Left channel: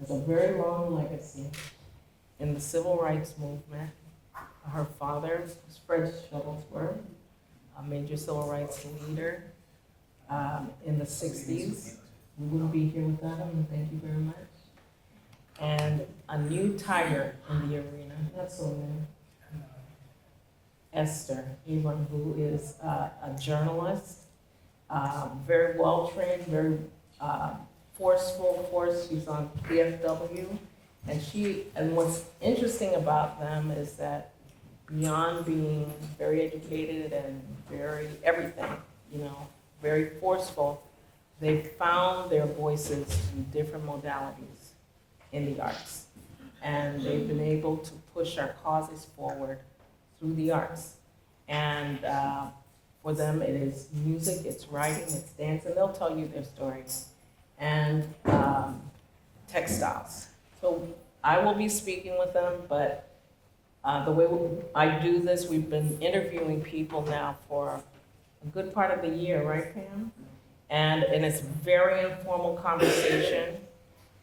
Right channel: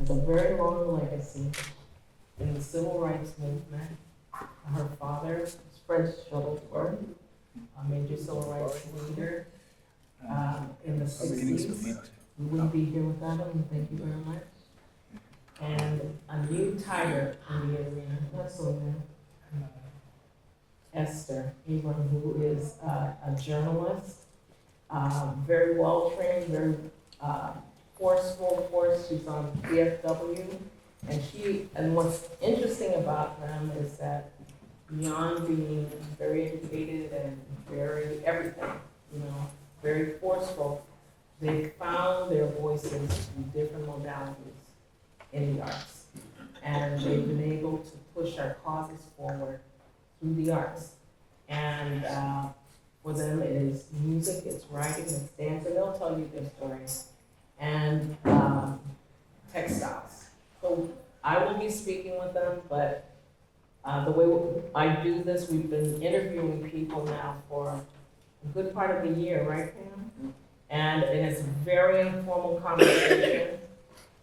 has a very long legacy in the civil rights movement. Her father was Fred Shuttieworth, a major civil rights leader in the 60s. We wouldn't be here without him, thank you very much. And a new tyrant in the arena, that's so new. Esther, anyone who is a journalist, very well trained, very forceful, of course. She's on PFW, and what's interesting about them is that beyond being very educated and very everything, very forceful, they found their voices through different modalities in the arts. And they've been able to push our causes forward through the arts. And for them, it is music, it's writing, it's dancing. They'll tell you their stories. And textiles. So I will be speaking with them, but the way I do this, we've been interviewing people now for a good part of the year, right, Pam? And it's a very informal conversation.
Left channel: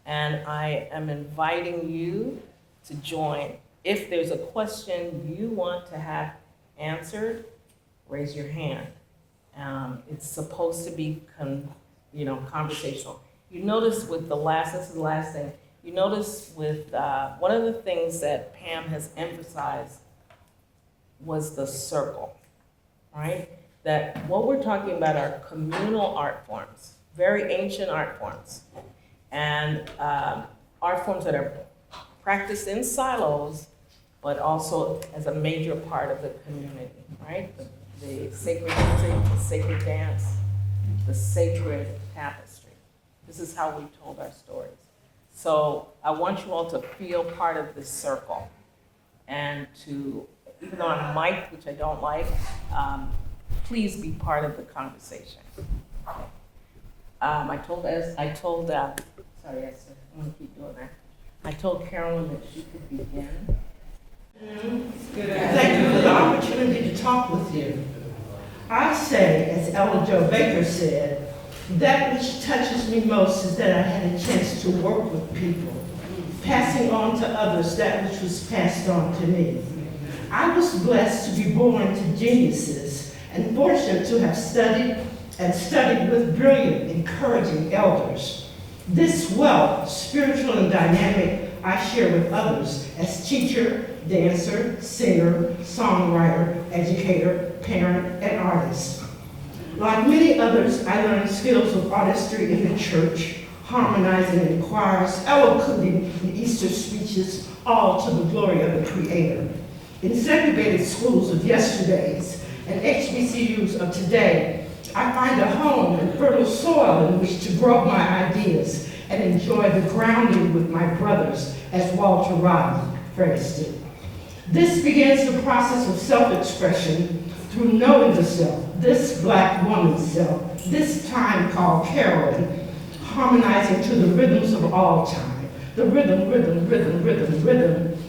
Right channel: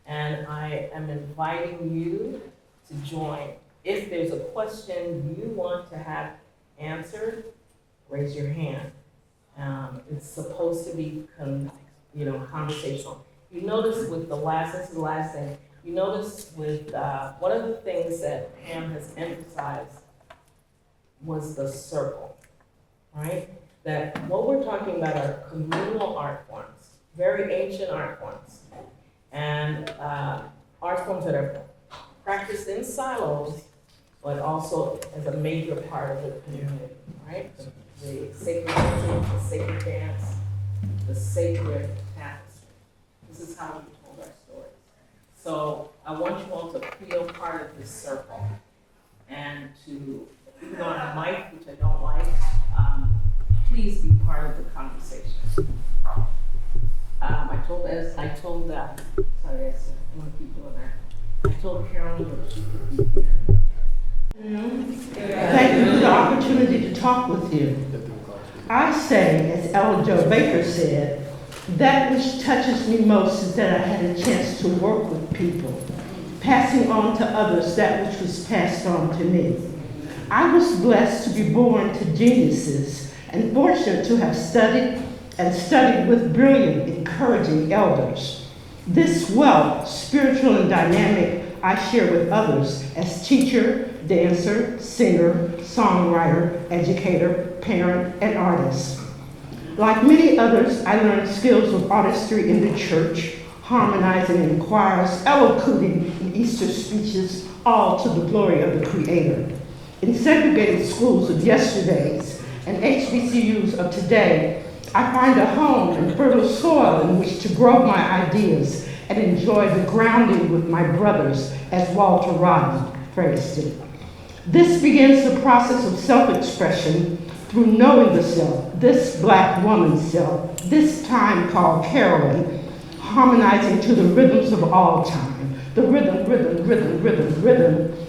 And I am inviting you to join. If there's a question you want to have answered, raise your hand. It's supposed to be conversational. You notice with this is the last thing, you notice with, one of the things that Pam has emphasized was the circle, right? That what we're talking about are communal art forms, very ancient art forms, and art forms that are practiced in silos, but also as a major part of the community, right? The sacred music, the sacred dance, the sacred tapestry. This is how we told our stories. So I want you all to feel part of this circle and to, even though I'm a mic, which I don't like, please be part of the conversation. I told Esther, I'm gonna keep doing that. I told Carolyn that she could begin. Thank you for the opportunity to talk with you. I say, as Ellen Jo Baker said, that which touches me most is that I had a chance to work with people, passing on to others that which was passed on to me. I was blessed to be born to geniuses and fortunate to have studied with brilliant, encouraging elders. This wealth, spiritual and dynamic, I share with others as teacher, dancer, singer, songwriter, educator, parent, and artist. Like many others, I learned skills of artistry in the church, harmonizing in choirs, elocuting in Easter speeches, all to the glory of the Creator. In segregated schools of yesterdays and HBCUs of today, I find a home and fertile soil in which to grow my ideas and enjoy the grounding with my brothers, as Walter Rodney phrased it. This begins the process of self-expression through knowing the self, this Black woman's self, this time called Carolyn, harmonizing to the rhythms of all time, the rhythm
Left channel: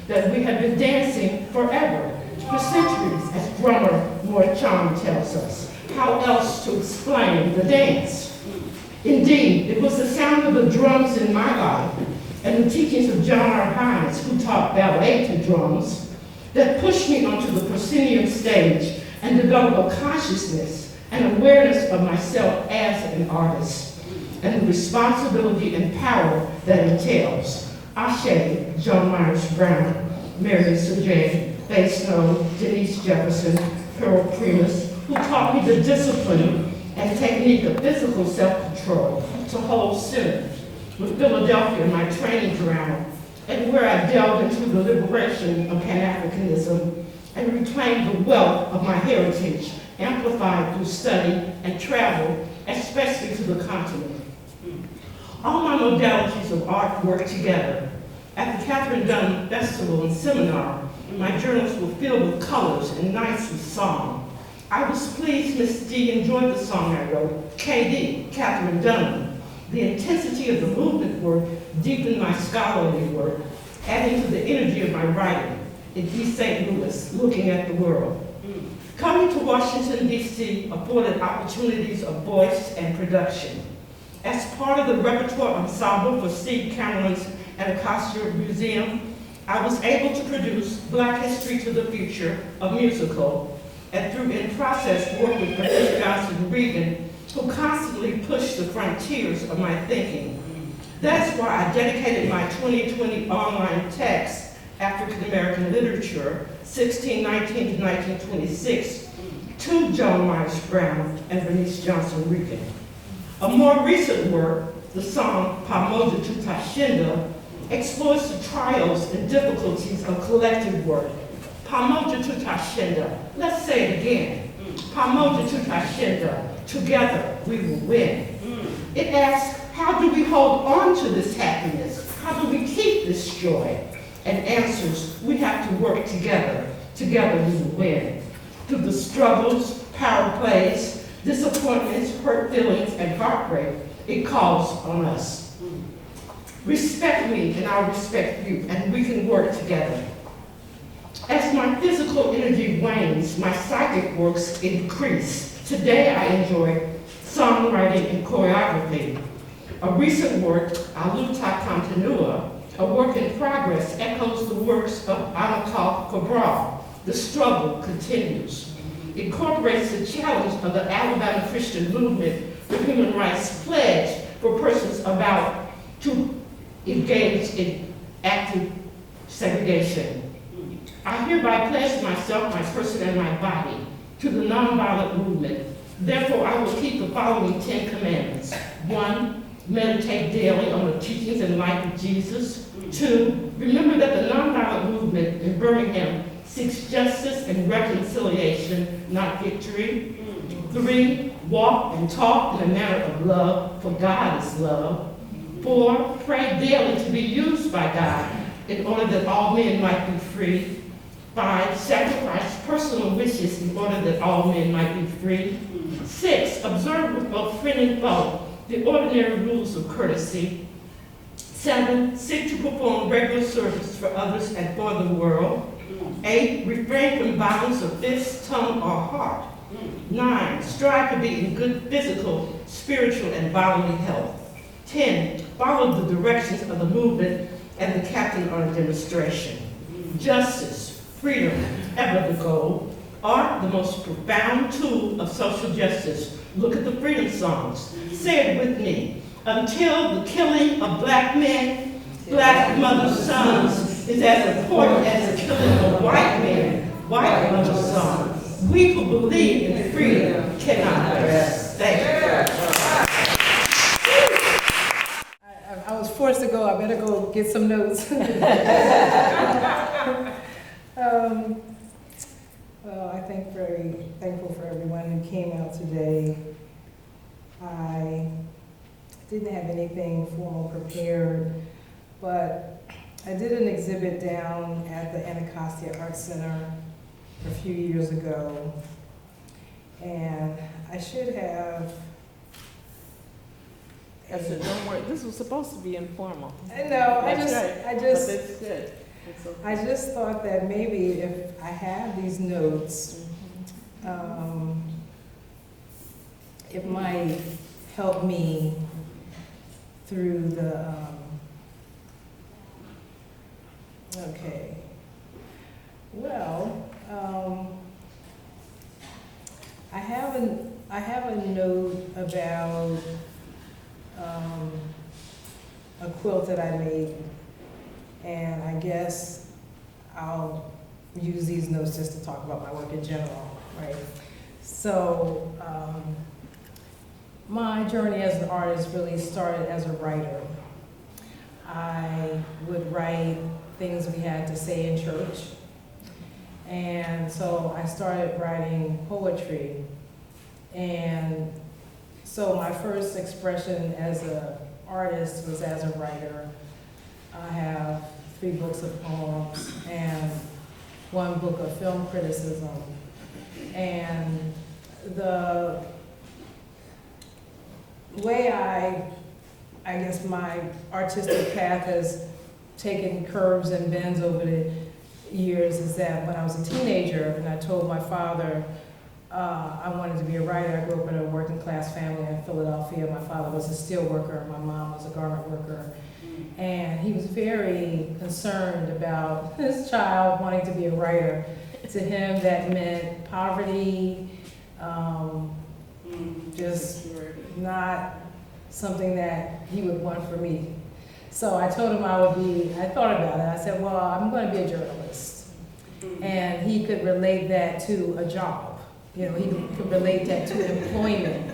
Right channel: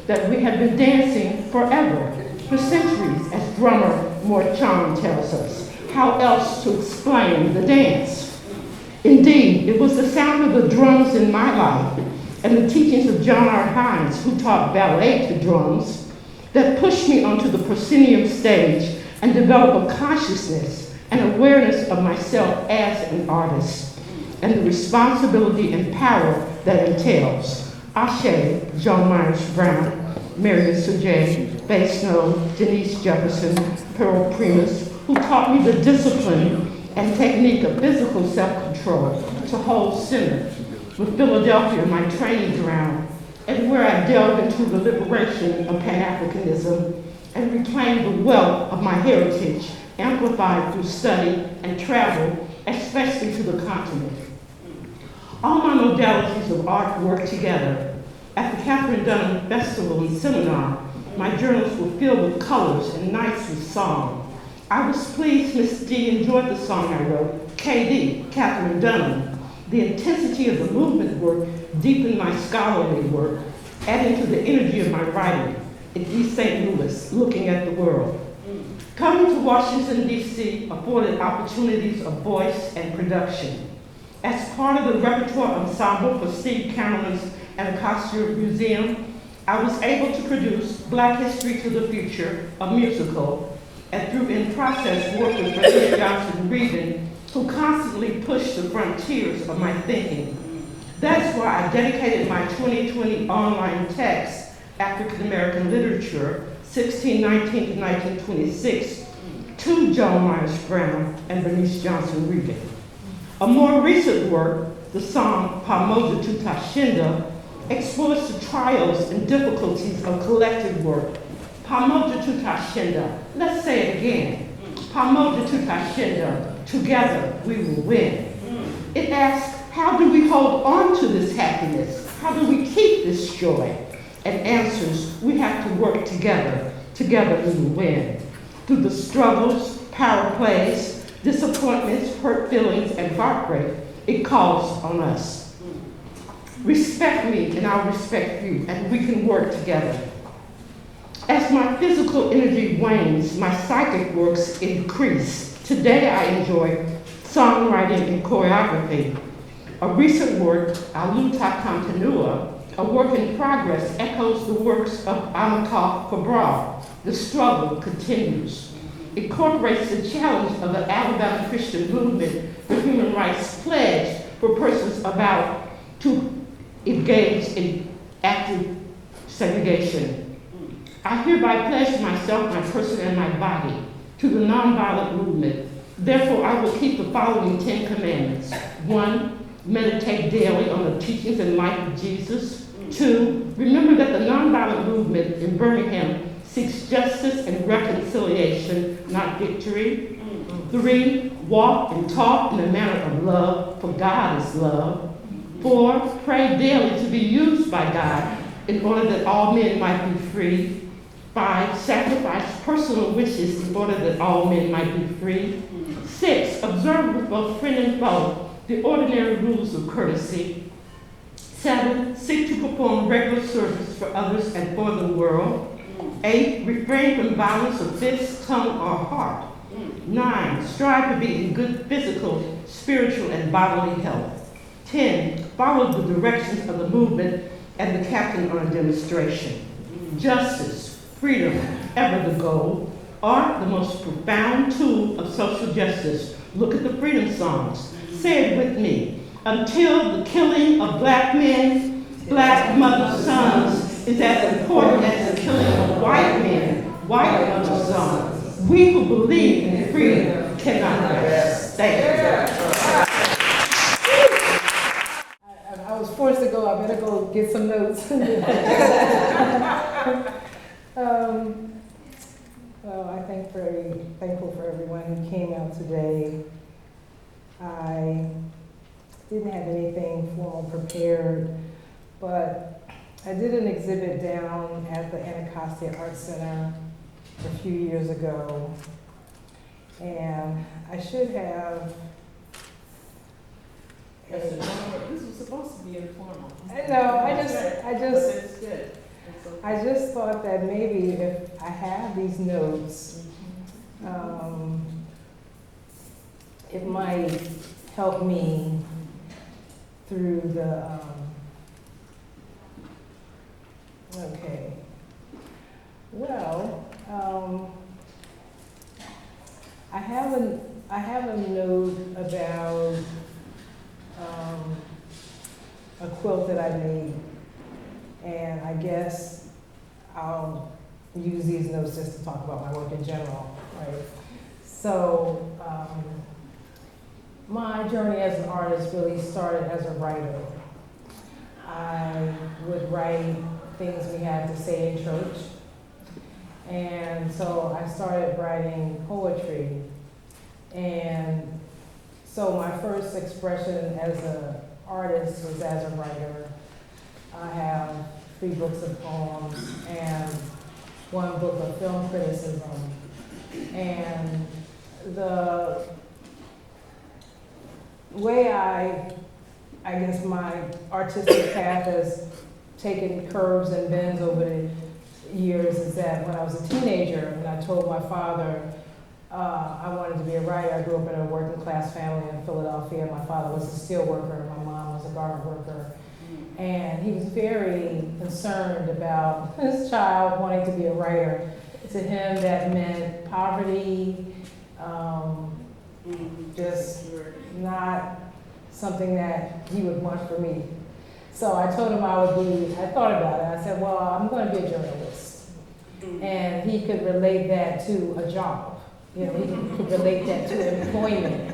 that we have been dancing forever, for centuries, as drummer Morchon tells us. How else to explain the dance? Indeed, it was the sound of the drums in my life and the teachings of John R. Hines, who taught ballet to drums, that pushed me onto the proscenium stage and developed a consciousness and awareness of myself as an artist and the responsibility and power that entails. Ashe, John Myers Brown, Marion Sergey, Faye Snow, Denise Jefferson, Pearl Primus, who taught me the discipline and technique of physical self-control to hold center, with Philadelphia my training ground, and where I delved into the liberation of Pan-Africanism and reclaimed the wealth of my heritage, amplified through study and travel, especially to the continent. All my modalities of art work together. At the Catherine Dunham Festival and Seminar, my journals were filled with colors and nights with song. I was pleased Miss D enjoyed the song I wrote, KD, Catherine Dunham. The intensity of the movement work deepened my scholarly work, adding to the energy of my writing in East St. Louis, looking at the world. Coming to Washington, D.C. afforded opportunities of voice and production. As part of the repertoire ensemble for Steve Carolyn's Anacostia Museum, I was able to produce Black History to the Future, a musical, and through in process work with Bernice Johnson Regan, who constantly pushed the frontiers of my thinking. That's why I dedicated my 2020 online text, African American Literature, 1619 to 1926, to John Myers Brown and Bernice Johnson Regan. A more recent work, the song Pamoja Tutashinda, explores the trials and difficulties of collective work. Pamoja Tutashinda, let's say it again. Pamoja Tutashinda, together we will win. It asks, how do we hold on to this happiness? How do we keep this joy? And answers, we have to work together. Together we will win. Through the struggles, power plays, disappointments, hurt feelings, and heartbreak, it calls on us. Respect me and I'll respect you, and we can work together. As my physical energy wanes, my psychic works increase. Today I enjoy songwriting and choreography. A recent work, Aluta Continua, a work in progress, echoes the works of Amilcar Cabral. The struggle continues. Incorporates the challenge of the Alabama Christian movement for human rights pledge for persons about to engage in active segregation. I hereby pledge myself, my person, and my body to the nonviolent movement. Therefore, I will keep the following 10 commandments. 1, meditate daily on the teachings and life of Jesus. 2, remember that the nonviolent movement in Birmingham seeks justice and reconciliation, not victory. 3, walk and talk in a manner of love, for God is love. 4, pray daily to be used by God in order that all men might be free. 5, sacrifice personal wishes in order that all men might be free. 6, observe with both friend and foe the ordinary rules of courtesy. 7, seek to perform regular service for others and for the world. 8, refrain from violence of fist, tongue, or heart. 9, strive to be in good physical, spiritual, and bodily health. 10, follow the directions of the movement and the captain on a demonstration. Justice, freedom, ever the goal, art the most profound tool of social justice. Look at the freedom songs. Say it with me. Until the killing of black men, black mothers' sons is as important as the killing of white men, white mothers' sons. We who believe in freedom cannot rest. Thank you. I was forced to go. I better go get some notes. I'm very thankful for everyone who came out today. I didn't have anything formal prepared, but I did an exhibit down at the Anacostia Art Center a few years ago, and I should have. Esther, don't worry. This was supposed to be informal. I know. I just thought that maybe if I have these notes, it might help me through the. Okay. Well, I have a note about a quilt that I made, and I guess I'll use these notes just to talk about my work in general, right? So, my journey as an artist really started as a writer. I would write things we had to say in church, and so I started writing poetry, and so my first expression as an artist was as a writer. I have 3 books of poems and 1 book of film criticism. And the way I guess my artistic path has taken curves and bends over the years is that when I was a teenager and I told my father, I wanted to be a writer. I grew up in a working class family in Philadelphia. My father was a steel worker, my mom was a garment worker. And he was very concerned about his child wanting to be a writer. To him, that meant poverty, just not something that he would want for me. So I told him I thought about it. I said, well, I'm going to be a journalist. And he could relate that to a job. You know, he could relate that to employment,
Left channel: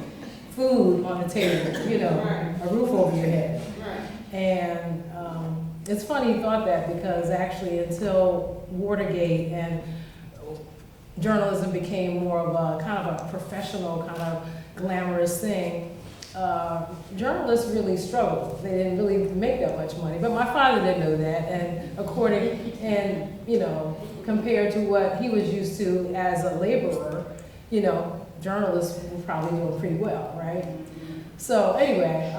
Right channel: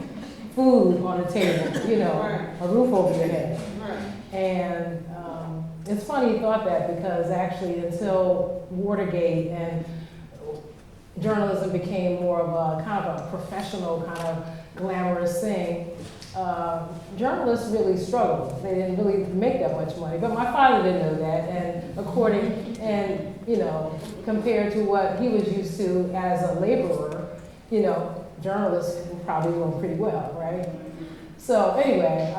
food on the table, you know, a roof over your head. And it's funny he thought that, because actually until Watergate and journalism became more of a kind of a professional, kind of glamorous thing, journalists really struggled. They didn't really make that much money. But my father didn't know that, and you know, compared to what he was used to as a laborer, you know, journalists were probably doing pretty well, right? So anyway,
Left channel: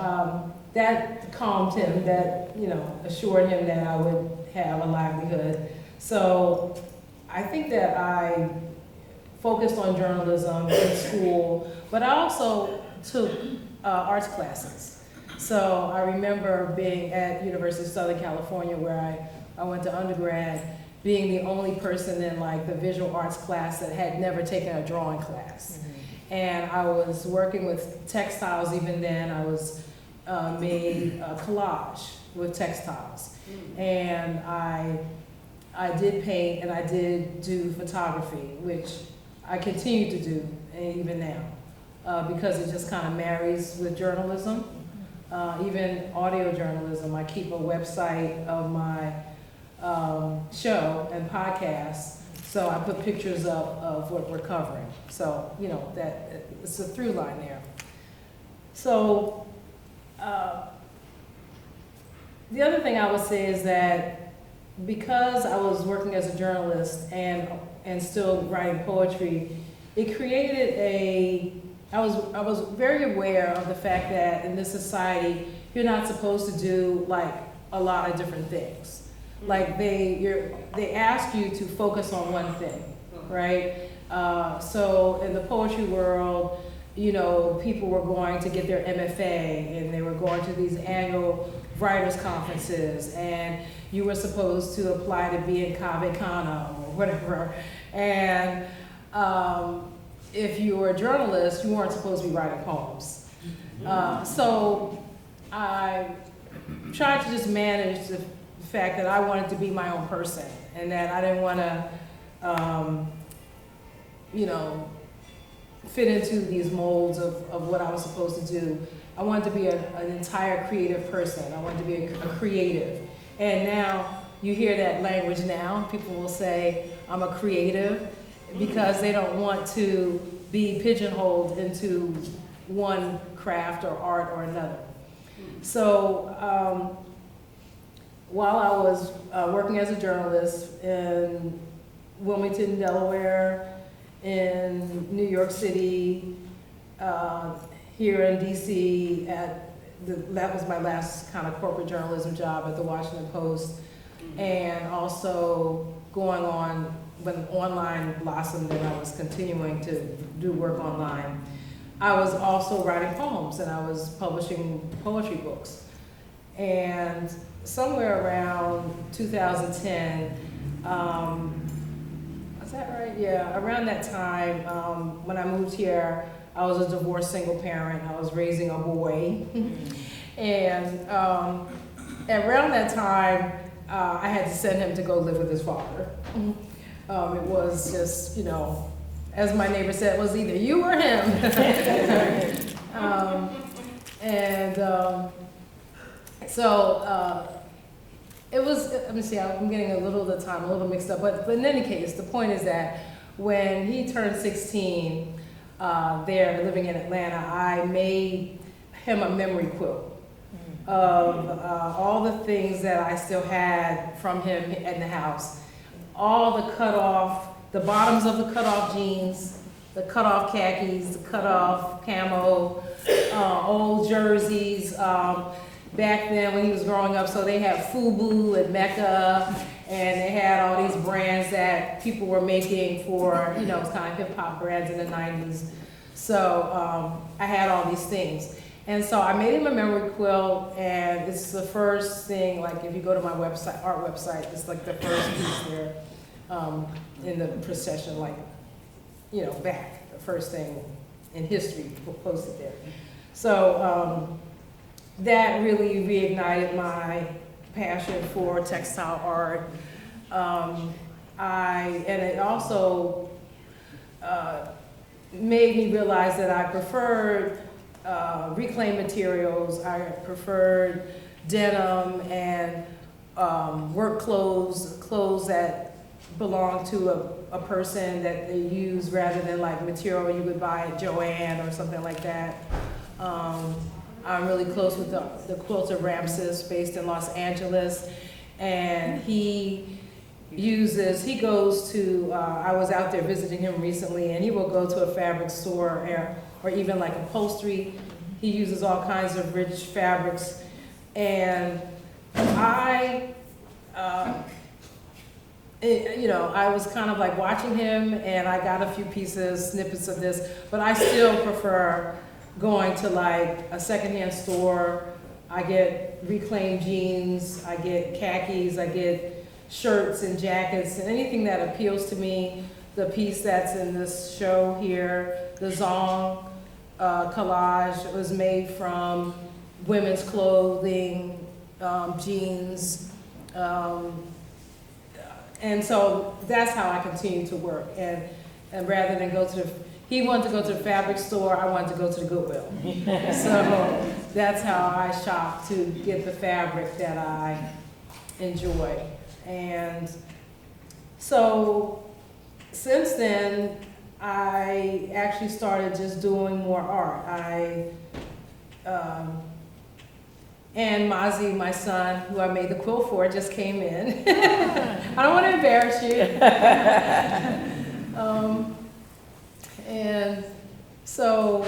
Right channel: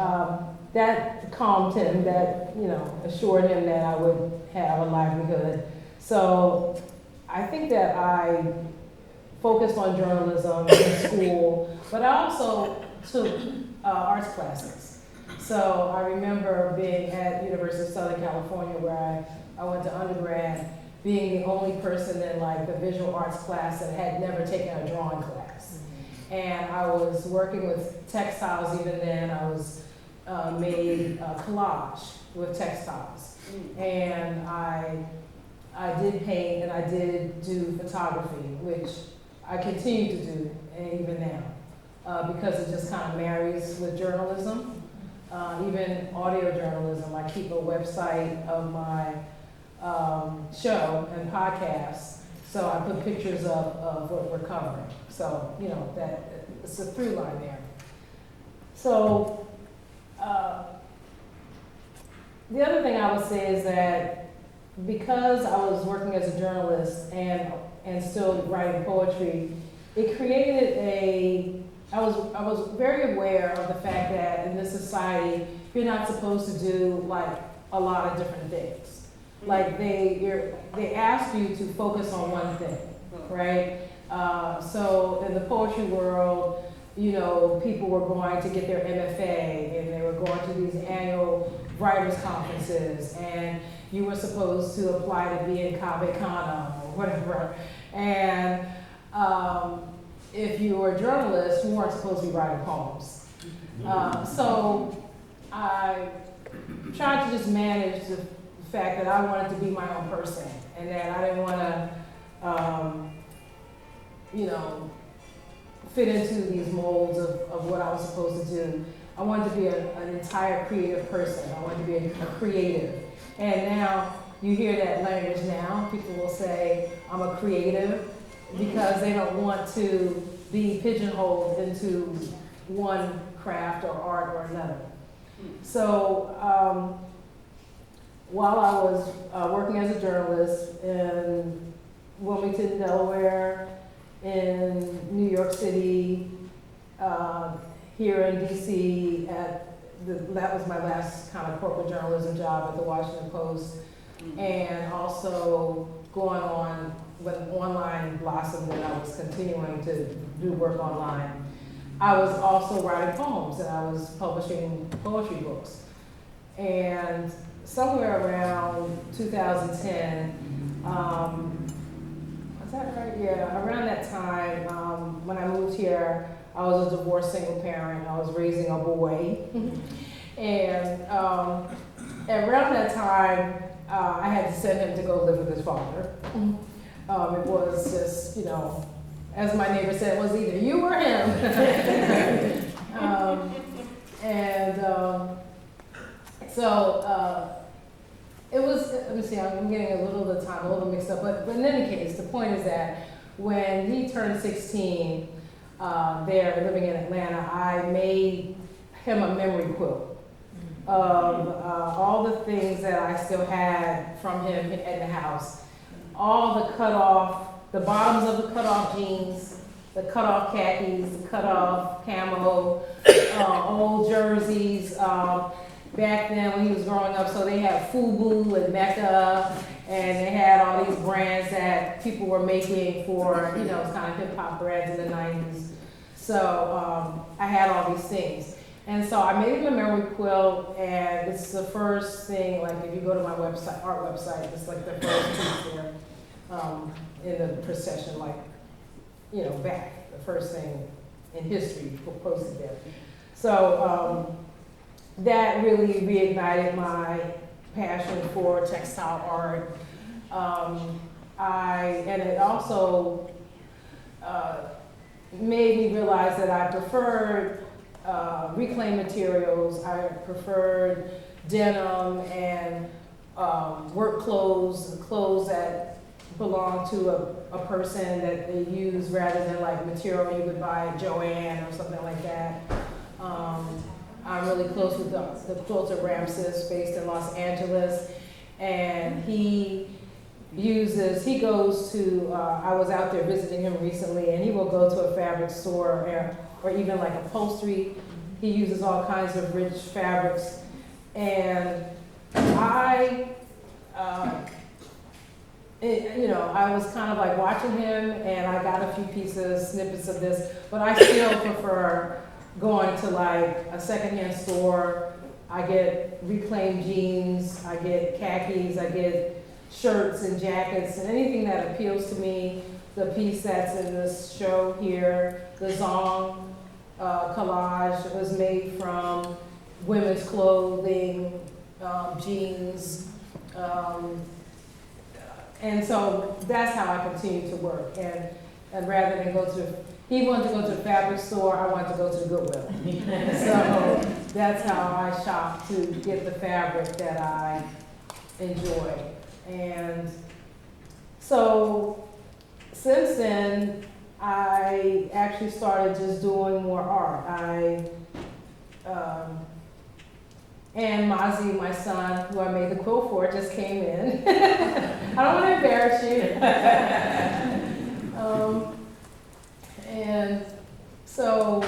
that calmed him, that, you know, assured him that I would have a livelihood. So I think that I focused on journalism in school, but I also took arts classes. So I remember being at University of Southern California, where I went to undergrad, being the only person in like the visual arts class that had never taken a drawing class. And I was working with textiles even then. I was made a collage with textiles. And I did paint and I did do photography, which I continue to do even now, because it just kind of marries with journalism. Even audio journalism, I keep a website of my show and podcast, so I put pictures of what we're covering. So, you know, that it's a through line there. So, the other thing I would say is that because I was working as a journalist and still writing poetry, it created I was very aware of the fact that in this society, you're not supposed to do like a lot of different things. Like they ask you to focus on one thing, right? So in the poetry world, you know, people were going to get their MFA and they were going to these annual writers conferences, and you were supposed to apply to be in Cave Cana or whatever. And if you were a journalist, you weren't supposed to be writing poems. So I tried to just manage the fact that I wanted to be my own person, and that I didn't want to, you know, fit into these molds of what I was supposed to do. I wanted to be an entire creative person. I wanted to be a creative. And now you hear that language now. People will say, I'm a creative, because they don't want to be pigeonholed into one craft or art or another. So while I was working as a journalist in Wilmington, Delaware, in New York City, here in DC, that was my last kind of corporate journalism job at the Washington Post, and also going on when online blossomed and I was continuing to do work online. I was also writing poems and I was publishing poetry books. And somewhere around 2010, is that right? Yeah, around that time, when I moved here, I was a divorced single parent. I was raising a boy. And around that time, I had to send him to go live with his father. It was just, you know, as my neighbor said, it was either you or him. So it was, let me see, I'm getting a little mixed up, but in any case, the point is that when he turned 16, there, living in Atlanta, I made him a memory quilt of all the things that I still had from him in the house. All the cut-off, the bottoms of the cut-off jeans, the cut-off khakis, the cut-off camo, old jerseys, back then when he was growing up. So they have FUBU and Mecca And they had all these brands that people were making for, you know, kind of hip hop brands in the 90s. So I had all these things. And so I made him a memory quilt, and it's the first thing, like if you go to my website, art website, it's like the first piece there in the procession, like, you know, back, the first thing in history posted there. So that really reignited my passion for textile art. And it also made me realize that I preferred reclaimed materials. I preferred denim and work clothes that belong to a person that they use rather than like material you would buy at Joann or something like that. I'm really close with the quilter Ramses based in Los Angeles, and he goes to, I was out there visiting him recently, and he will go to a fabric store or even like upholstery. He uses all kinds of rich fabrics, and I was kind of like watching him, and I got a few snippets of this, but I still prefer going to like a secondhand store. I get reclaimed jeans, I get khakis, I get shirts and jackets, and anything that appeals to me. The piece that's in this show here, the Zong collage, was made from women's clothing, jeans, and so that's how I continue to work. And rather than he wanted to go to the fabric store, I wanted to go to the Goodwill. So that's how I shop to get the fabric that I enjoy. And so since then, I actually started just doing more art. And Mazi, my son, who I made the quilt for, just came in. I don't want to embarrass you. And so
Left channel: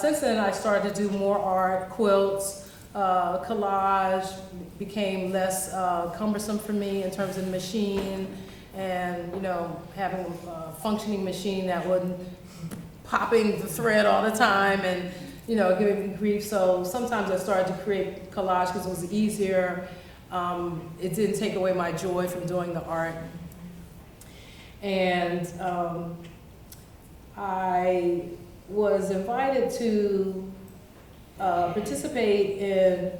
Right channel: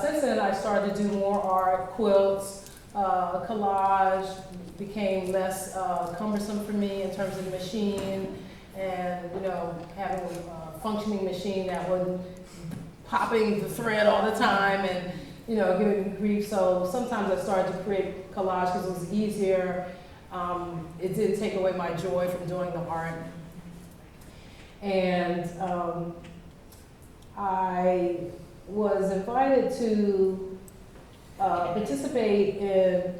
since then, I started to do more art, quilts, collage became less cumbersome for me in terms of the machine, and having a functioning machine that wasn't popping the thread all the time and giving me grief. So sometimes I started to create collage because it was easier. It didn't take away my joy from doing the art. And I was invited to participate in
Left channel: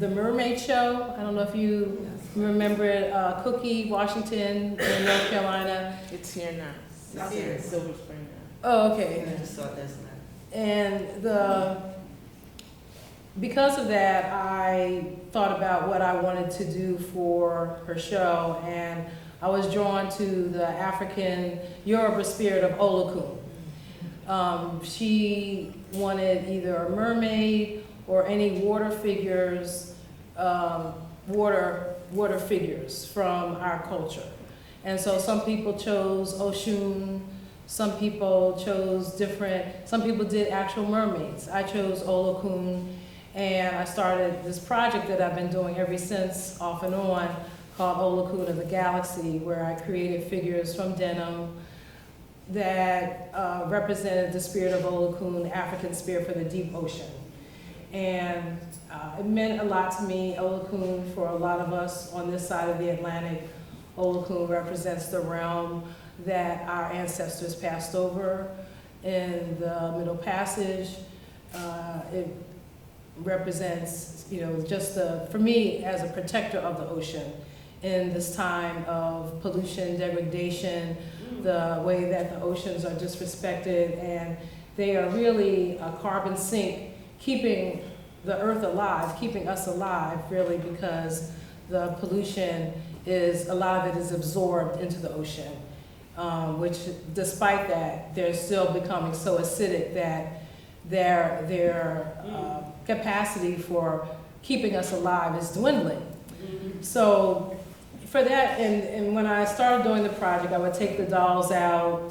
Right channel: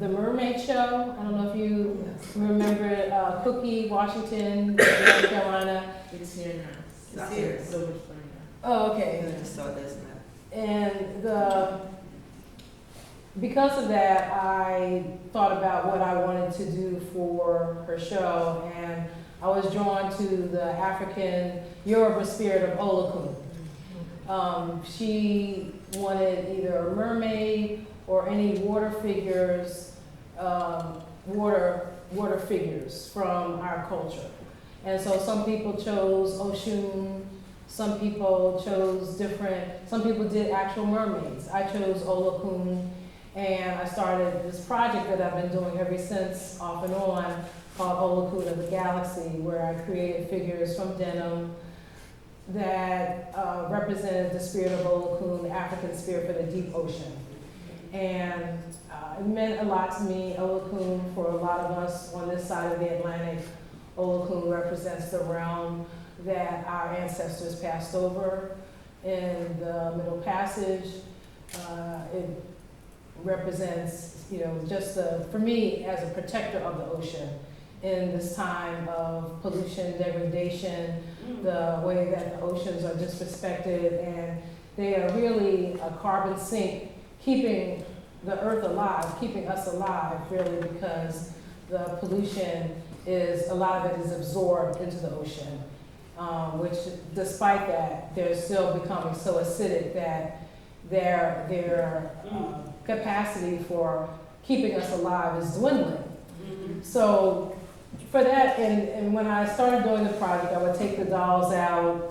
the Mermaid Show. I don't know if you remember it, Cookie, Washington, North Carolina. It's here now. It's here. Silver Spring now. Oh, okay. I just saw this now. And because of that, I thought about what I wanted to do for her show, and I was drawn to the African Yoruba spirit of Olokun. She wanted either a mermaid or any water figures, water figures from our culture. And so some people chose Oshun, some people chose some people did actual mermaids. I chose Olokun, and I started this project that I've been doing ever since, off and on, called Olokun of the Galaxy, where I created figures from denim that represented the spirit of Olokun, the African spirit for the deep ocean. And it meant a lot to me. Olokun, for a lot of us on this side of the Atlantic, Olokun represents the realm that our ancestors passed over in the Middle Passage. It represents, just for me as a protector of the ocean in this time of pollution, degradation, the way that the oceans are disrespected, and they are really a carbon sink, keeping the earth alive, keeping us alive, really, because the pollution a lot of it is absorbed into the ocean, which despite that, they're still becoming so acidic that their capacity for keeping us alive is dwindling. So for that, and when I started doing the project, I would take the dolls out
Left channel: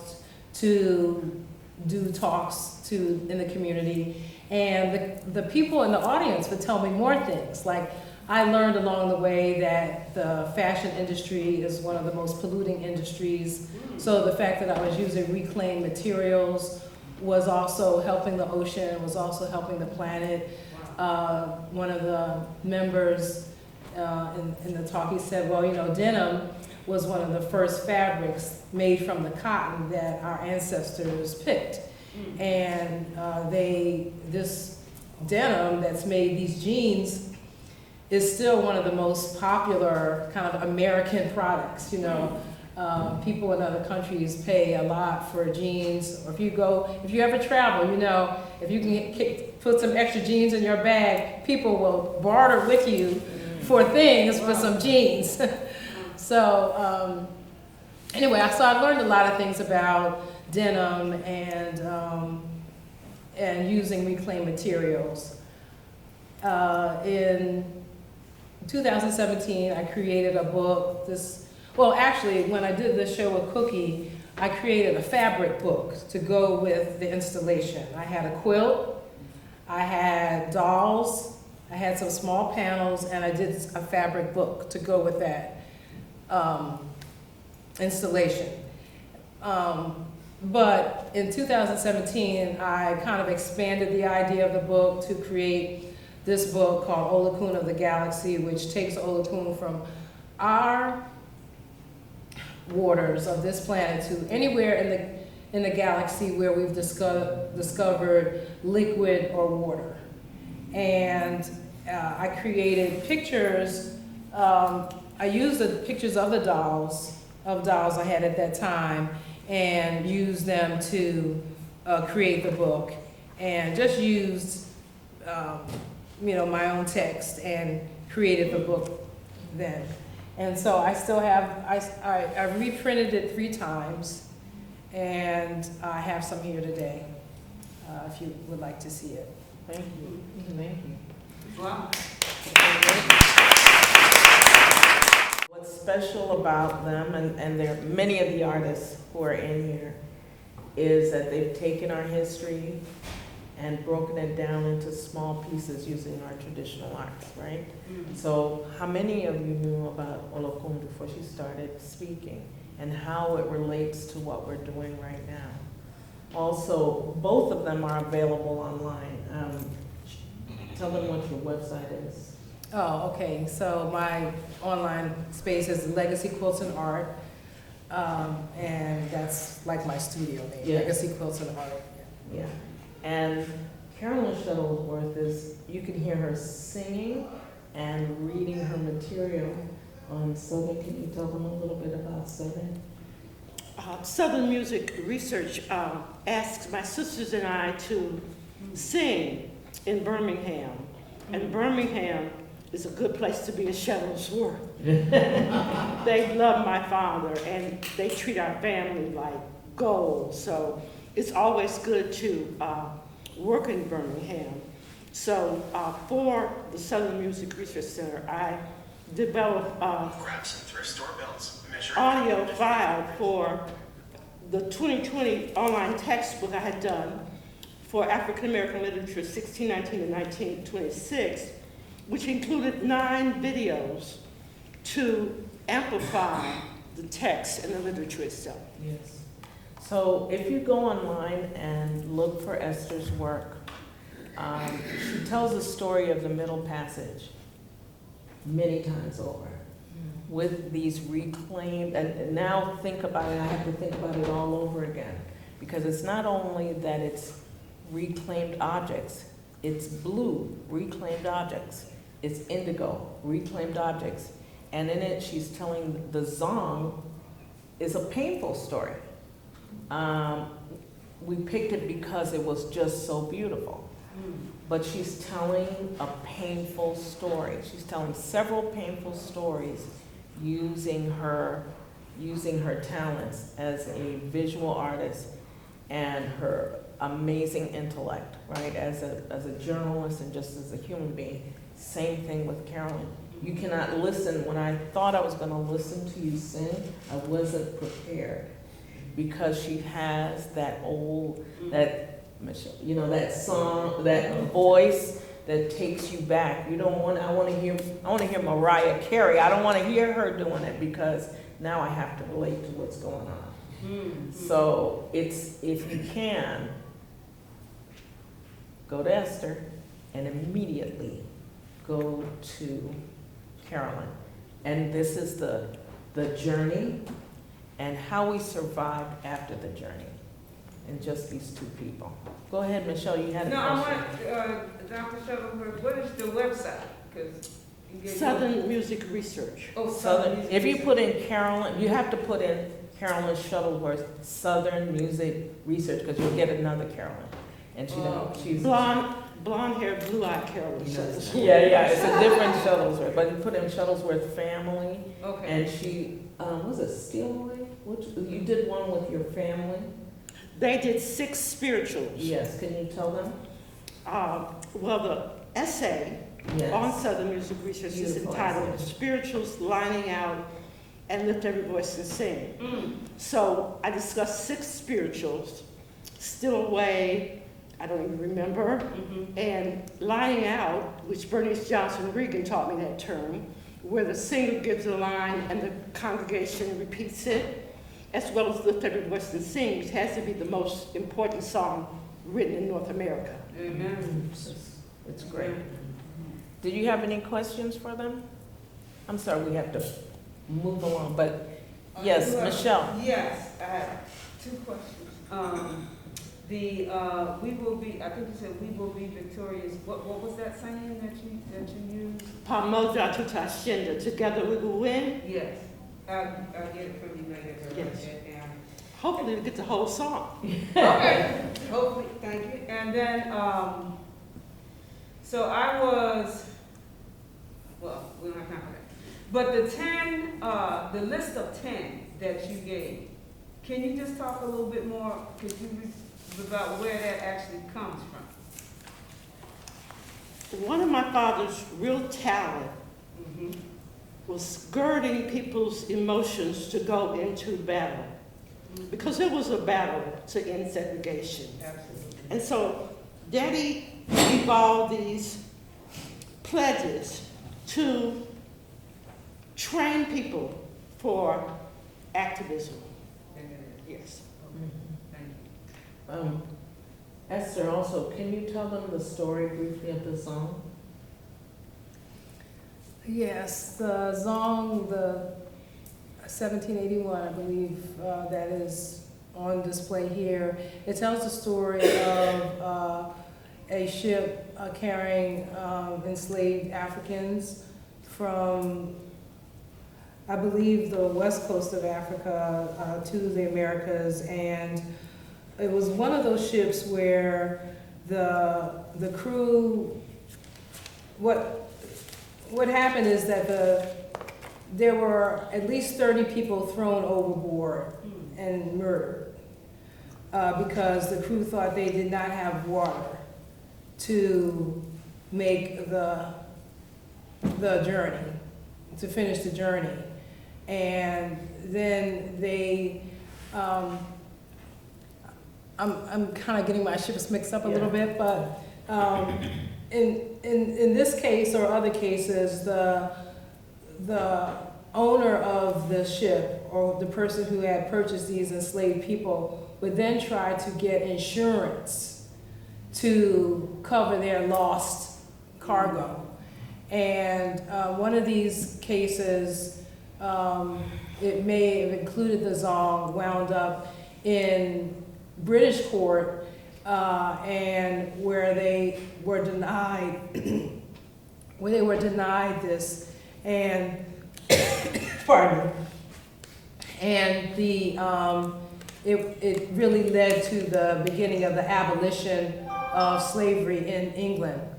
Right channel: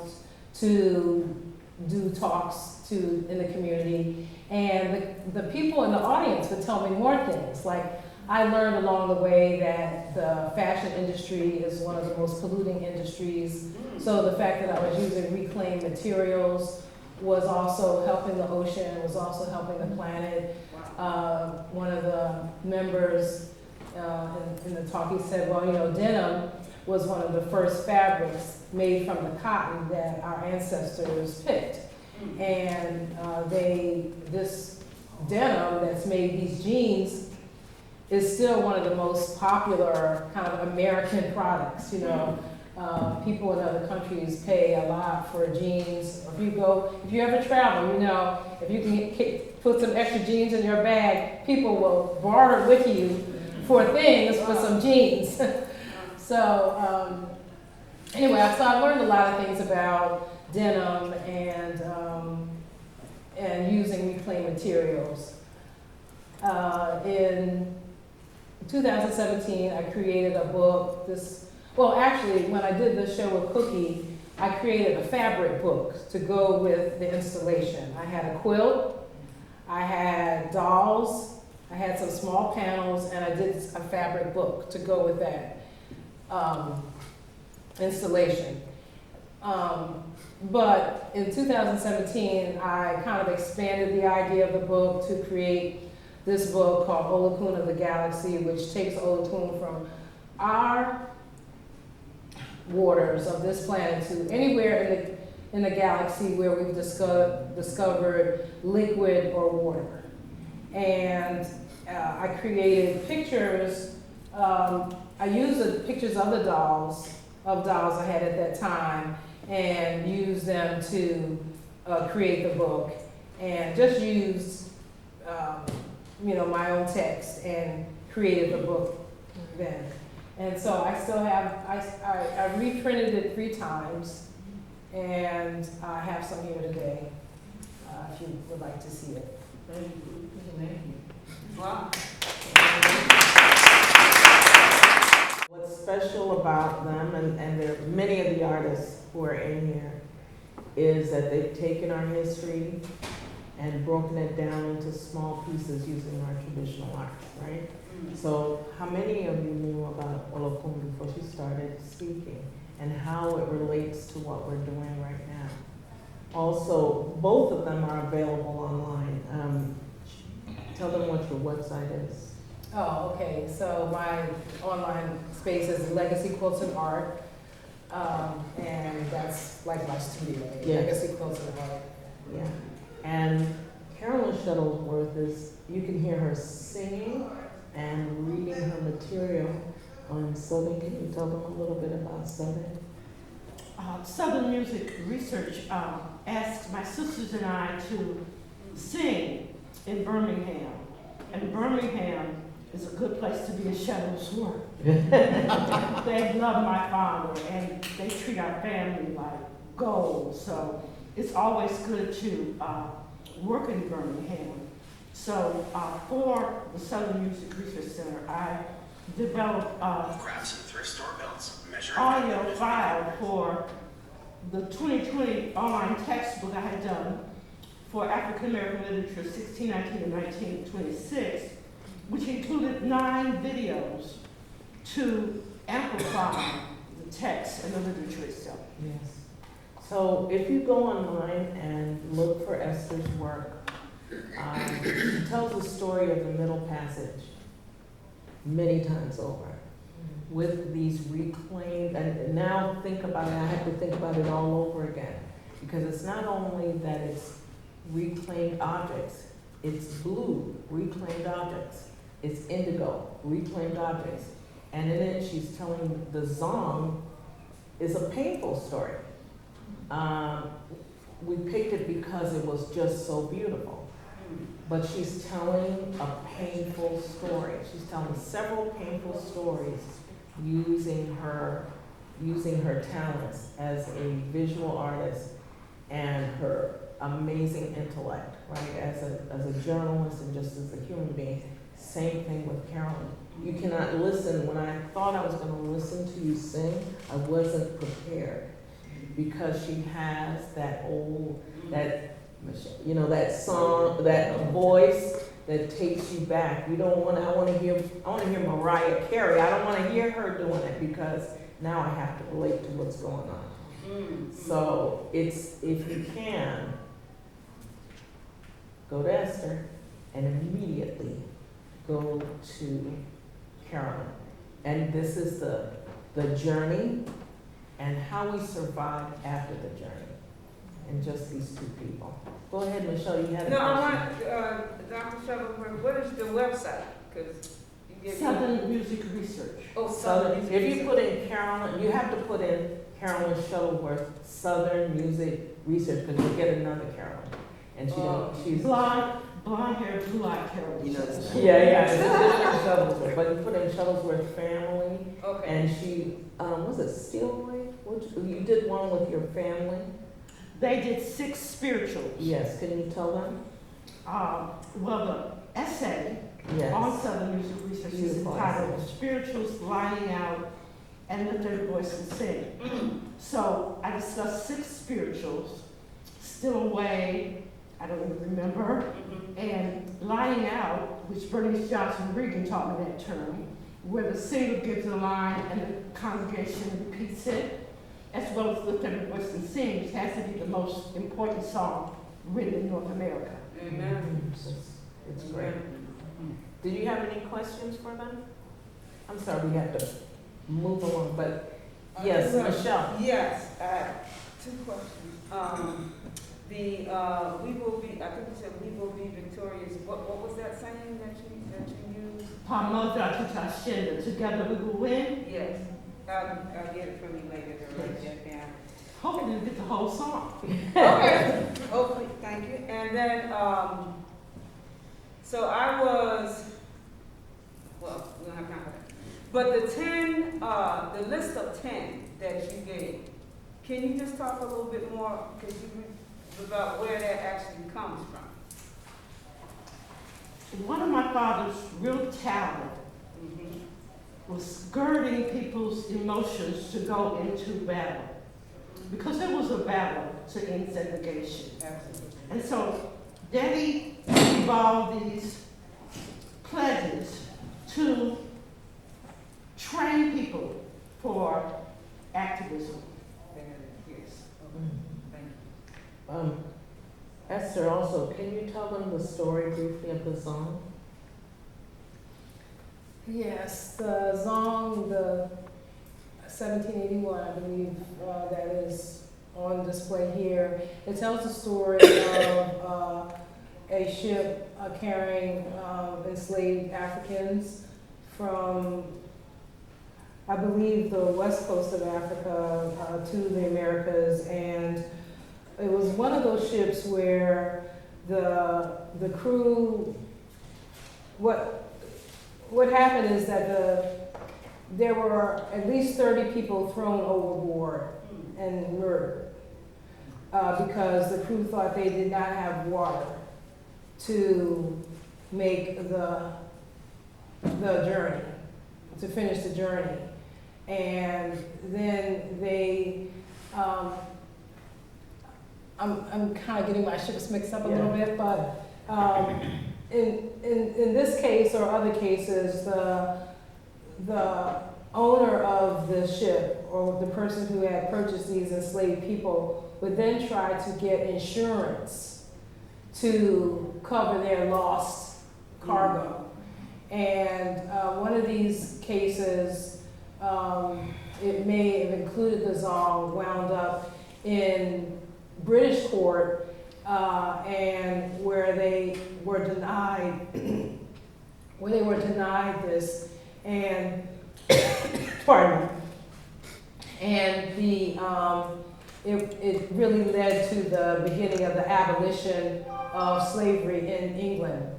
to do talks in the community, and the people in the audience would tell me more things. Like, I learned along the way that the fashion industry is one of the most polluting industries. So the fact that I was using reclaimed materials was also helping the ocean, was also helping the planet. One of the members in the talk, he said, well, you know, denim was one of the first fabrics made from the cotton that our ancestors picked. And this denim that's made, these jeans, is still one of the most popular kind of American products, you know. People in other countries pay a lot for jeans. If you ever travel, you know, if you can put some extra jeans in your bag, people will barter with you for things for some jeans. So anyway, I learned a lot of things about denim and using reclaimed materials. In 2017, I created a book. Well, actually, when I did this show with Cookie, I created a fabric book to go with the installation. I had a quilt, I had dolls, I had some small panels, and I did a fabric book to go with that installation. But in 2017, I kind of expanded the idea of the book to create this book called Olokun of the Galaxy, which takes Olokun from our waters of this planet to anywhere in the galaxy where we've discovered liquid or water. And I created pictures. I used the pictures of the dolls I had at that time and used them to create the book, and just used you know, my own text and created the book then. And so I still have, I reprinted it 3 times, and I have some here today, if you would like to see it. Thank you. Thank you. Wow. What's special about them, and there are many of the artists who are in here, is that they've taken our history and broken it down into small pieces using our traditional arts, right? So how many of you knew about Olokun before she started speaking, and how it relates to what we're doing right now? Also, both of them are available online. Tell them what your website is. Oh, okay. So my online space is Legacy Quilts and Art, and that's like my studio name, Yes. Legacy Quilts and Art. Yeah. And Carolyn Shuttieworth you can hear her singing and reading her material on Southern. Can you tell them a little bit about Southern? Southern Music Research asked my sisters and I to sing in Birmingham. And Birmingham is a good place to be a Shuttieworth. They love my father, and they treat our family like gold. So it's always good to work in Birmingham. So for the Southern Music Research Center, I developed Grab some thrift store belts, measure audio file for the 2020 online textbook I had done for African American literature 1619 to 1926, which included 9 videos to amplify the text and the literature itself. Yes. So if you go online and look for Esther's work, she tells the story of the Middle Passage many times over with these reclaimed, and now think about it, I have to think about it all over again, because it's not only that it's reclaimed objects, it's blue, reclaimed objects, it's indigo, reclaimed objects, and in it she's telling the Zong is a painful story. We picked it because it was just so beautiful. But she's telling a painful story. She's telling several painful stories using her talents as a visual artist and her amazing intellect, right? As a journalist and just as a human being. Same thing with Carolyn. You cannot listen. When I thought I was going to listen to you sing, I wasn't prepared, because she has that old, that song, that voice that takes you back. You don't want, I wanna hear Mariah Carey. I don't wanna hear her doing it because now I have to relate to what's going on. So it's, if you can, go to Esther and immediately go to Carolyn. And this is the journey and how we survived after the journey. And just these two people. Go ahead, Michelle, you had a No, I question. want, Dr. Shuttleworth, what is the website? Because you get. Southern Music Research. Oh, Southern, Music if you Research. put in Carolyn, you have to put in Carolyn Shuttleworth, Southern Music Research, because you'll get another Carolyn. And she don't, she's. Blonde hair, blue eyed Carolyn. Yeah, it's a different Shuttlesworth, but you put in Shuttlesworth family, Okay. and she, was it Steelway? You did one with your family? They did 6 spirituals. Yes, can you tell them? Well, the essay on Yes. Southern Music Research is Beautiful entitled essay. Spirituals Lining Out and Lift Every Voice and Sing. So I discussed 6 spirituals, Still Away, I don't even remember, and Lining Out, which Bernice Johnson Regan taught me that term, where the singer gives a line and the congregation repeats it, as well as Lift Every Voice and Sing, which has to be the most important song written in North America. Amen. It's great. Did you have any questions for them? I'm sorry, we have to move along, but yes, Michelle. Yes, I have 2 questions. We will be, I think you said we will be victorious. What was that saying that you used? Pamoja tutashinda, together we will win. Yes. I'll get it from you later to write that down. Hopefully we get the whole song. Okay, hopefully, thank you. And then, so I was, well, we don't have time for that. But the list of 10 that you gave, can you just talk a little bit more, about where that actually comes from? One of my father's real talent was girding people's emotions to go into battle. Because it was a battle to end segregation. Absolutely. And so Daddy evolved these pledges to train people for activism. Yes. Thank you. Esther, also, can you tell them the story briefly of the song? Yes, the song, the 1781, I believe, that is on display here. It tells the story of a ship carrying enslaved Africans from, I believe, the west coast of Africa to the Americas, and it was one of those ships where the crew, what happened is that there were at least 30 people thrown overboard and murdered because the crew thought they did not have water to make the journey, to finish the journey. And then they, I'm kind of getting my ships mixed up a little bit, but in this case or other cases, the owner of the ship or the person who had purchased these enslaved people would then try to get insurance to cover their lost cargo. And one of these cases, it may have included the Zong, wound up in British court, and where they were denied, this, and pardon me, and it really led to the beginning of the abolition of slavery in England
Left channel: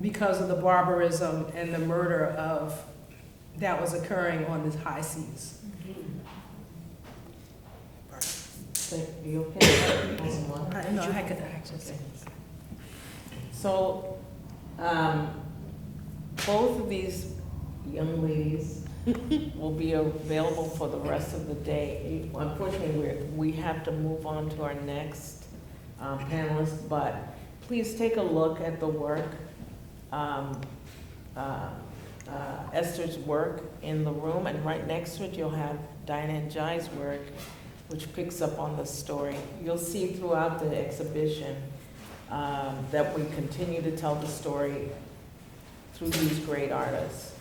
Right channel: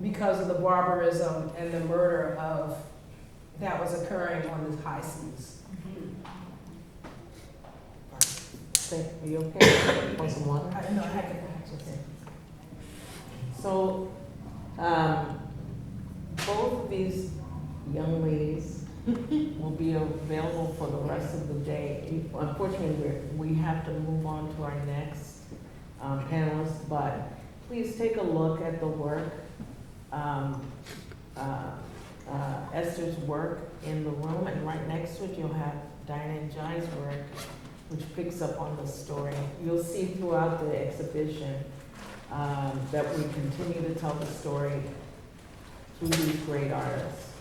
because of the barbarism and the murder that was occurring on the high seas. Are you okay? Want some water? No, I could actually. So, both of these young ladies will be available for the rest of the day. Unfortunately, we have to move on to our next panelist, but please take a look at the work Esther's work in the room, and right next to it you'll have Diana and Jai's work, which picks up on the story. You'll see throughout the exhibition that we continue to tell the story through these great artists.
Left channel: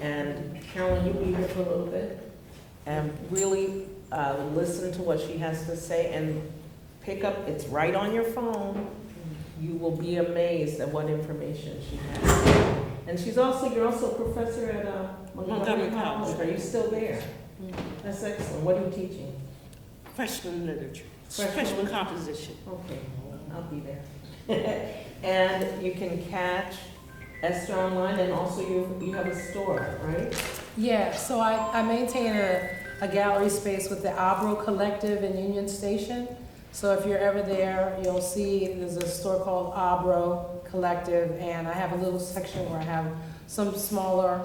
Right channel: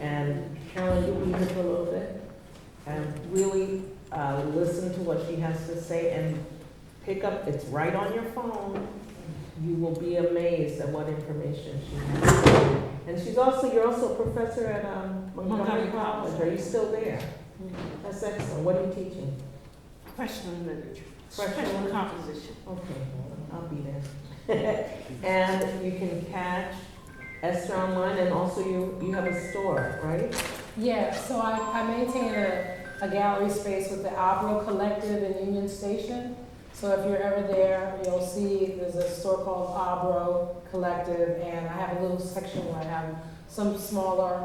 And Carolyn, you'll be here for a little bit, and really listen to what she has to say, and pick up, it's right on your phone. You will be amazed at what information she has. And you're also a professor at Montgomery College. Are you still there? That's excellent. What are you teaching? Freshman literature. Freshman composition. Okay, I'll be there. And you can catch Esther online, and also you have a store, right? Yeah, so I maintain a gallery space with the Abro Collective in Union Station. So if you're ever there, you'll see there's a store called Abro Collective, and I have a little section where I have some smaller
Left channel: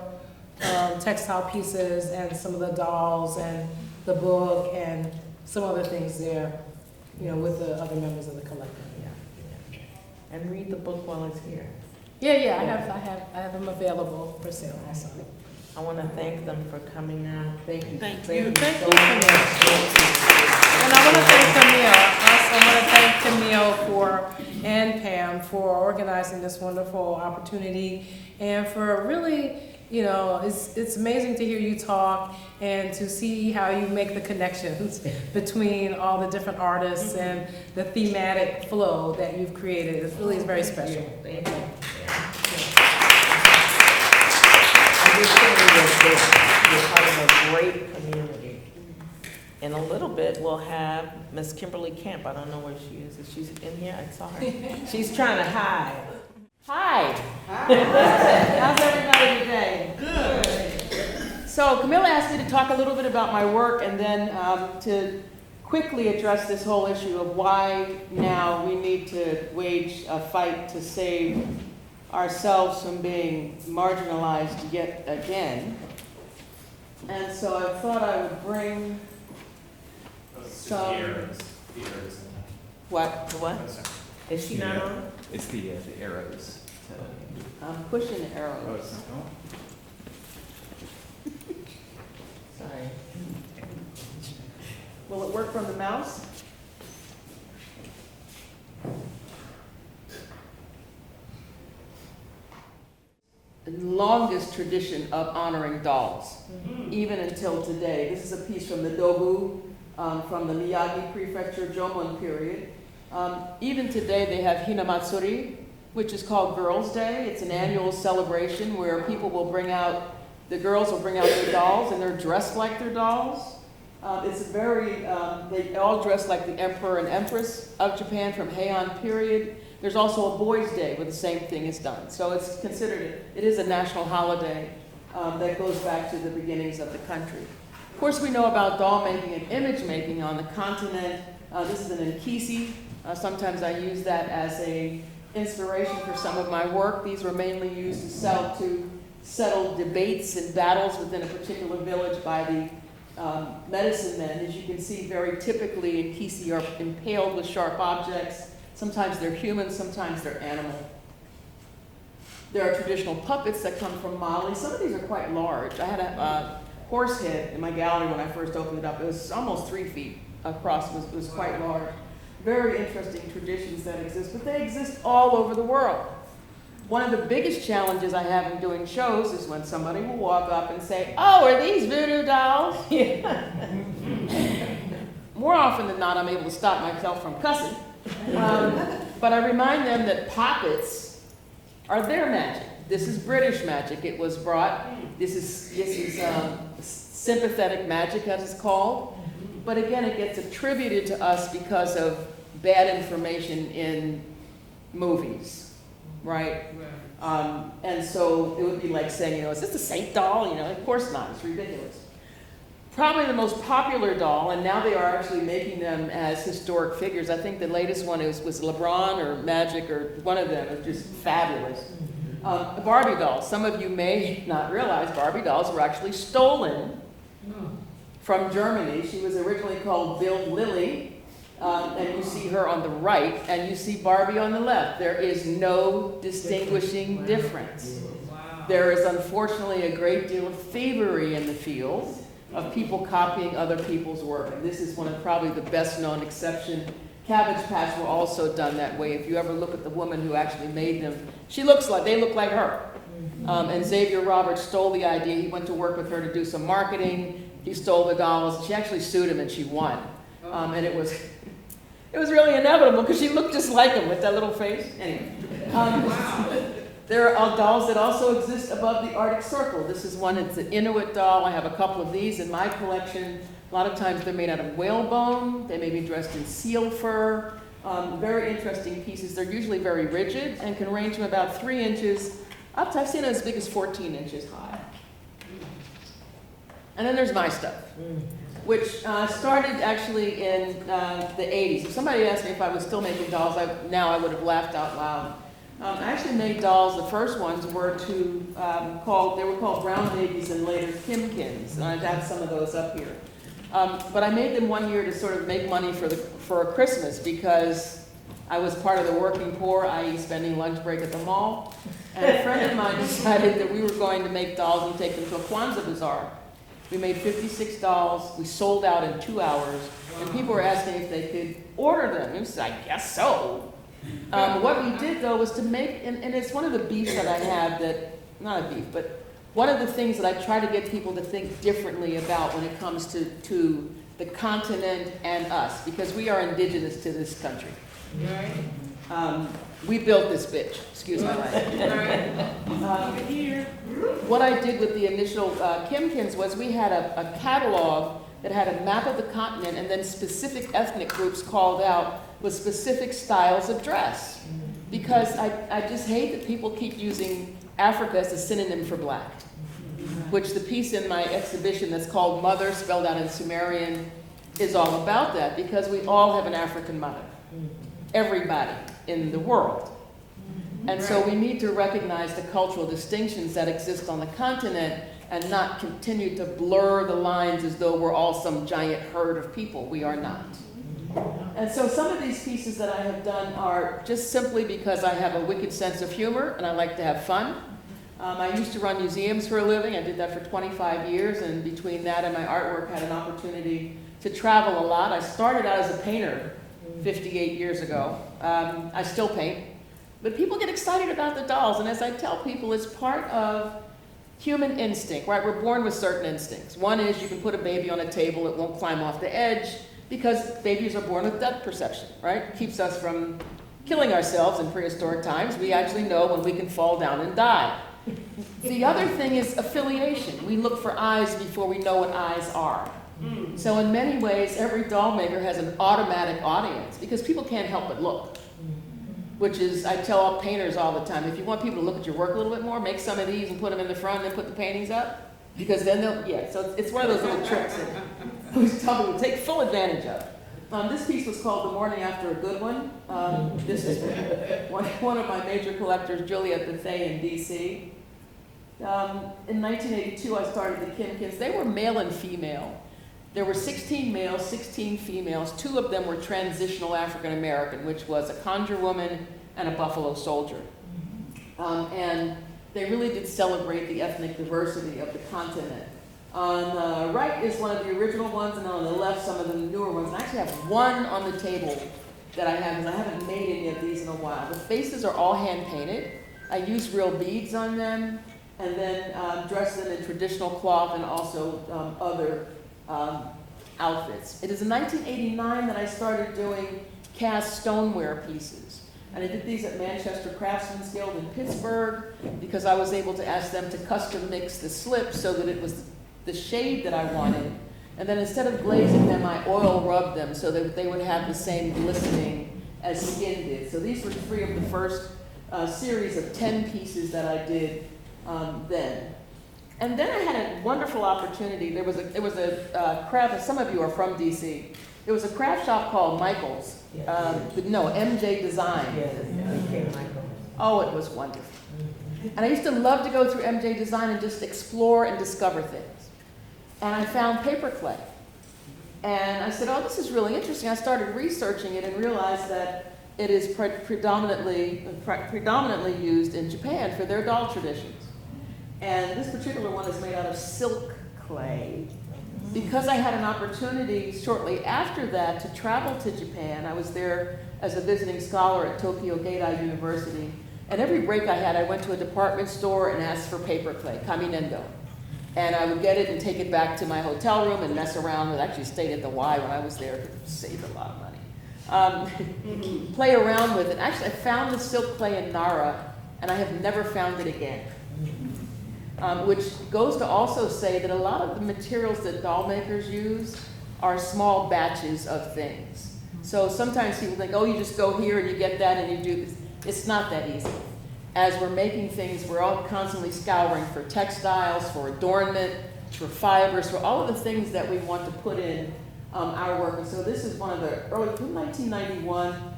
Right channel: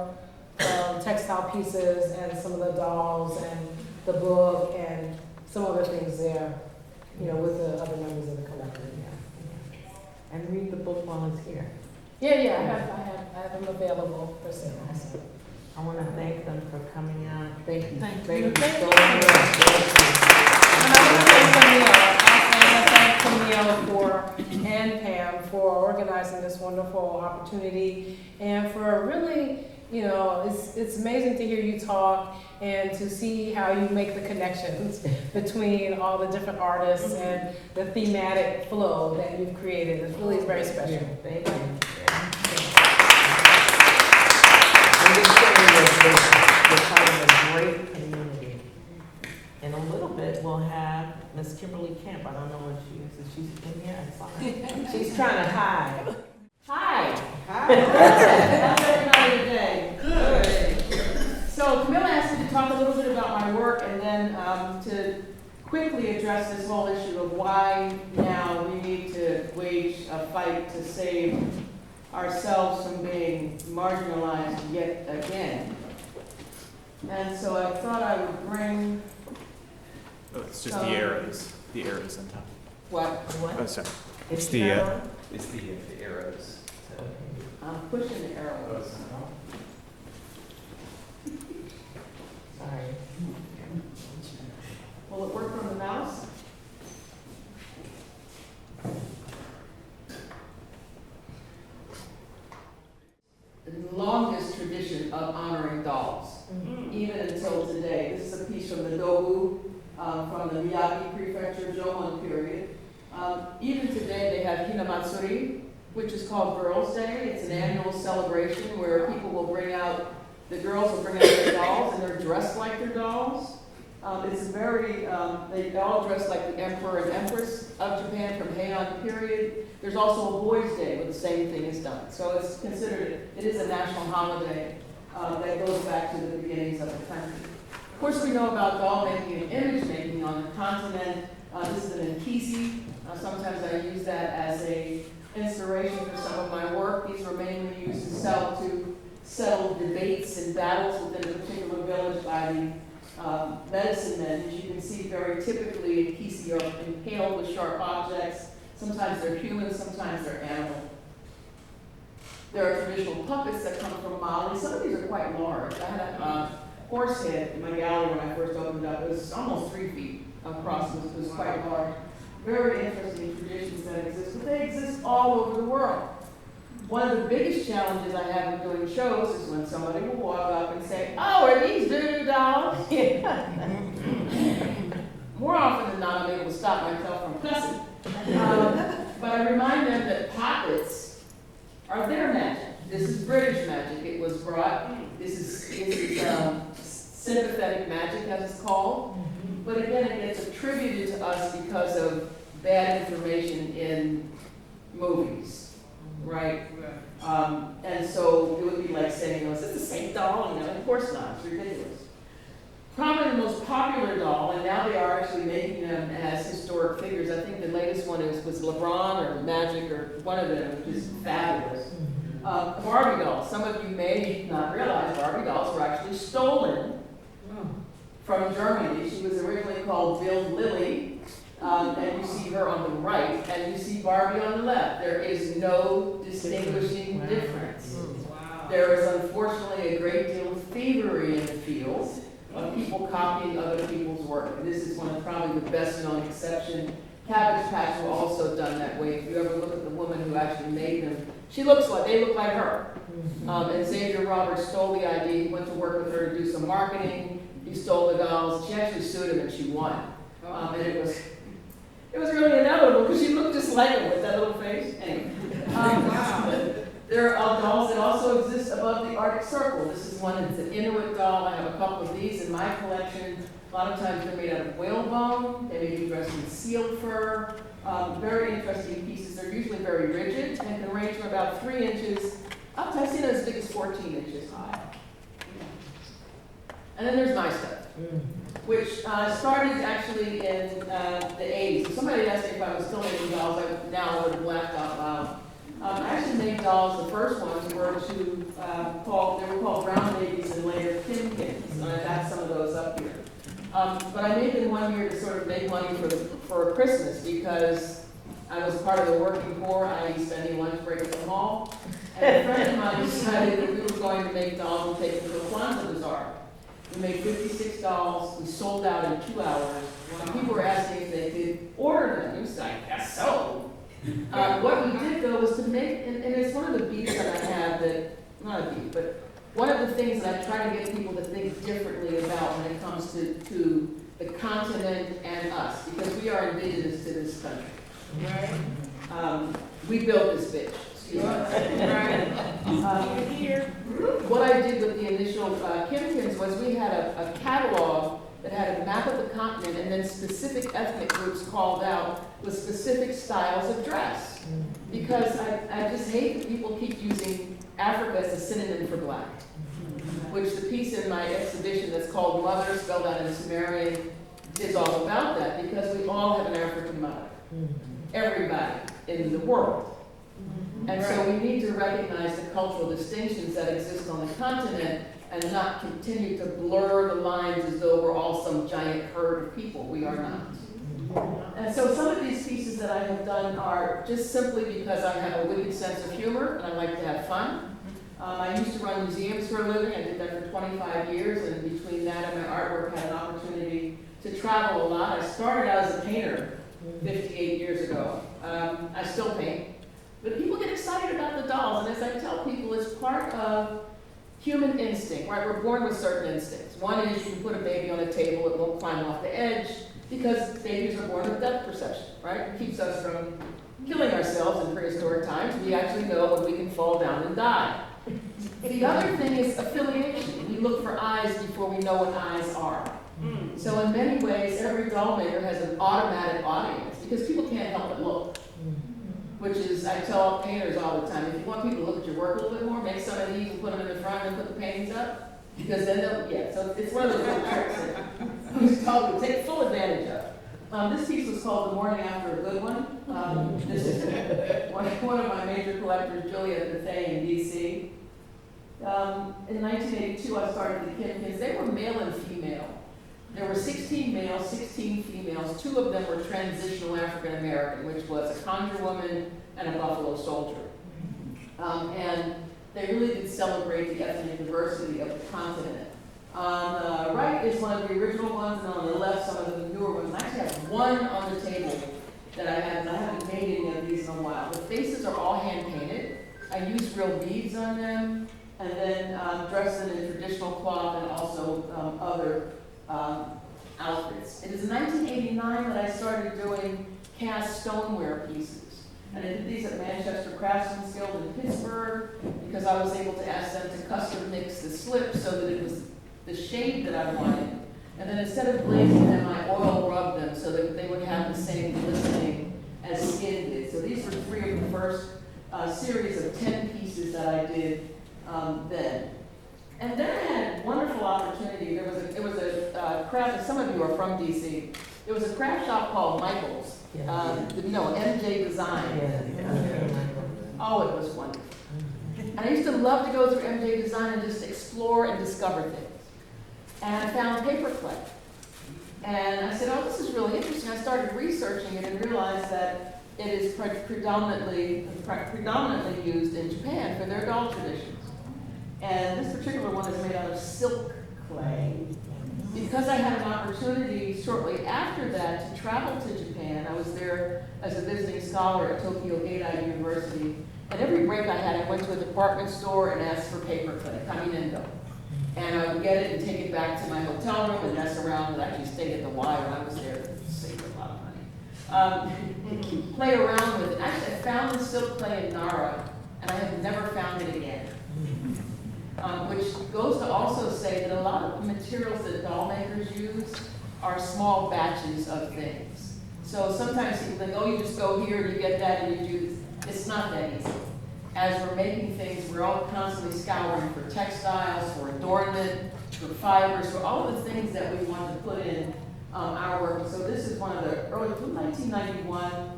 textile pieces and some of the dolls and the book and some other things there, with the other members of the collective. Yeah. And read the book while it's here. Yeah, I have them available for sale also. I want to thank them for coming on. Thank you. Thank Thank you. you so Thank you. much. And I want to thank Camila and Pam for organizing this wonderful opportunity, and for really, it's amazing to hear you talk and to see how you make the connections between all the different artists and the thematic flow that you've created. It really is very special. Thank you. We're part of a great community. In a little bit, we'll have Miss Kimberly Camp. I don't know where she is. Is she in here? I saw her. She's trying to hide. Hi. How's everybody today? Good. So Camila asked me to talk a little bit about my work, and then to quickly address this whole issue of why now we need to wage a fight to save ourselves from being marginalized yet again. And so I thought I would bring It's just the arrows. The arrows on top. what? What? Oh, sorry. Is she the, not on? It's the arrows. I'm pushing the Oh, arrows. it's not on? Sorry. Will it work from the mouse? The longest tradition of honoring dolls, even until today. This is a piece from the Dobu, from the Miyagi Prefecture Jomon period. Even today they have Hinamatsuri, which is called Girls' Day. It's an annual celebration where people will the girls will bring out their dolls, and they're dressed like their dolls. It's they all dress like the Emperor and Empress of Japan from Heian period. There's also a Boys' Day where the same thing is done. So it's considered, it is a national holiday that goes back to the beginnings of the country. Of course, we know about doll making and image making on the continent. This is an Nkisi. Sometimes I use that as a inspiration for some of my work. These were mainly used to settle debates and battles within a particular village by the medicine men. As you can see, very typically, Nkisi are impaled with sharp objects. Sometimes they're human, sometimes they're animal. There are traditional puppets that come from Mali. Some of these are quite large. I had a horse head in my gallery when I first opened it up. It was almost 3 feet across. It was quite large. Very interesting traditions that exist, but they exist all over the world. One of the biggest challenges I have in doing shows is when somebody will walk up and say, "Oh, are these voodoo dolls?" More often than not, I'm able to stop myself from cussing. But I remind them that puppets are their magic. This is British magic. It was brought. This is sympathetic magic, as it's called. But again, it gets attributed to us because of bad information in movies, right? And so it would be like saying, is this a saint doll? Of course not. It's ridiculous. Probably the most popular doll, and now they are actually making them as historic figures. I think the latest one was LeBron or Magic or one of them. It was just fabulous. The Barbie dolls. Some of you may not realize Barbie dolls were actually stolen from Germany. She was originally called Bild Lily, And you see her on the right, and you see Barbie on the left. There is no distinguishing difference. Wow. There is unfortunately a great deal of thievery in the field of people copying other people's work. And this is one of probably the best known exceptions. Cabbage Patch were also done that way. If you ever look at the woman who actually made them, they look like her. And Xavier Roberts stole the idea. He went to work with her to do some marketing. He stole the dolls. She actually sued him and she won. And it was really inevitable because she looked just like him with that little face. Anyway. Wow. There are dolls that also exist above the Arctic Circle. This is one, it's an Inuit doll. I have a couple of these in my collection. A lot of times they're made out of whalebone. They may be dressed in seal fur. Very interesting pieces. They're usually very rigid and can range from about 3 inches up to, I've seen it as big as 14 inches high. And then there's my stuff, which started actually in the 80s. If somebody asked me if I was still making dolls, now I would have laughed out loud. I actually made dolls. The first ones were they were called Brown Babies and later Kimkins, and I have some of those up here. But I made them one year to sort of make money for a Christmas because I was part of the working poor, i.e. spending lunch break at the mall. And a friend of mine decided that we were going to make dolls and take them to a Kwanzaa bazaar. We made 56 dolls. We sold out in 2 hours. And people were asking if they could order them. We said, I guess so. What we did though was to make, and it's one of the beefs that I have that, not a beef, but one of the things that I try to get people to think differently about when it comes to the continent and us, because we are indigenous to this country. Right. We built this bitch, excuse me. Right. Here, what I did with the initial Kimkins was we had a catalog that had a map of the continent and then specific ethnic groups called out with specific styles of dress. Because I just hate that people keep using Africa as a synonym for black. Which the piece in my exhibition that's called Mother, spelled out in Sumerian, is all about that, because we all have an African mother. Everybody in the world. And so we need to recognize the cultural distinctions that exist on the continent and not continue to blur the lines as though we're all some giant herd of people. We are not. And so some of these pieces that I have done are just simply because I have a wicked sense of humor and I like to have fun. I used to run museums for a living. I did that for 25 years, and between that and my artwork, I had an opportunity to travel a lot. I started out as a painter 58 years ago. I still paint. But people get excited about the dolls, and as I tell people, it's part of human instinct, right? We're born with certain instincts. One is you can put a baby on a table, it won't climb off the edge, because babies are born with depth perception, right? It keeps us from killing ourselves in prehistoric times. We actually know when we can fall down and die. The other thing is affiliation. We look for eyes before we know what eyes are. So in many ways, every doll maker has an automatic audience, because people can't help but look. Which is, I tell all painters all the time, if you want people to look at your work a little bit more, make some of these and put them in the front and put the paintings up. Because then they'll, so it's one of those little tricks that I tell them to take full advantage of. This piece was called The Morning After a Good One. This is one of my major collectors, Juliette Bethea in DC. In 1982, I started the Kimkins. They were male and female. There were 16 males, 16 females. 2 of them were transitional African American, which was a conjure woman and a buffalo soldier. And they really did celebrate the ethnic diversity of the continent. On the right is one of the original ones, and on the left, some of the newer ones. I actually have one on the table that I have, and I haven't made any of these in a while. The faces are all hand-painted. I use real beads on them, and then dress them in traditional cloth and also other outfits. It is in 1989 that I started doing cast stoneware pieces. And I did these at Manchester Craftsman's Guild in Pittsburgh because I was able to ask them to custom mix the slips so that it was the shade that I wanted. And then instead of glazing them, I oil rubbed them so that they would have the same glistening as skin did. So these were 3 of the first series of 10 pieces that I did then. And then I had a wonderful opportunity. There was a craft, some of you are from DC. There was a craft shop called Michael's. MJ Design. Oh, it was wonderful. And I used to love to go through MJ Design and just explore and discover things. And I found paperclay. And I said, oh, this is really interesting. I started researching it and realized that it is predominantly used in Japan for their doll traditions. And this particular one is made out of silk clay. Because I had an opportunity shortly after that to travel to Japan, I was there as a visiting scholar at Tokyo Gaidai University. And every break I had, I went to a department store and asked for paper clay, kaminendo. And I would get it and take it back to my hotel room and mess around. I actually stayed at the Y when I was there to save a lot of money. Play around with it. Actually, I found the silk clay in Nara, and I have never found it again. Which goes to also say that a lot of the materials that doll makers use are small batches of things. So sometimes people think, oh, you just go here and you get that and you do this. It's not that easy. As we're making things, we're all constantly scouring for textiles, for adornment, for fibers, for all of the things that we want to put in our work. And so this is one of the early, 1991,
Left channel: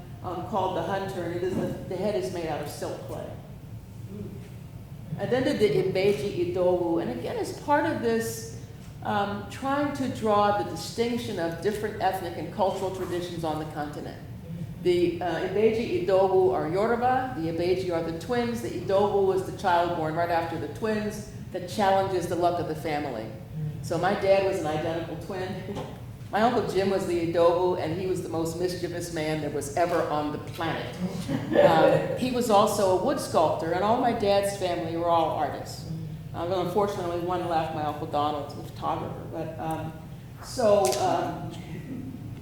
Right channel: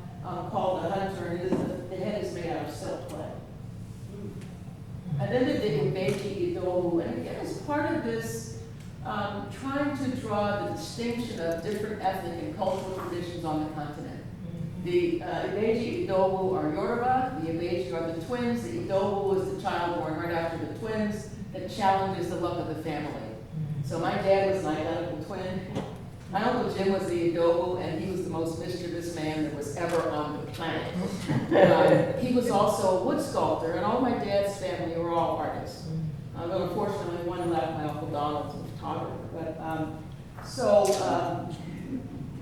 called The Hunter, and the head is made out of silk clay. And then did the Ibeji Idowu, and again, as part of this, trying to draw the distinction of different ethnic and cultural traditions on the continent. The Ibeji Idowu are Yoruba, the Ibeji are the twins, the Idowu is the child born right after the twins that challenges the luck of the family. So my dad was an identical twin. My Uncle Jim was the Idowu, and he was the most mischievous man that was ever on the planet. He was also a wood sculptor, and all my dad's family were all artists. Unfortunately, one left, my Uncle Donald, was a photographer. But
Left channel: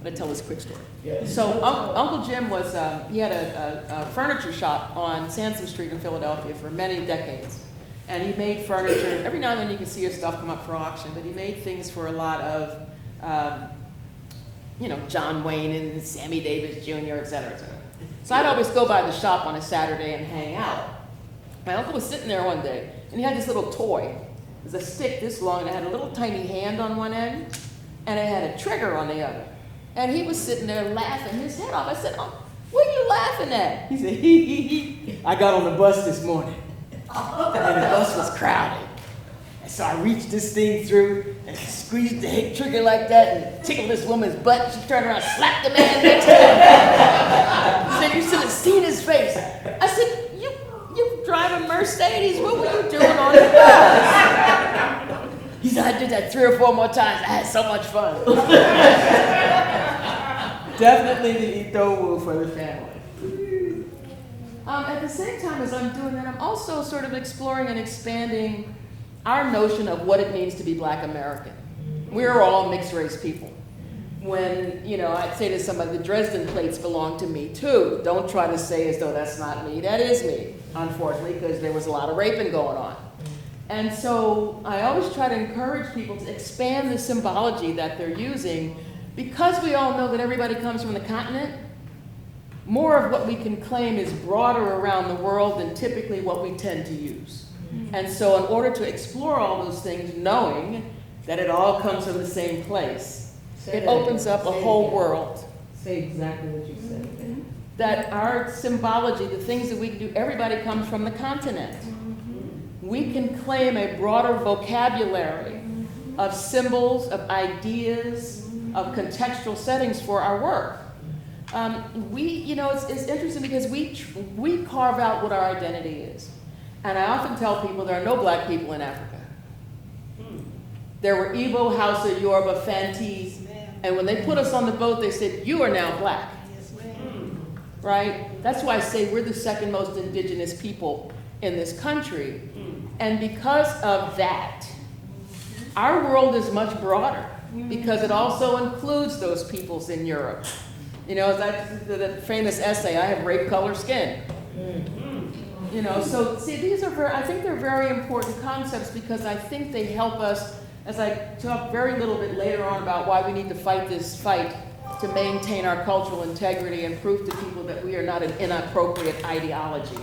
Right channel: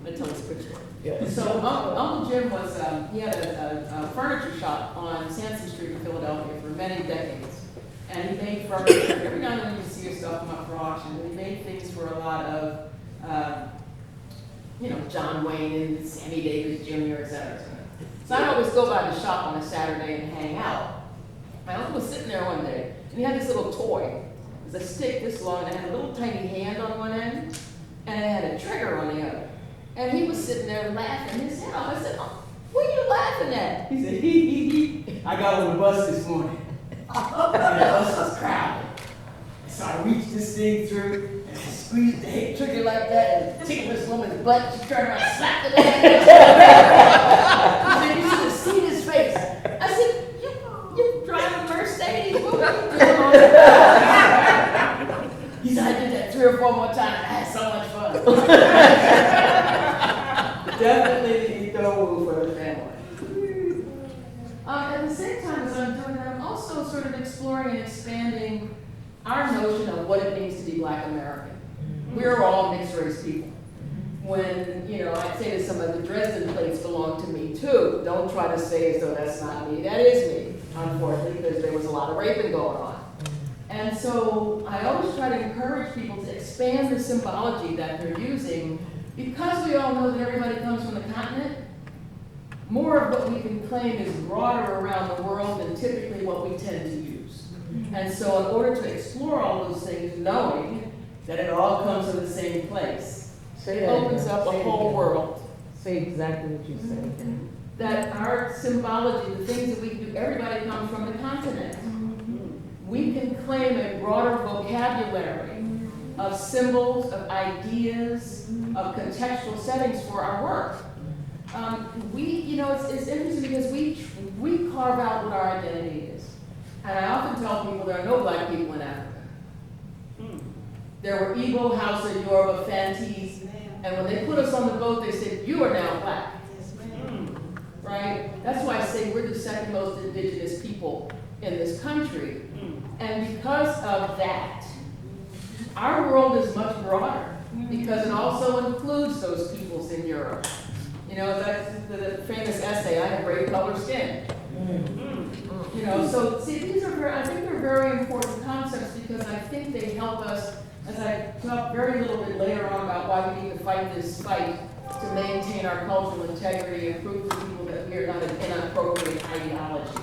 let me tell this quick story. So Uncle Jim was, he had a furniture shop on Sansom Street in Philadelphia for many decades. And he made furniture. Every now and then you can see his stuff come up for auction, but he made things for a lot of, John Wayne and Sammy Davis Jr., et cetera, et cetera. So I'd always go by the shop on a Saturday and hang out. My uncle was sitting there one day, and he had this little toy. It was a stick this long, and it had a little tiny hand on one end, and it had a trigger on the other. And he was sitting there laughing his head off. I said, oh, what are you laughing at? He said, hee. I got on the bus this morning, and the bus was crowded. And so I reached this thing through, and I squeezed the hit trigger like that, and tickled this woman's butt. She turned around, slapped the man next to her. He said, you should have seen his face. I said, you drive a Mercedes? What were you doing on that? He said, I did that 3 or 4 more times. I had so much fun. Definitely the Idowu for the family. At the same time as I'm doing that, I'm also sort of exploring and expanding our notion of what it means to be Black American. We're all mixed race people. When, I'd say to somebody, the Dresden plates belong to me too. Don't try to say as though that's not me. That is me, unfortunately, because there was a lot of raping going on. And so I always try to encourage people to expand the symbology that they're using, because we all know that everybody comes from the continent. More of what we can claim is broader around the world than typically what we tend to use. And so in order to explore all those things, knowing that it all comes from the same place, it opens up a whole world. Say exactly what you said. That our symbology, the things that we do, everybody comes from the continent. We can claim a broader vocabulary of symbols, of ideas, of contextual settings for our work. It's interesting because we carve out what our identity is. And I often tell people there are no Black people in Africa. There were Igbo, Hausa, Yoruba, Fantis, and when they put us on the boat, they said, you are now Black. Right? That's why I say we're the second most indigenous people in this country. And because of that, our world is much broader, because it also includes those peoples in Europe. That's the famous essay, I have grape color skin. So see, I think they're very important concepts, because I think they help us, as I talk very little bit later on about why we need to fight this fight to maintain our cultural integrity and prove to people that we are not an inappropriate ideology.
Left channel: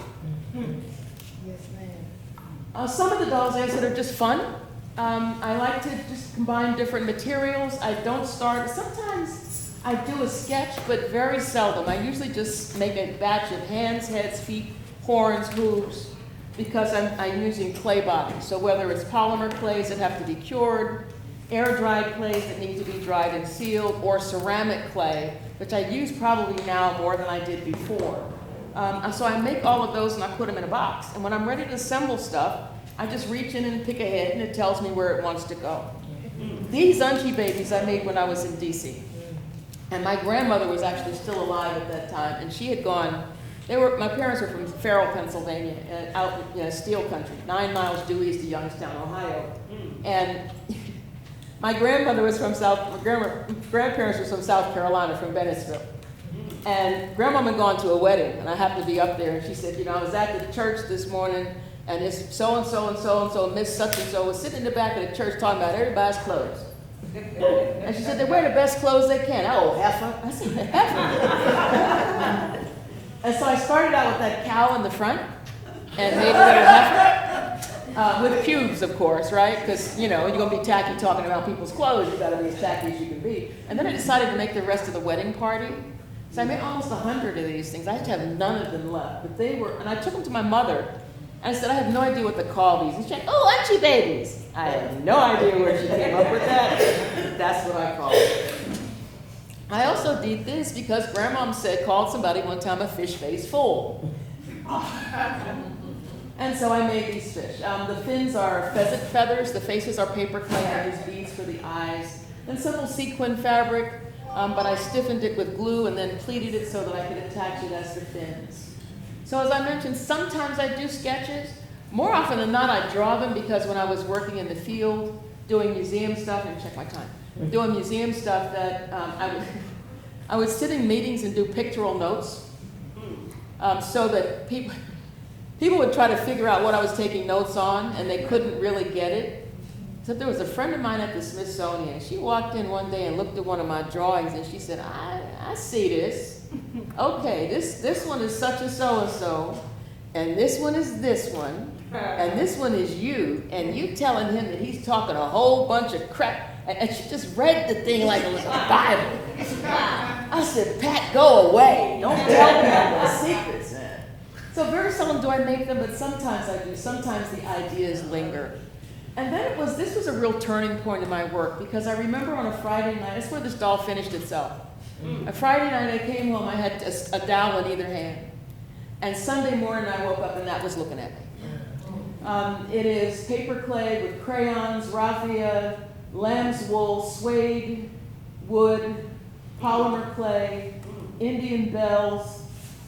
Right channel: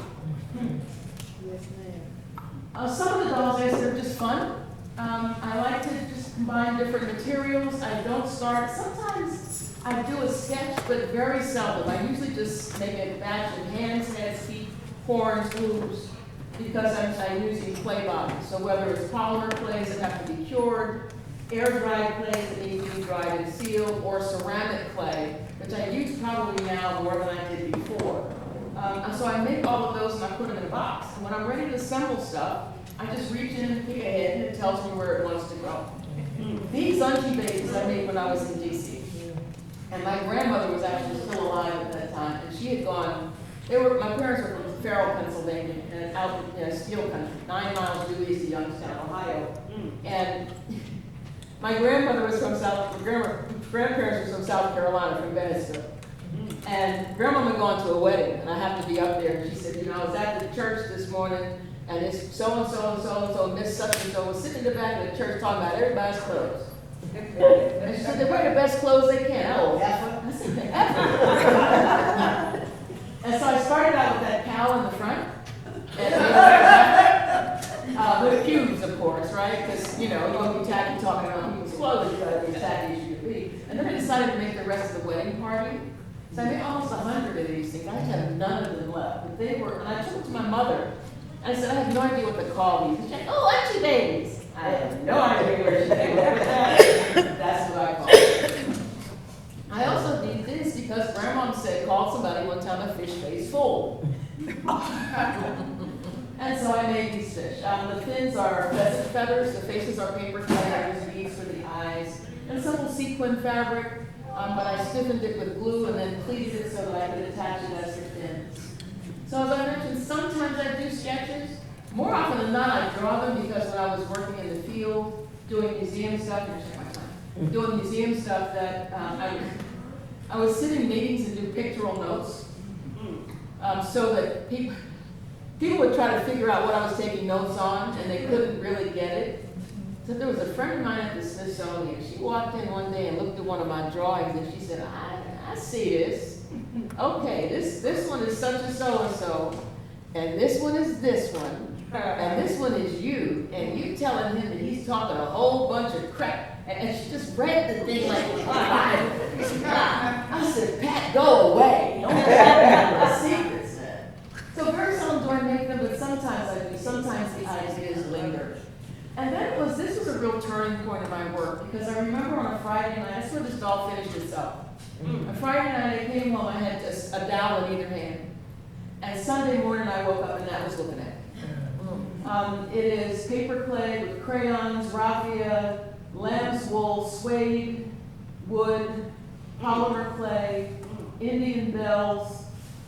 Some of the dolls I said are just fun. I like to just combine different materials. I don't start, sometimes I do a sketch, but very seldom. I usually just make a batch of hands, heads, feet, horns, hooves, because I'm using clay bodies. So whether it's polymer clays that have to be cured, air-dried clays that need to be dried and sealed, or ceramic clay, which I use probably now more than I did before. So I make all of those and I put them in a box. And when I'm ready to assemble stuff, I just reach in and pick a head and it tells me where it wants to go. These Unchi babies I made when I was in DC. And my grandmother was actually still alive at that time, and she had gone, my parents were from Farrell, Pennsylvania, and out in steel country, 9 miles due east of Youngstown, Ohio. And my grandmother was from grandparents were from South Carolina, from Bennettsville. And grandmama had gone to a wedding, and I happened to be up there, and she said, I was at the church this morning, and this so-and-so and so-and-so, and Miss such-and-so was sitting in the back of the church talking about everybody's clothes. And she said, they wear the best clothes they can. Oh, heifer. I said, heifer. And so I started out with that cow in the front, and made it a heifer, with pubes, of course, right? Because, when you're going to be tacky talking about people's clothes, you've got to be as tacky as you can be. And then I decided to make the rest of the wedding party. So I made almost 100 of these things. I had to have none of them left. But they were, and I took them to my mother. And I said, I have no idea what to call these. And she said, oh, Auntie babies. I have no idea where she came up with that. That's what I call it. I also did this because Grandma called somebody one time a fish face fool. And so I made these fish. The fins are pheasant feathers. The faces are paper clay. I use beads for the eyes. And simple sequin fabric. But I stiffened it with glue and then pleated it so that I could attach it as the fins. So as I mentioned, sometimes I do sketches. More often than not, I draw them because when I was working in the field, doing museum stuff, and check my time, doing museum stuff, that I would sit in meetings and do pictorial notes, so that people would try to figure out what I was taking notes on, and they couldn't really get it. So there was a friend of mine at the Smithsonian. She walked in one day and looked at one of my drawings, and she said, I see this. Okay, this one is such a so-and-so, and this one is this one, and this one is you, and you telling him that he's talking a whole bunch of crap, and she just read the thing like it was a Bible. I said, Pat, go away. Don't talk about my secrets, man. So very seldom do I make them, but sometimes I do. Sometimes the ideas linger. And then this was a real turning point in my work, because I remember on a Friday night, that's where this doll finished itself. A Friday night I came home, I had a dowel in either hand. And Sunday morning I woke up and that was looking at me. It is paper clay with crayons, raffia, lamb's wool, suede, wood, polymer clay, Indian bells,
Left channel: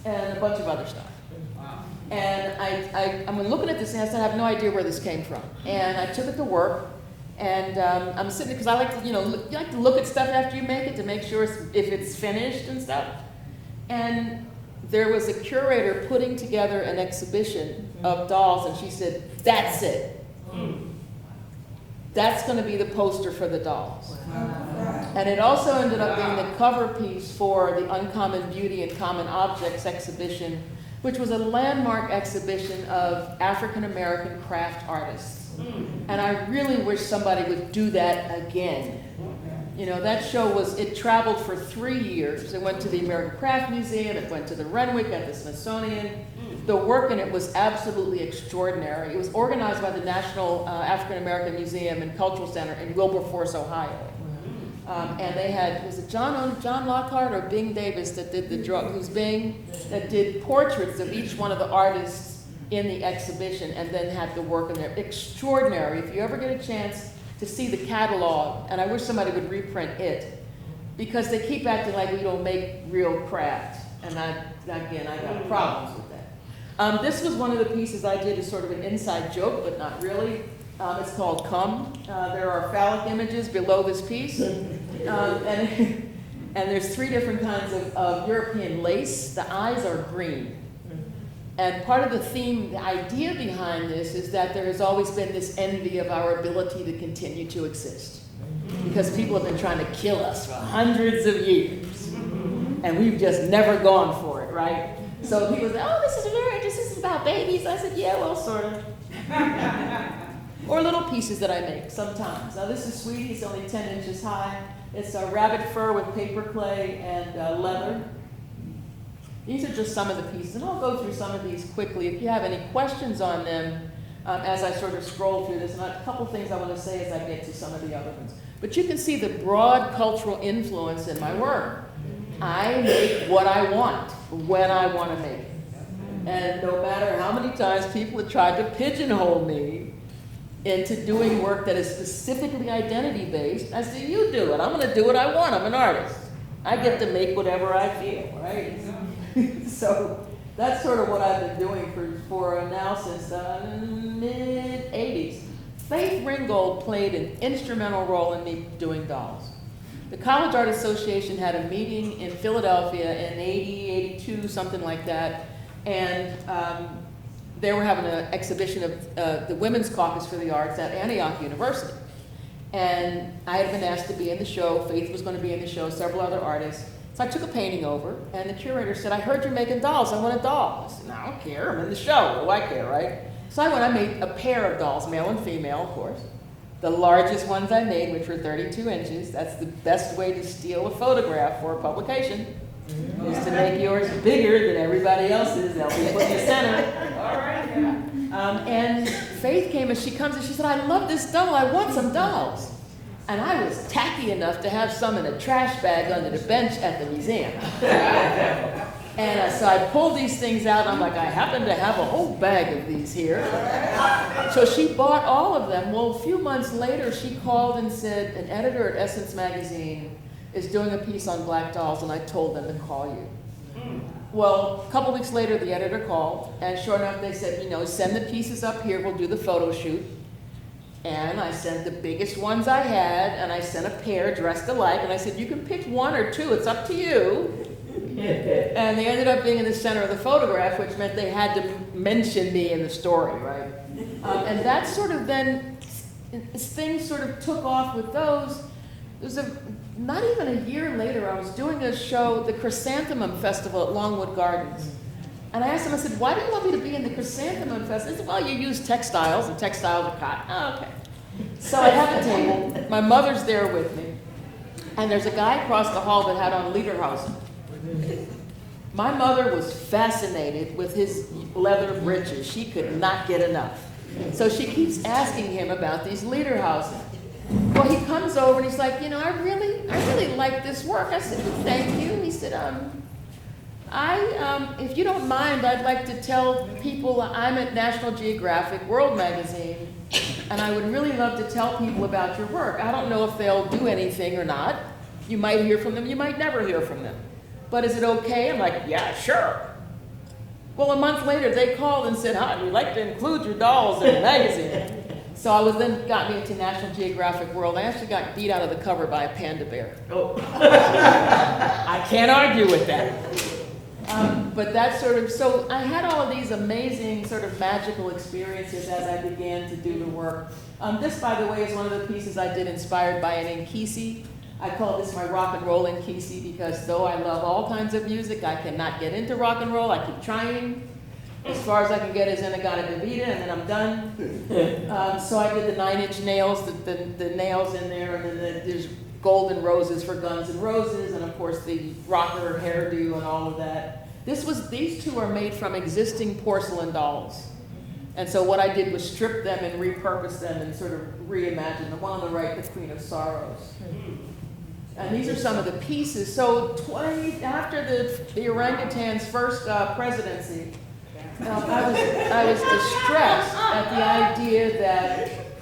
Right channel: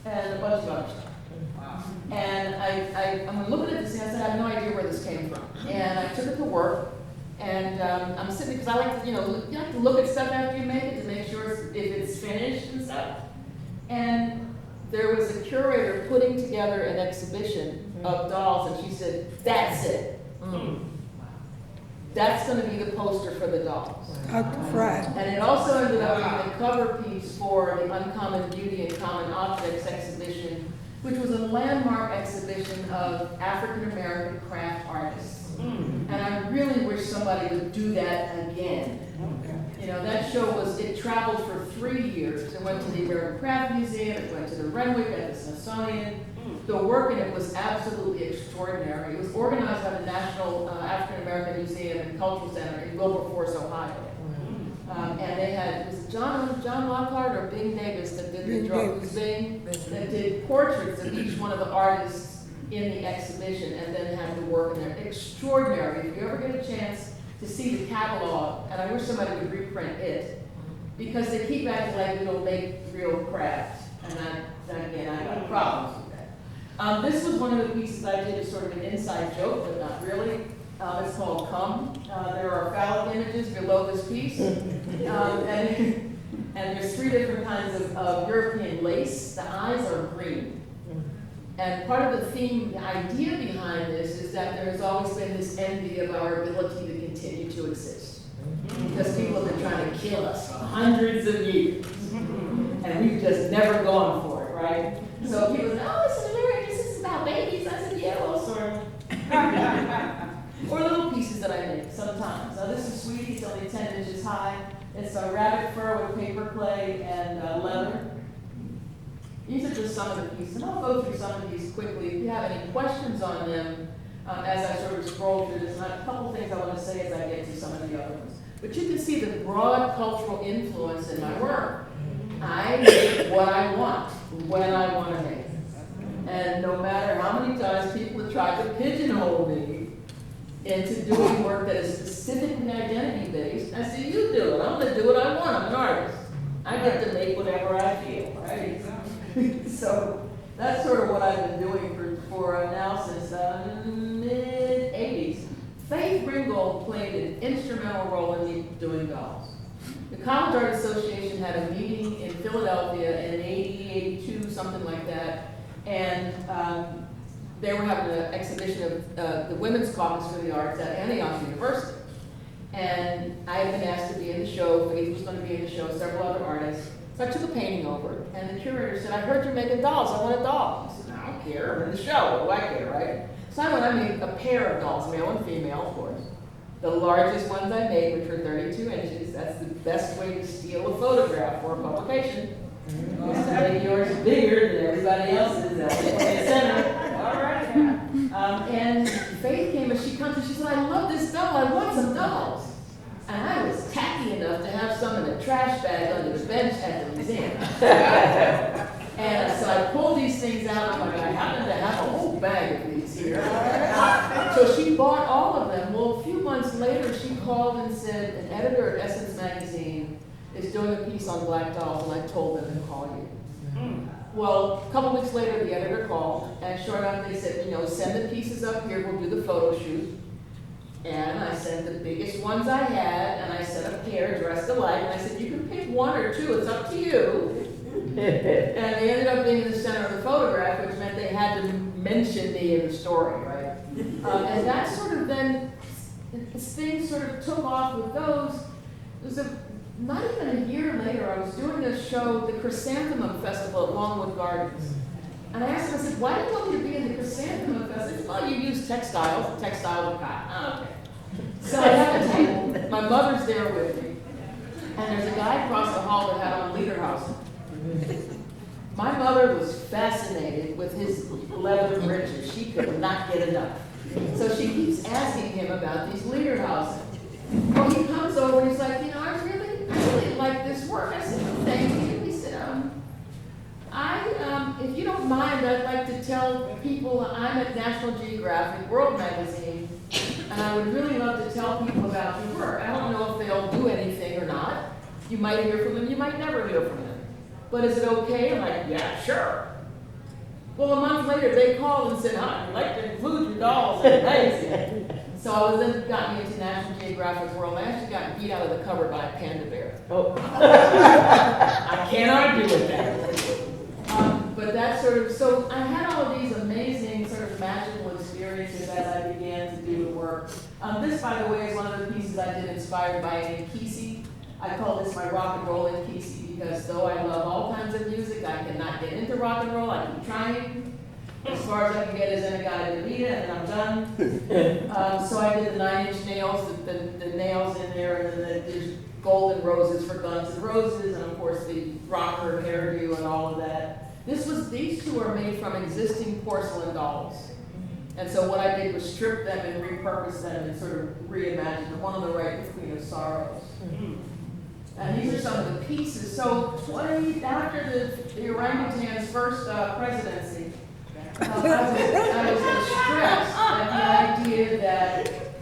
and a bunch of other stuff. Wow. And I'm looking at this and I said, I have no idea where this came from. And I took it to work. And I'm sitting, because I like to, you like to look at stuff after you make it to make sure if it's finished and stuff. And there was a curator putting together an exhibition of dolls, and she said, that's it. That's going to be the poster for the dolls. Right. And it also ended up being the cover piece for the Uncommon Beauty and Common Objects exhibition, which was a landmark exhibition of African American craft artists. And I really wish somebody would do that again. That show it traveled for 3 years. It went to the American Craft Museum, it went to the Renwick at the Smithsonian. The work in it was absolutely extraordinary. It was organized by the National African American Museum and Cultural Center in Wilberforce, Ohio. And they had, was it John Lockhart or Bing Davis that did the drawing? It was Bing that did portraits of each one of the artists in the exhibition, and then had the work in there. Extraordinary. If you ever get a chance to see the catalog, and I wish somebody would reprint it, because they keep acting like we don't make real craft. And I have problems with that. This was one of the pieces I did as sort of an inside joke, but not really. It's called Come. There are phallic images below this piece. And there's 3 different kinds of European lace. The eyes are green. And part of the theme, the idea behind this is that there has always been this envy of our ability to continue to exist. Because people have been trying to kill us for hundreds of years. And we've just never gone for it, right? So people say, oh, this is very interesting, this is about babies. I said, yeah, well, sort of. Or little pieces that I make sometimes. Now this is sweetie, it's only 10 inches high. It's a rabbit fur with paper clay and leather. These are just some of the pieces, and I'll go through some of these quickly. If you have any questions on them, as I sort of scroll through this, and a couple things I want to say as I get to some of the other ones. But you can see the broad cultural influence in my work. I make what I want, when I want to make it. And no matter how many times people have tried to pigeonhole me into doing work that is specifically identity-based, I say, you do it. I'm going to do what I want. I'm an artist. I get to make whatever I feel, right? So that's sort of what I've been doing for now since the mid-'80s. Faith Ringgold played an instrumental role in me doing dolls. The College Art Association had a meeting in Philadelphia in 80, 82, something like that, and they were having an exhibition of the Women's Caucus for the Arts at Antioch University. And I had been asked to be in the show, Faith was going to be in the show, several other artists. So I took a painting over, and the curator said, I heard you're making dolls, I want a doll. I said, I don't care, I'm in the show, what do I care, right? So I made a pair of dolls, male and female, of course. The largest ones I made, which were 32 inches, that's the best way to steal a photograph for a publication, is to make yours bigger than everybody else's, they'll be in the center. All right. And Faith came and she comes and she said, I love this doll, I want some dolls. And I was tacky enough to have some in a trash bag under the bench at the museum. And so I pulled these things out, and I'm like, I happen to have a whole bag of these here. So she bought all of them. Well, a few months later, she called and said, an editor at Essence Magazine is doing a piece on black dolls, and I told them to call you. Well, a couple weeks later, the editor called, and sure enough, they said, send the pieces up here, we'll do the photo shoot. And I sent the biggest ones I had, and I sent a pair dressed alike, and I said, you can pick one or two, it's up to you. And they ended up being in the center of the photograph, which meant they had to mention me in the story, right? And that sort of then, things sort of took off with those. It was not even a year later, I was doing a show, the Chrysanthemum Festival at Longwood Gardens. And I asked them, I said, why do you want me to be in the Chrysanthemum Festival? They said, well, you use textiles, and textiles are cotton. Oh, okay. So I have a table. My mother's there with me. And there's a guy across the hall that had on Lederhosen. My mother was fascinated with his leather breeches. She could not get enough. So she keeps asking him about these Lederhosen. Well, he comes over and he's like, I really like this work. I said, thank you. He said, if you don't mind, I'd like to tell people I'm at National Geographic World Magazine, and I would really love to tell people about your work. I don't know if they'll do anything or not. You might hear from them, you might never hear from them. But is it okay? I'm like, yeah, sure. Well, a month later, they called and said, how would you like to include your dolls in the magazine? So I then got me into National Geographic World. I actually got beat out of the cover by a panda bear. Oh. I can't argue with that. But that's sort of, so I had all of these amazing sort of magical experiences as I began to do the work. This, by the way, is one of the pieces I did inspired by an Nkisi. I call this my rock and roll Nkisi because though I love all kinds of music, I cannot get into rock and roll. I keep trying. As far as I can get is In-A-Gadda-Da-Vida, and then I'm done. So I did the 9-inch nails, the nails in there, and then there's golden roses for Guns N' Roses, and of course the rocker hairdo and all of that. These two are made from existing porcelain dolls. And so what I did was strip them and repurpose them and sort of reimagine them. One on the right, the Queen of Sorrows. And these are some of the pieces. So after the orangutan's first presidency, I was distressed at the idea that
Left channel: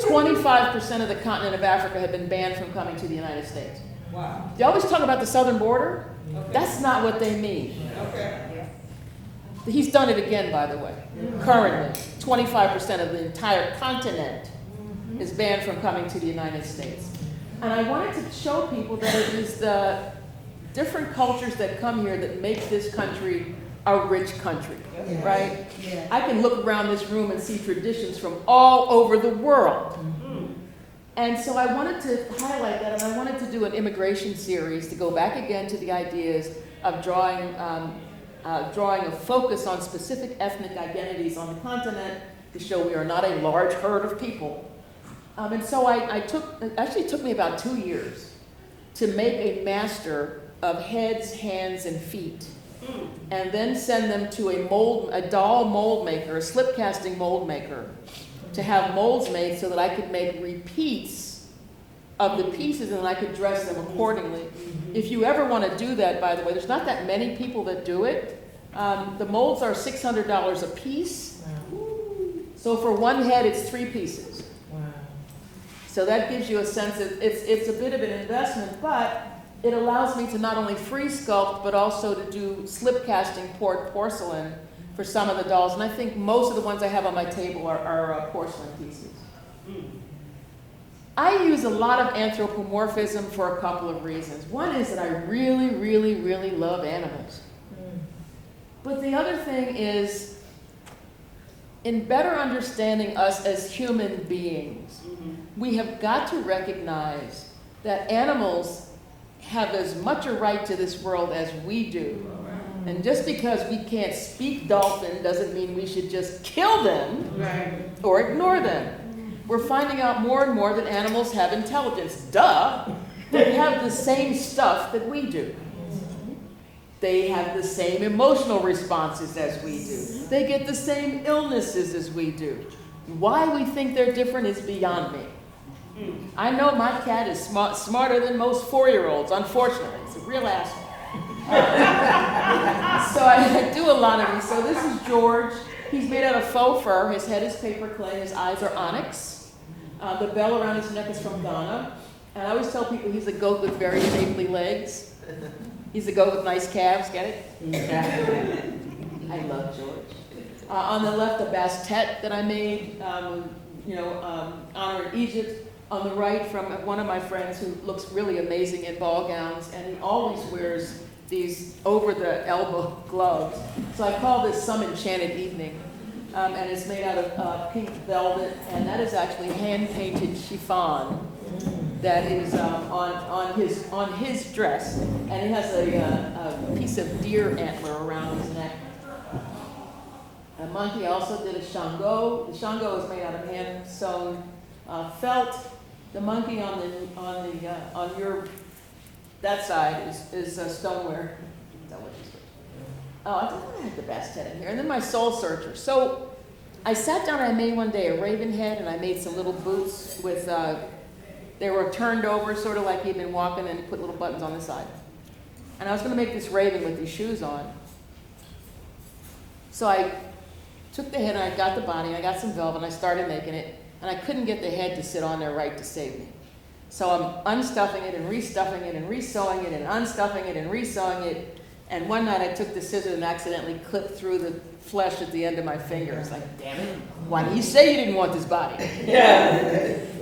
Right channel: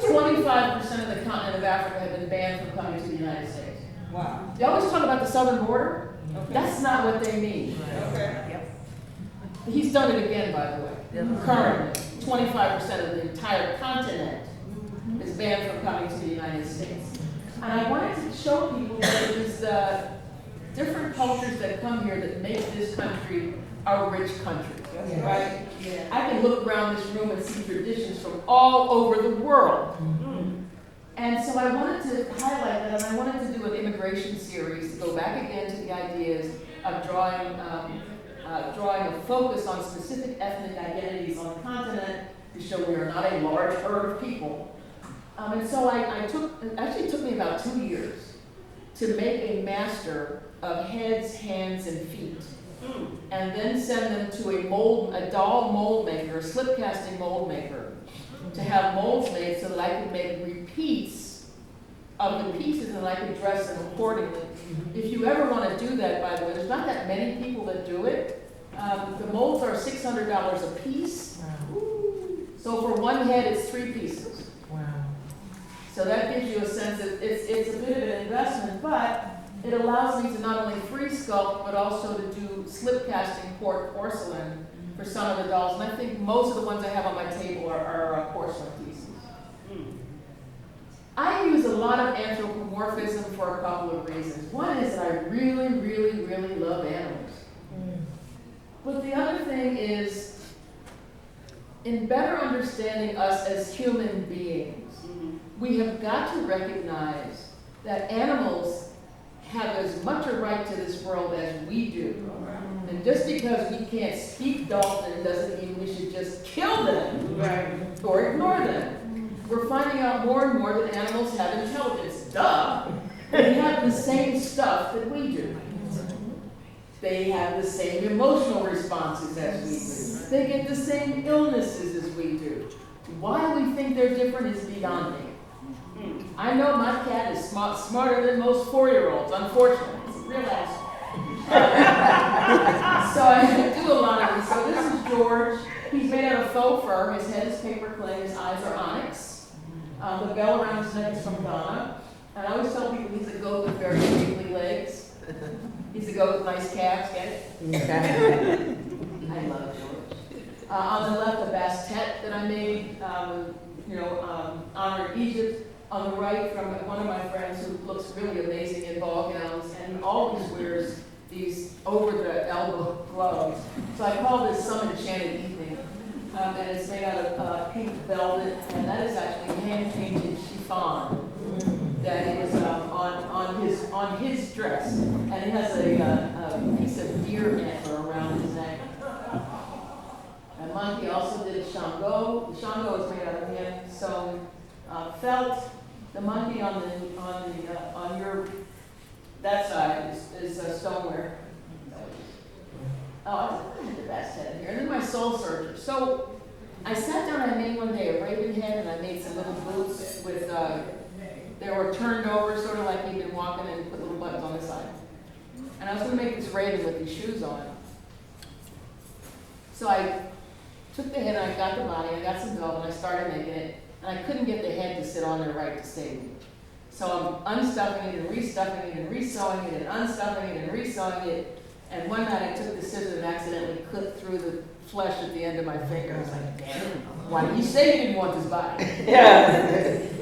25% of the continent of Africa had been banned from coming to the United States. Wow. They always talk about the southern border. Okay. That's not what they mean. Okay. He's done it again, by the way. Currently, 25% of the entire continent is banned from coming to the United States. And I wanted to show people that it is the different cultures that come here that make this country a rich country, right? Yeah. I can look around this room and see traditions from all over the world. And so I wanted to highlight that, and I wanted to do an immigration series to go back again to the ideas of drawing a focus on specific ethnic identities on the continent to show we are not a large herd of people. And so it actually took me about 2 years to make a master of heads, hands, and feet. And then send them to a doll mold maker, a slip casting mold maker, to have molds made so that I could make repeats of the pieces and I could dress them accordingly. If you ever want to do that, by the way, there's not that many people that do it. The molds are $600 a piece. Wow. So for one head, it's 3 pieces. Wow. So that gives you a sense of, it's a bit of an investment, but it allows me to not only free sculpt, but also to do slip casting poured porcelain for some of the dolls. And I think most of the ones I have on my table are porcelain pieces. I use a lot of anthropomorphism for a couple of reasons. One is that I really, really, really love animals. But the other thing is, in better understanding us as human beings, we have got to recognize that animals have as much a right to this world as we do. And just because we can't speak dolphin doesn't mean we should just kill them or ignore them. We're finding out more and more that animals have intelligence. Duh! They have the same stuff that we do. They have the same emotional responses as we do. They get the same illnesses as we do. Why we think they're different is beyond me. I know my cat is smarter than most 4-year-olds, unfortunately. It's a real asshole. So I do a lot of these. So this is George. He's made out of faux fur. His head is paper clay. His eyes are onyx. The bell around his neck is from Ghana. And I always tell people he's a goat with very shapely legs. He's a goat with nice calves. Get it? I love George. On the left, a bastet that I made, honoring Egypt. On the right, from one of my friends who looks really amazing in ball gowns, and he always wears these over-the-elbow gloves. So I call this Some Enchanted Evening, and it's made out of pink velvet, and that is actually hand-painted chiffon that is on his dress, and it has a piece of deer antler around his neck. A monkey also did a Shango. The Shango is made out of hand-sewn felt. The monkey on your that side is stoneware. Oh, I think I had the best head in here. And then my soul searcher. So I sat down and I made one day a raven head, and I made some little boots with they were turned over, sort of like he'd been walking, and put little buttons on the side. And I was going to make this raven with these shoes on. So I took the head, I got the body, I got some velvet, and I started making it. And I couldn't get the head to sit on there right to save me. So I'm unstuffing it and restuffing it and resewing it and unstuffing it and resewing it. And one night I took the scissors and accidentally clipped through the flesh at the end of my finger. I was like, damn it, why didn't you say you didn't want this body?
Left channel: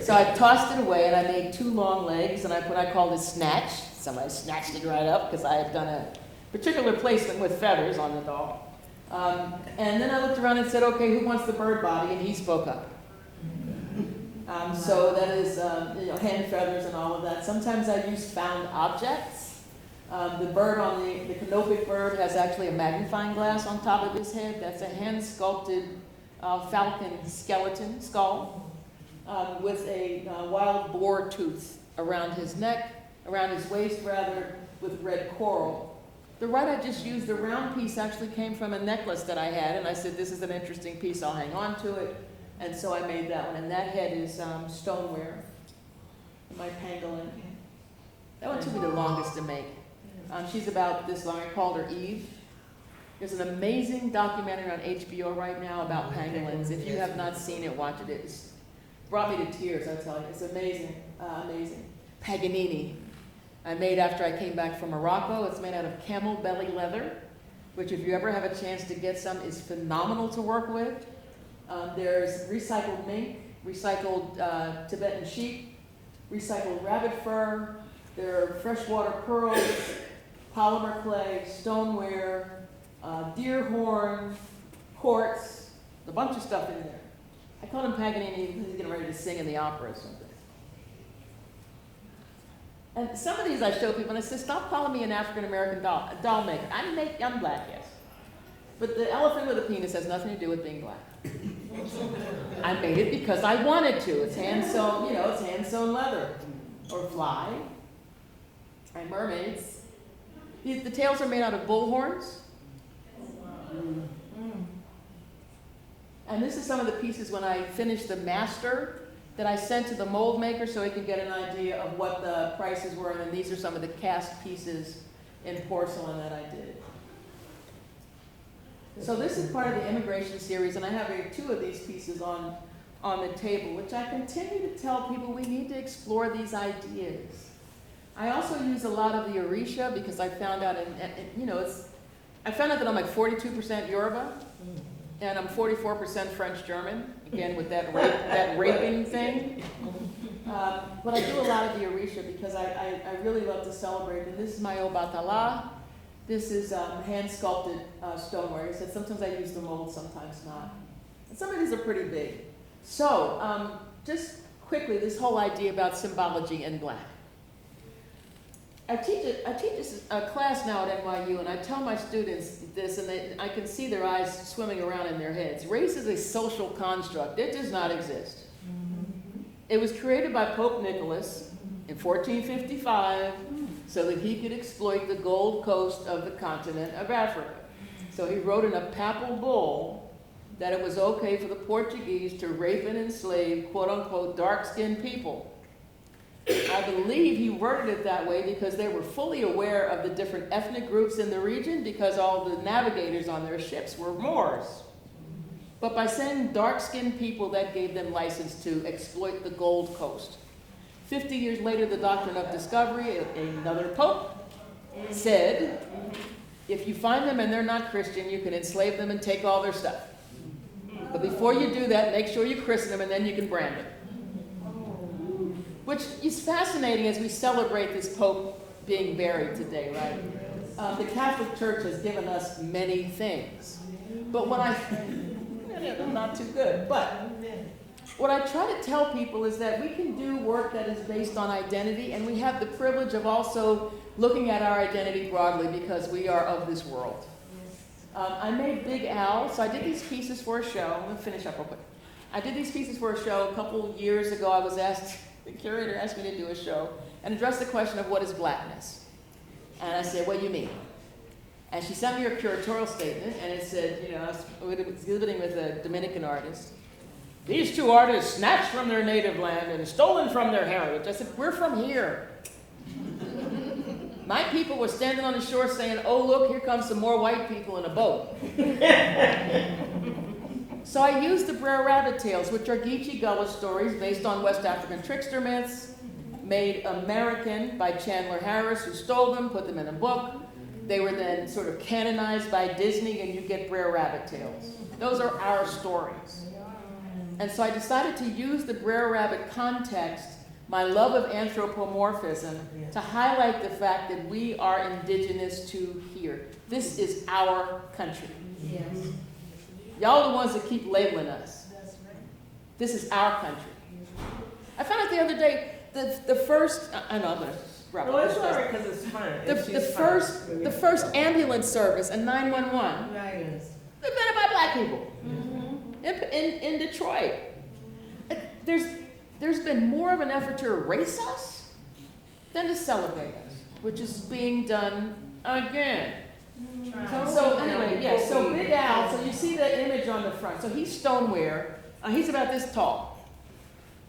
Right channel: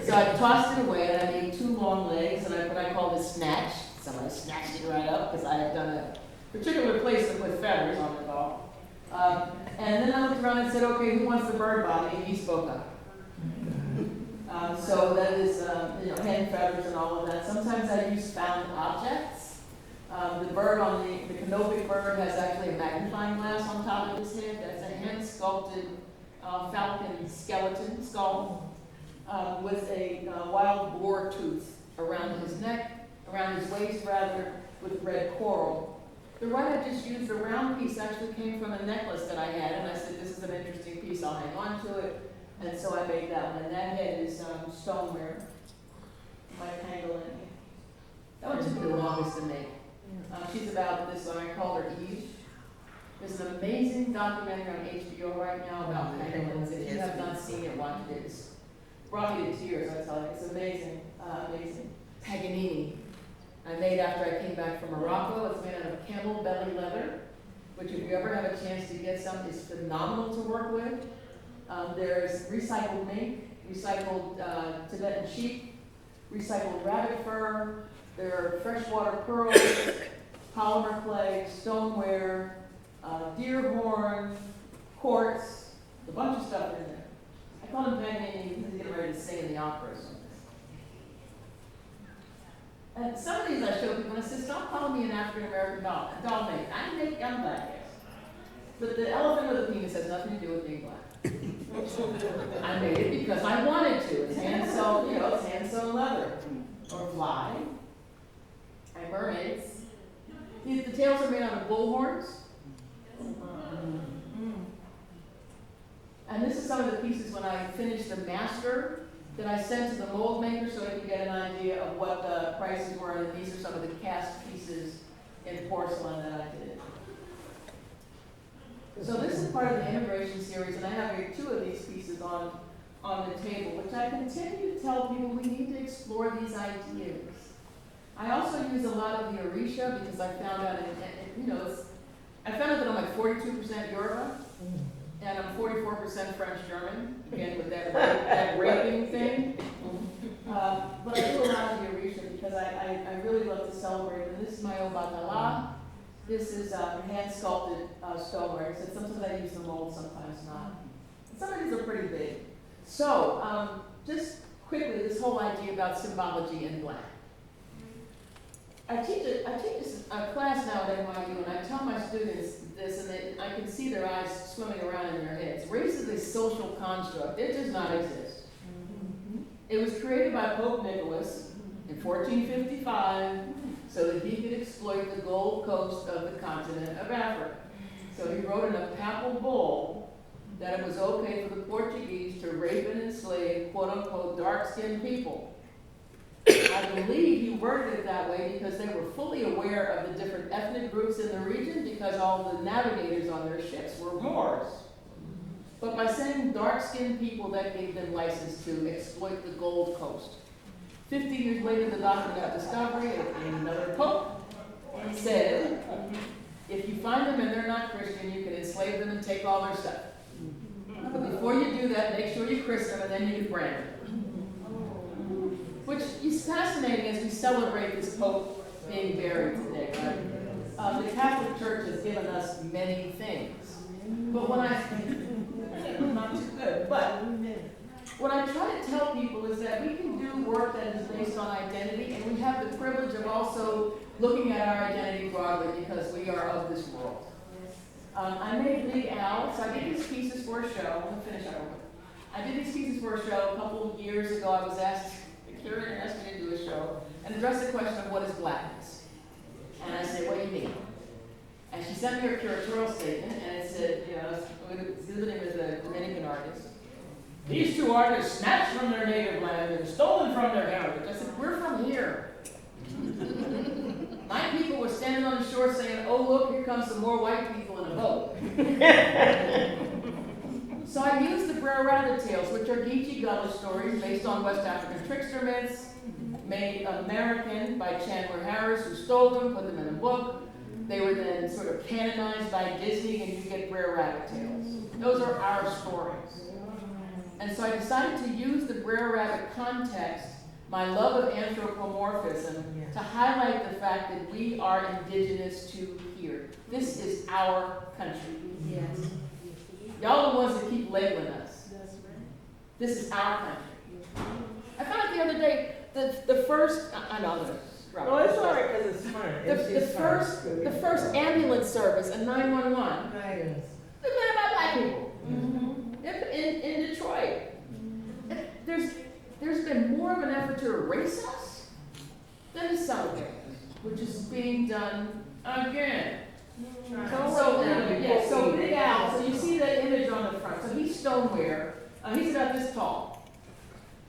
So I tossed it away and I made 2 long legs and what I called a snatch. Somebody snatched it right up because I had done a particular placement with feathers on the doll. And then I looked around and said, okay, who wants the bird body? And he spoke up. So that is, hand feathers and all of that. Sometimes I use found objects. The bird on the canopic bird has actually a magnifying glass on top of his head. That's a hand-sculpted falcon skeleton skull with a wild boar tooth around his neck, around his waist rather, with red coral. The right I just used, the round piece actually came from a necklace that I had, and I said, this is an interesting piece, I'll hang on to it. And so I made that one, and that head is stoneware, my pangolin. That one took me the longest to make. She's about this long. I called her Eve. There's an amazing documentary on HBO right now about pangolins. If you have not seen it, watch it. It's brought me to tears, I'll tell you. It's amazing, amazing. Paganini. I made after I came back from Morocco. It's made out of camel belly leather, which if you ever have a chance to get some, is phenomenal to work with. There's recycled mink, recycled Tibetan sheep, recycled rabbit fur. There are freshwater pearls, polymer clay, stoneware, deer horn, quartz, a bunch of stuff in there. I call him Paganini because he's getting ready to sing in the operas. And some of these I show people and I said, stop calling me an African-American doll maker. I'm black, yes. But the elephant with a penis has nothing to do with being black. I made it because I wanted to. It's hand-sewn, it's hand-sewn leather. Or fly. And mermaids. The tails are made out of bull horns. And this is some of the pieces when I finished the master that I sent to the mold maker so he could get an idea of what the prices were, and these are some of the cast pieces in porcelain that I did. So this is part of the immigration series, and I have here 2 of these pieces on the table, which I continue to tell people we need to explore these ideas. I also use a lot of the Orisha because I found out, I found out that I'm like 42% Yoruba, and I'm 44% French-German, again with that raping thing. But I do a lot of the Orisha because I really love to celebrate. And this is my Obatala. This is hand-sculpted stoneware. So sometimes I use the mold, sometimes not. Some of these are pretty big. So, just quickly, this whole idea about symbology in black. I teach a class now at NYU, and I tell my students this, and I can see their eyes swimming around in their heads. Race is a social construct. It does not exist. It was created by Pope Nicholas in 1455 so that he could exploit the Gold Coast of the continent of Africa. So he wrote in a papal bull that it was okay for the Portuguese to rape and enslave, quote-unquote, dark-skinned people. I believe he worded it that way because they were fully aware of the different ethnic groups in the region because all the navigators on their ships were Moors. But by saying dark-skinned people, that gave them license to exploit the Gold Coast. 50 years later, the Doctrine of Discovery, another pope, said, if you find them and they're not Christian, you can enslave them and take all their stuff. But before you do that, make sure you christen them and then you can brand them. Which is fascinating as we celebrate this Pope being buried today, right? The Catholic Church has given us many things. But when not too good, but what I try to tell people is that we can do work that is based on identity, and we have the privilege of also looking at our identity broadly because we are of this world. I made Big Al, so I did these pieces for a show. I'm going to finish up real quick. I did these pieces for a show a couple of years ago. I was asked, the curator asked me to do a show and address the question of what is blackness. And I said, what do you mean? And she sent me her curatorial statement, and it said, I was exhibiting with a Dominican artist. These 2 artists snatched from their native land and stolen from their heritage. I said, we're from here. My people were standing on the shore saying, oh, look, here comes some more white people in a boat. So I used the Brer Rabbit tales, which are Geechee Gullah stories based on West African trickster myths, made American by Chandler Harris, who stole them, put them in a book. They were then sort of canonized by Disney, and you get Brer Rabbit tales. Those are our stories. And so I decided to use the Brer Rabbit context, my love of anthropomorphism, to highlight the fact that we are indigenous to here. This is our country. Yes. Y'all are the ones that keep labeling us. That's right. This is our country. I found out the other day, the first, I know I'm going to wrap Well, up. it's all right because it's fun. The first ambulance service in 911, Right. they met by black people in Detroit. And there's been more of an effort to erase us than to celebrate us, which is being done again. So anyway, yeah, so Big Al, so you see that image on the front. So he's stoneware. He's about this tall.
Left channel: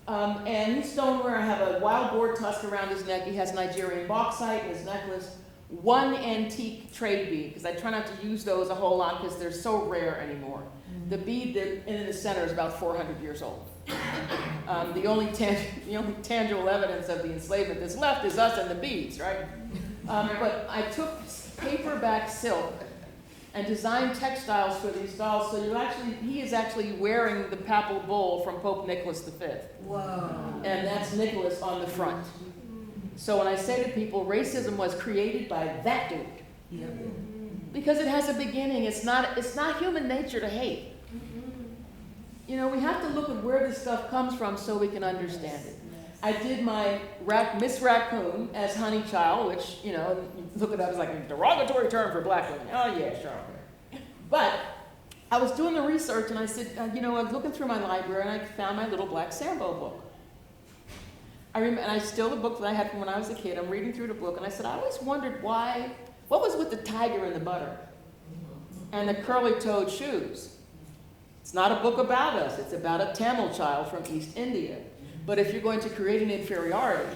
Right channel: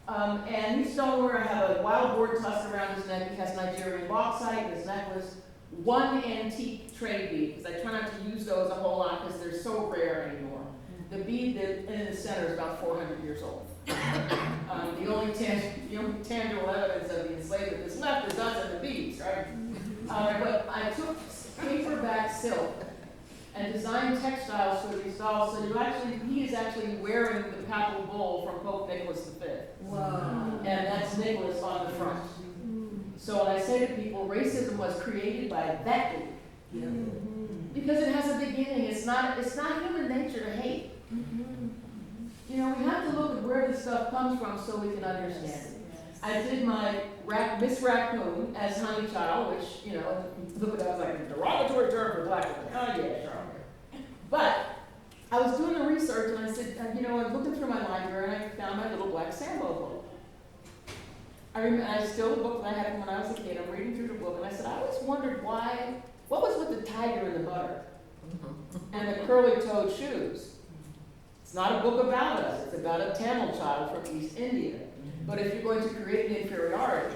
And he's stoneware. I have a wild boar tusk around his neck. He has Nigerian bauxite in his necklace. One antique trade bead, because I try not to use those a whole lot because they're so rare anymore. The bead that in the center is about 400 years old. The only tangible evidence of the enslavement that's left is us and the beads, right? But I took paperback silk and designed textiles for these dolls, so he is actually wearing the papal bull from Pope Nicholas V. Wow. And that's Nicholas on the front. So when I say to people, racism was created by that dude. Yep. Because it has a beginning. It's not human nature to hate. We have to look at where this stuff comes from so we can understand it. I did my Miss Raccoon as Honey Child, which, look at that was like a derogatory term for black women. Oh yeah, sure. But I was doing the research and I said, I was looking through my library and I found my little black Sambo book. And I still the book that I had from when I was a kid. I'm reading through the book and I said, I always wondered what was with the tiger and the butter and the curly-toed shoes. It's not a book about us. It's about a Tamil child from East India. But if you're going to create an inferiority,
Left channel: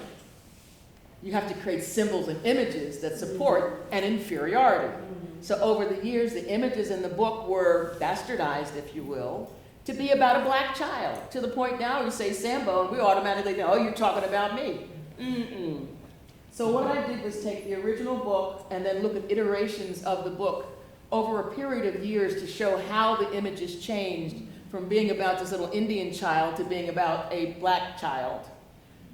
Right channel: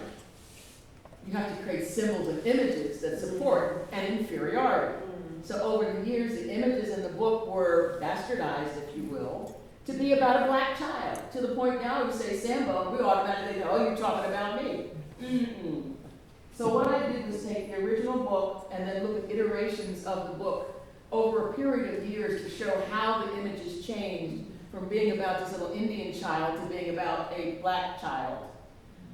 you have to create symbols and images that support an inferiority. So over the years, the images in the book were bastardized, if you will, to be about a black child, to the point now you say Sambo, and we automatically go, oh, you're talking about me. Mm-mm. So what I did was take the original book and then look at iterations of the book over a period of years to show how the images changed from being about this little Indian child to being about a black child.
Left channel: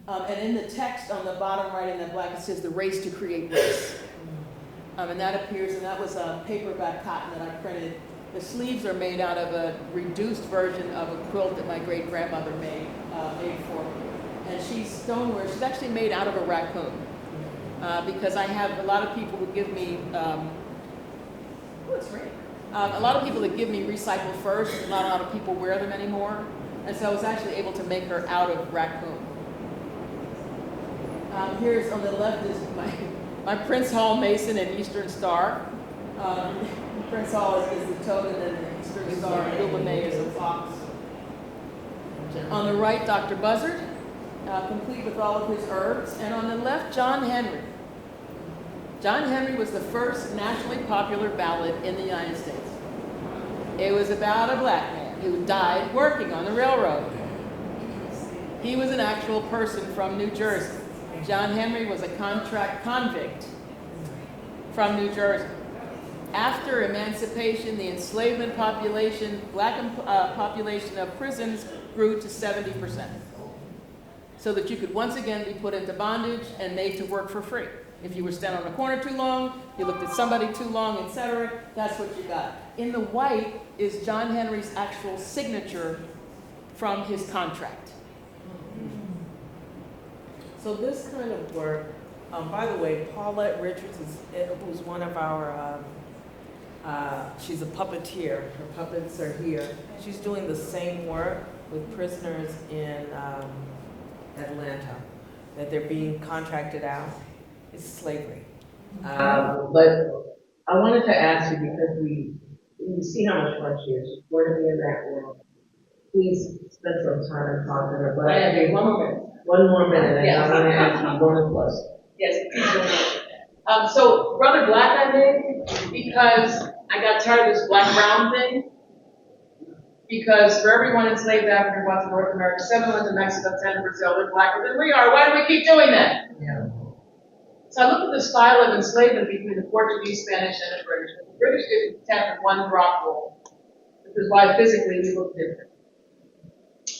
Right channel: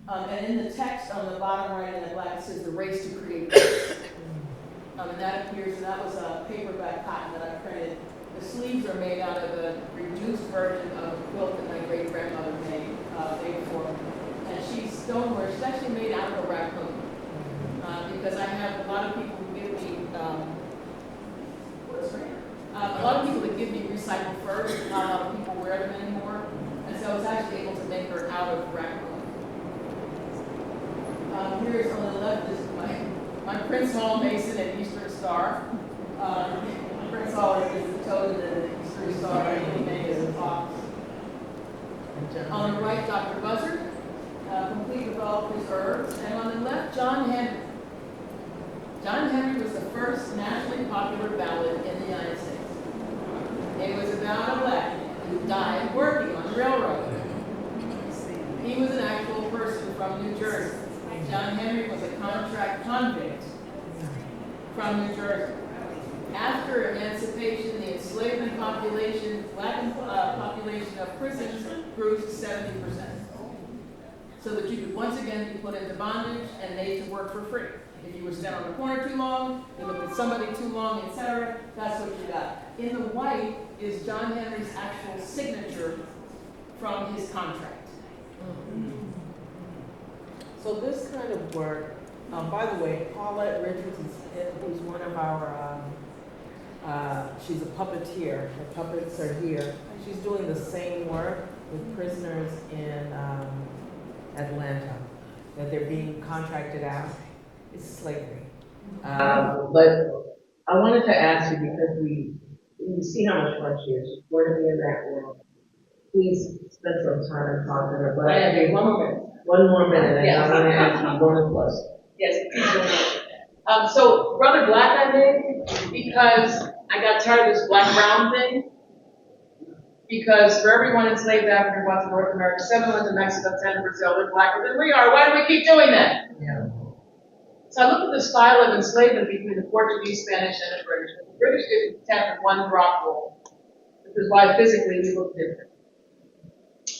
And in the text on the bottom right in that black, it says the race to create race. And that appears, and that was a paperback cotton that I printed. The sleeves are made out of a reduced version of a quilt that my great-grandmother made for her. And she's stoneware. She's actually made out of a raccoon. Because I have a lot of people who give me, a lot of people that give me recycled furs, not a lot of people wear them anymore. And so I was actually able to make her out of raccoon. Here's on the left is my Prince Hall Mason and Eastern Star. Prince Hall is the toad, and then the Eastern Star, May is the fox. On the right, Dr. Buzzard, complete with all of his herbs. And on the left, John Henry. John Henry was the first nationally popular ballad in the United States. It was about a black man who died working on the railroad. He was an actual person from New Jersey. John Henry was a contract convict from New Jersey. After emancipation, the enslavement population, black population of prisons grew to 70%. So that you could once again be put into bondage and made to work for free. If you were standing on a corner too long, you looked at somebody too long, etc., that's what you got. In the white is John Henry's actual signature from his contract. So this kind of work, by the way, Paulette Richards, who's one of our, she's a puppeteer. Her puppets are here. She's doing the same work with prisoners in Atlanta, that they're being contracted out. It's slavery. But I wanted to ask you, because we see how much fun she is. She's going to be in that world. Please spend some time talking to her. But I have one more minute, and I want to ask you bonus plus. Yes, please. So Brother Black I made because I got tired of this black-brown thing. Because for everyone enslaved African ones in North America, 7 ones in Mexico, 10 in Brazil, they're blacker than we are. Why do we keep doing that? Yeah. So I looked at the style of enslavement between the Portuguese, Spanish, and the British. The British didn't have one drop roll, which is why physically we look different.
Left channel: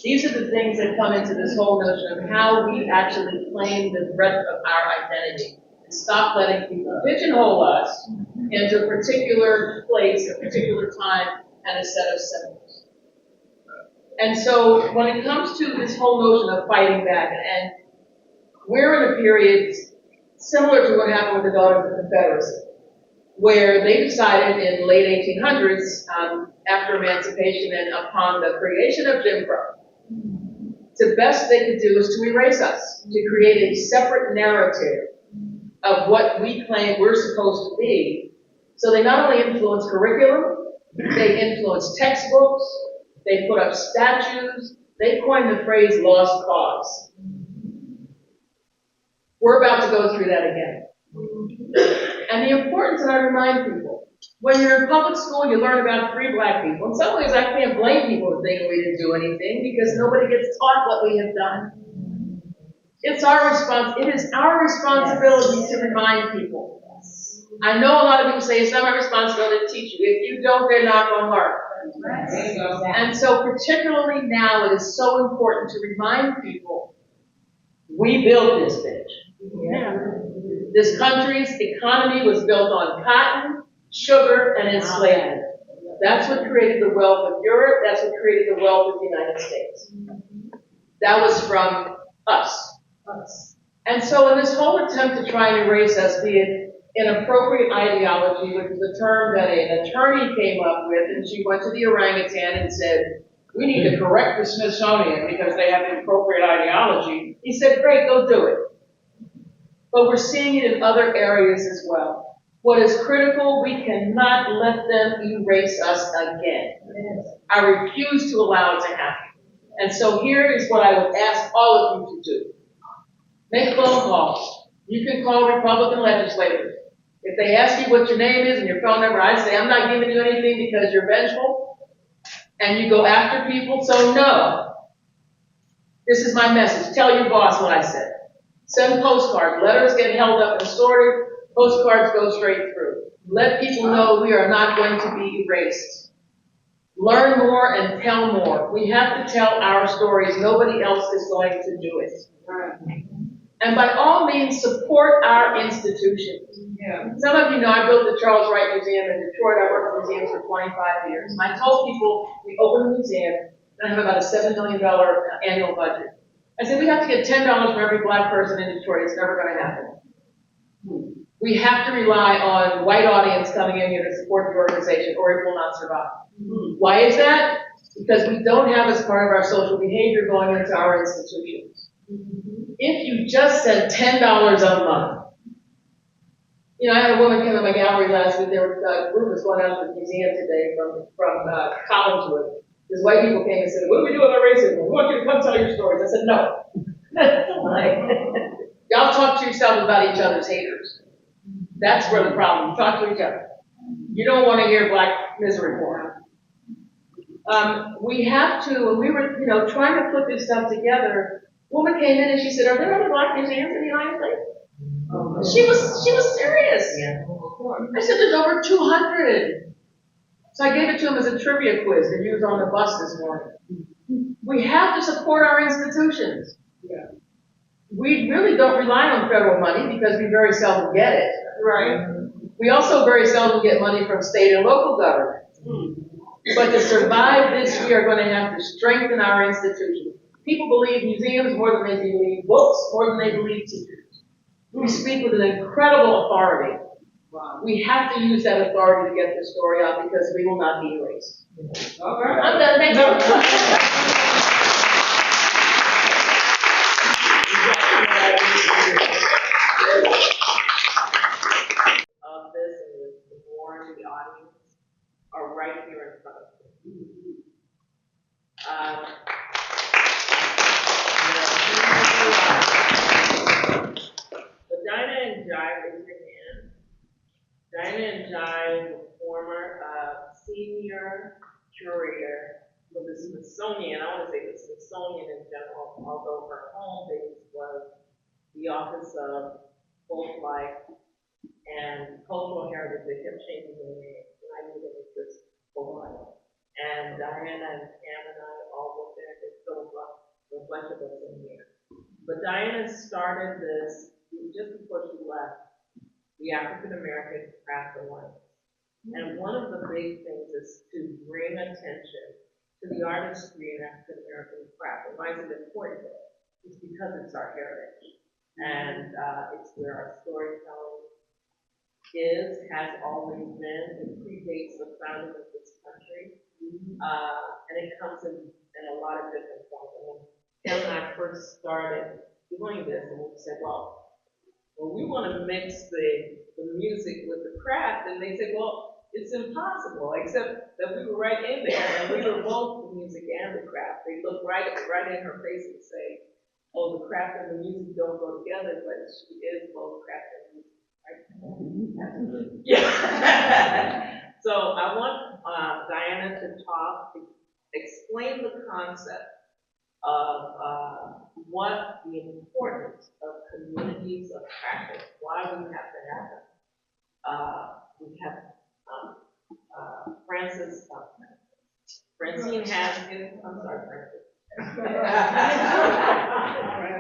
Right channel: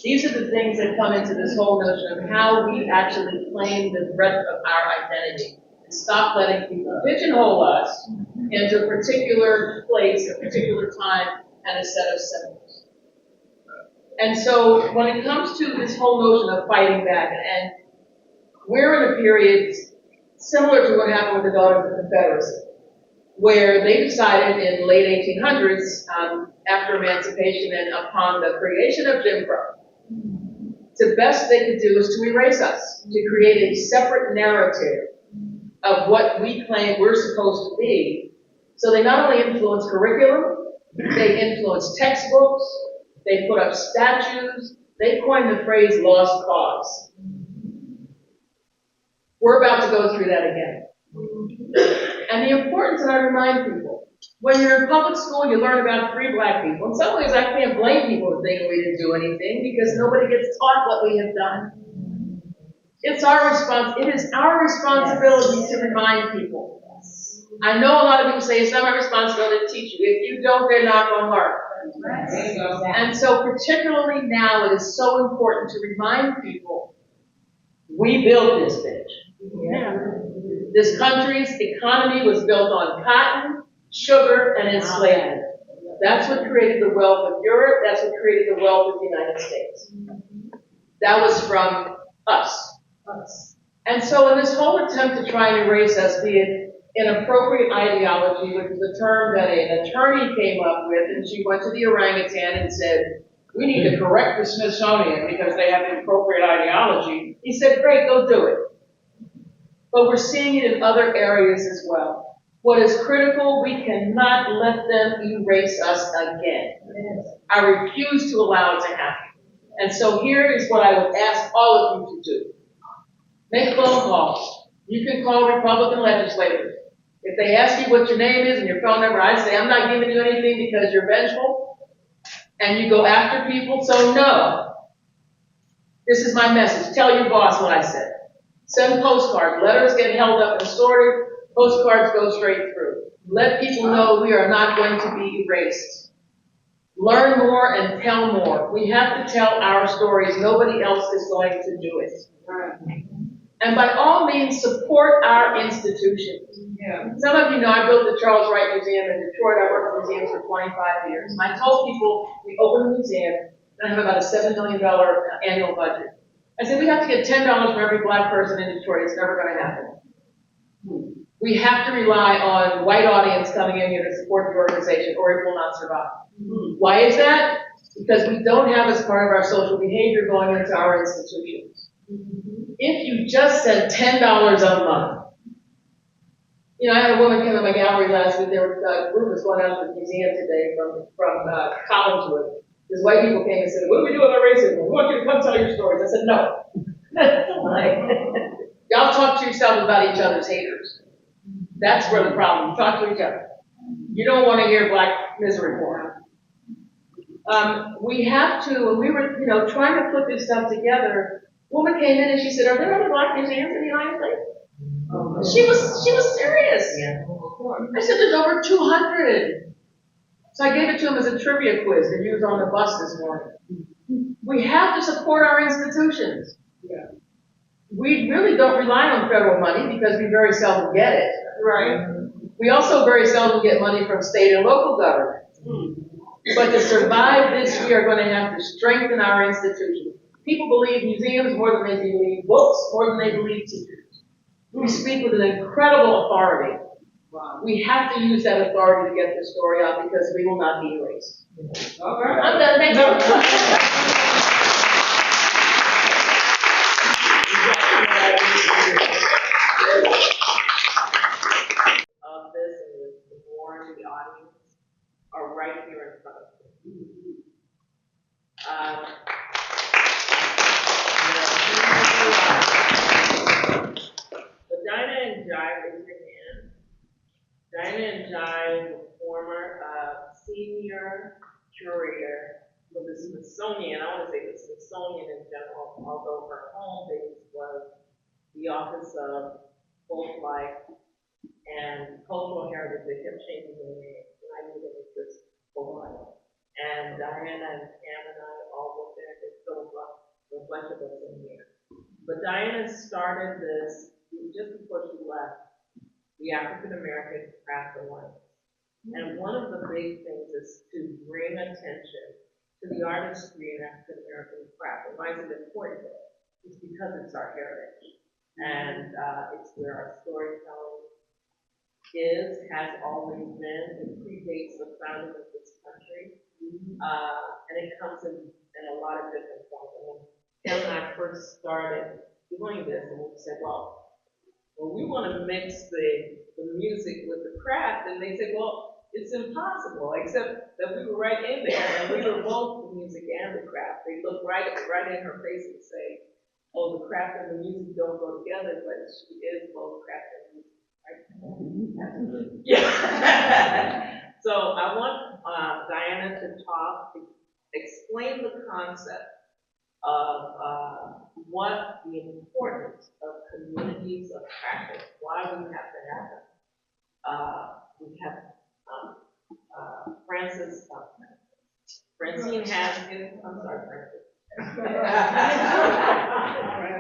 These are the things that come into this whole notion of how we actually claim the breadth of our identity and stop letting people pigeonhole us into a particular place, a particular time, and a set of symbols. And so when it comes to this whole notion of fighting back, and we're in a period similar to what happened with the Daughters of the Confederacy, where they decided in the late 1800s, after emancipation and upon the creation of Jim Crow, the best they could do is to erase us, to create a separate narrative of what we claim we're supposed to be. So they not only influence curriculum, they influence textbooks, they put up statues, they coined the phrase lost cause. We're about to go through that again. And the importance, and I remind people, when you're in public school, you learn about free black people. In some ways, I can't blame people for thinking we didn't do anything because nobody gets taught what we have done. It is our responsibility to remind people. I know a lot of people say it's not my responsibility to teach you. If you don't, they're not going to learn. And so particularly now, it is so important to remind people, we built this bitch. Yeah. This country's economy was built on cotton, sugar, and enslavement. That's what created the wealth of Europe. That's what created the wealth of the United States. That was from us. And so in this whole attempt to try and erase us, be it inappropriate ideology, which is a term that an attorney came up with, and she went to the orangutan and said, we need to correct the Smithsonian because they have inappropriate ideology. He said, great, go do it. But we're seeing it in other areas as well. What is critical, we cannot let them erase us again. I refuse to allow it to happen. And so here is what I would ask all of you to do. Make phone calls. You can call Republican legislators. If they ask you what your name is and your phone number, I say, I'm not giving you anything because you're vengeful and you go after people. So no. This is my message. Tell your boss what I said. Send postcards. Letters get held up and sorted. Postcards go straight through. Let people know we are not going to be erased. Learn more and tell more. We have to tell our stories. Nobody else is going to do it. And by all means, support our institutions. Yeah. Some of you know I built the Charles Wright Museum in Detroit. I worked in museums for 25 years. And I told people, we open the museum, and I have about a $7 million annual budget. I said, we have to get $10 for every black person in Detroit. It's never going to happen. We have to rely on white audience coming in here to support the organization, or it will not survive. Why is that? Because we don't have as part of our social behavior going into our institutions. If you just said $10 a month, you know, I had a woman come to my gallery last week. There were a group was going out to the museum today from Collinswood. These white people came and said, what do we do about racism? We want you to come tell your stories. I said, no. Y'all talk to yourself about each other's haters. That's where the problem. Talk to each other. You don't want to hear black misery porn. We have to, when we were, trying to put this stuff together, a woman came in and she said, are there other black museums in the United States? She was serious. Yeah. I said, there's over 200. So I gave it to him as a trivia quiz to use on the bus this morning. We have to support our institutions. Yeah. We really don't rely on federal money because we very seldom get it. Right. We also very seldom get money from state and local government. But to survive this, we are going to have to strengthen our institutions. People believe museums more than they believe books, more than they believe teachers. We speak with an incredible authority. Wow. We have to use that authority to get the story out because we will not be erased. All right. I'm done. Thank you. Of this and the more in the audience are right here in front of you. But Dinah and Jai, raise your hand. Dinah and Jai were former senior curator for the Smithsonian. I want to say the Smithsonian in general, although her home base was the Office of Folk Life and Cultural Heritage. They kept changing their name, and I knew that it was just Folk Life. And Diana and Cam and I all worked there. There's still a bunch of us in here. But Diana started this just before she left, the African American Craft Alliance. And one of the big things is to bring attention to the artistry in African American craft. And why is it important? It's because it's our heritage. And it's where our storytelling has always been. It predates the founding of this country. And it comes in a lot of different forms. And when Ken and I first started doing this, and we said, well, we want to mix the music with the craft, and they said, well, it's impossible, except that we were right in there, and we were both the music and the craft. They looked right in her face and say, oh, the craft and the music don't go together, but she is both craft and music. Right? Yeah. So I want Diana to talk, to explain the concept of what the importance of communities of practice, why we have to have them. We have Francine Haskins, I'm sorry,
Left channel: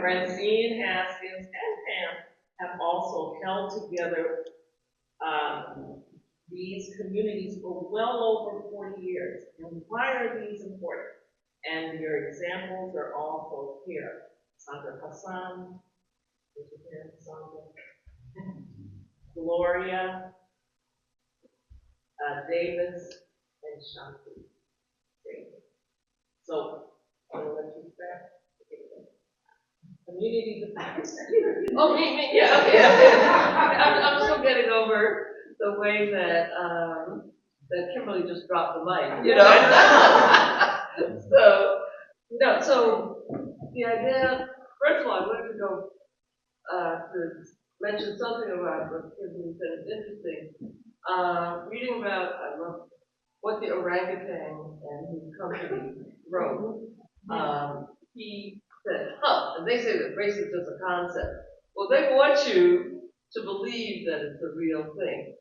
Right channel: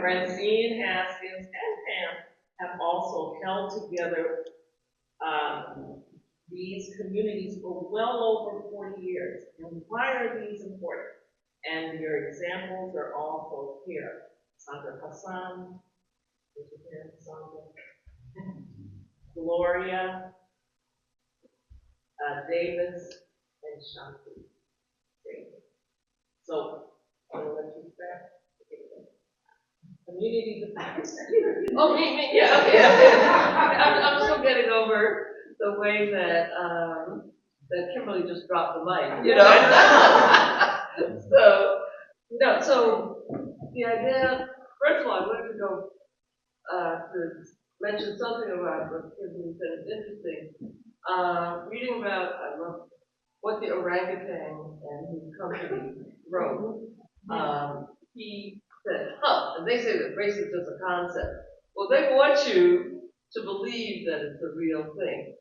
Francine Haskins and Pam have also held together these communities for well over 40 years. And why are these important? And your examples are also here. Sandra Hassan, Gloria, Davis, and Shanti. So, I'm going to let you start. Communities of practice. Oh, me, yeah, okay. I'm still getting over the way that Kimberly just dropped the mic, So, No, so the idea, first of all, I wanted to go to mention something about what Kimberly said is interesting. Reading about, I love what the orangutan and his company wrote. He said, and they say that race is just a concept. Well, they want you to believe that it's a real thing.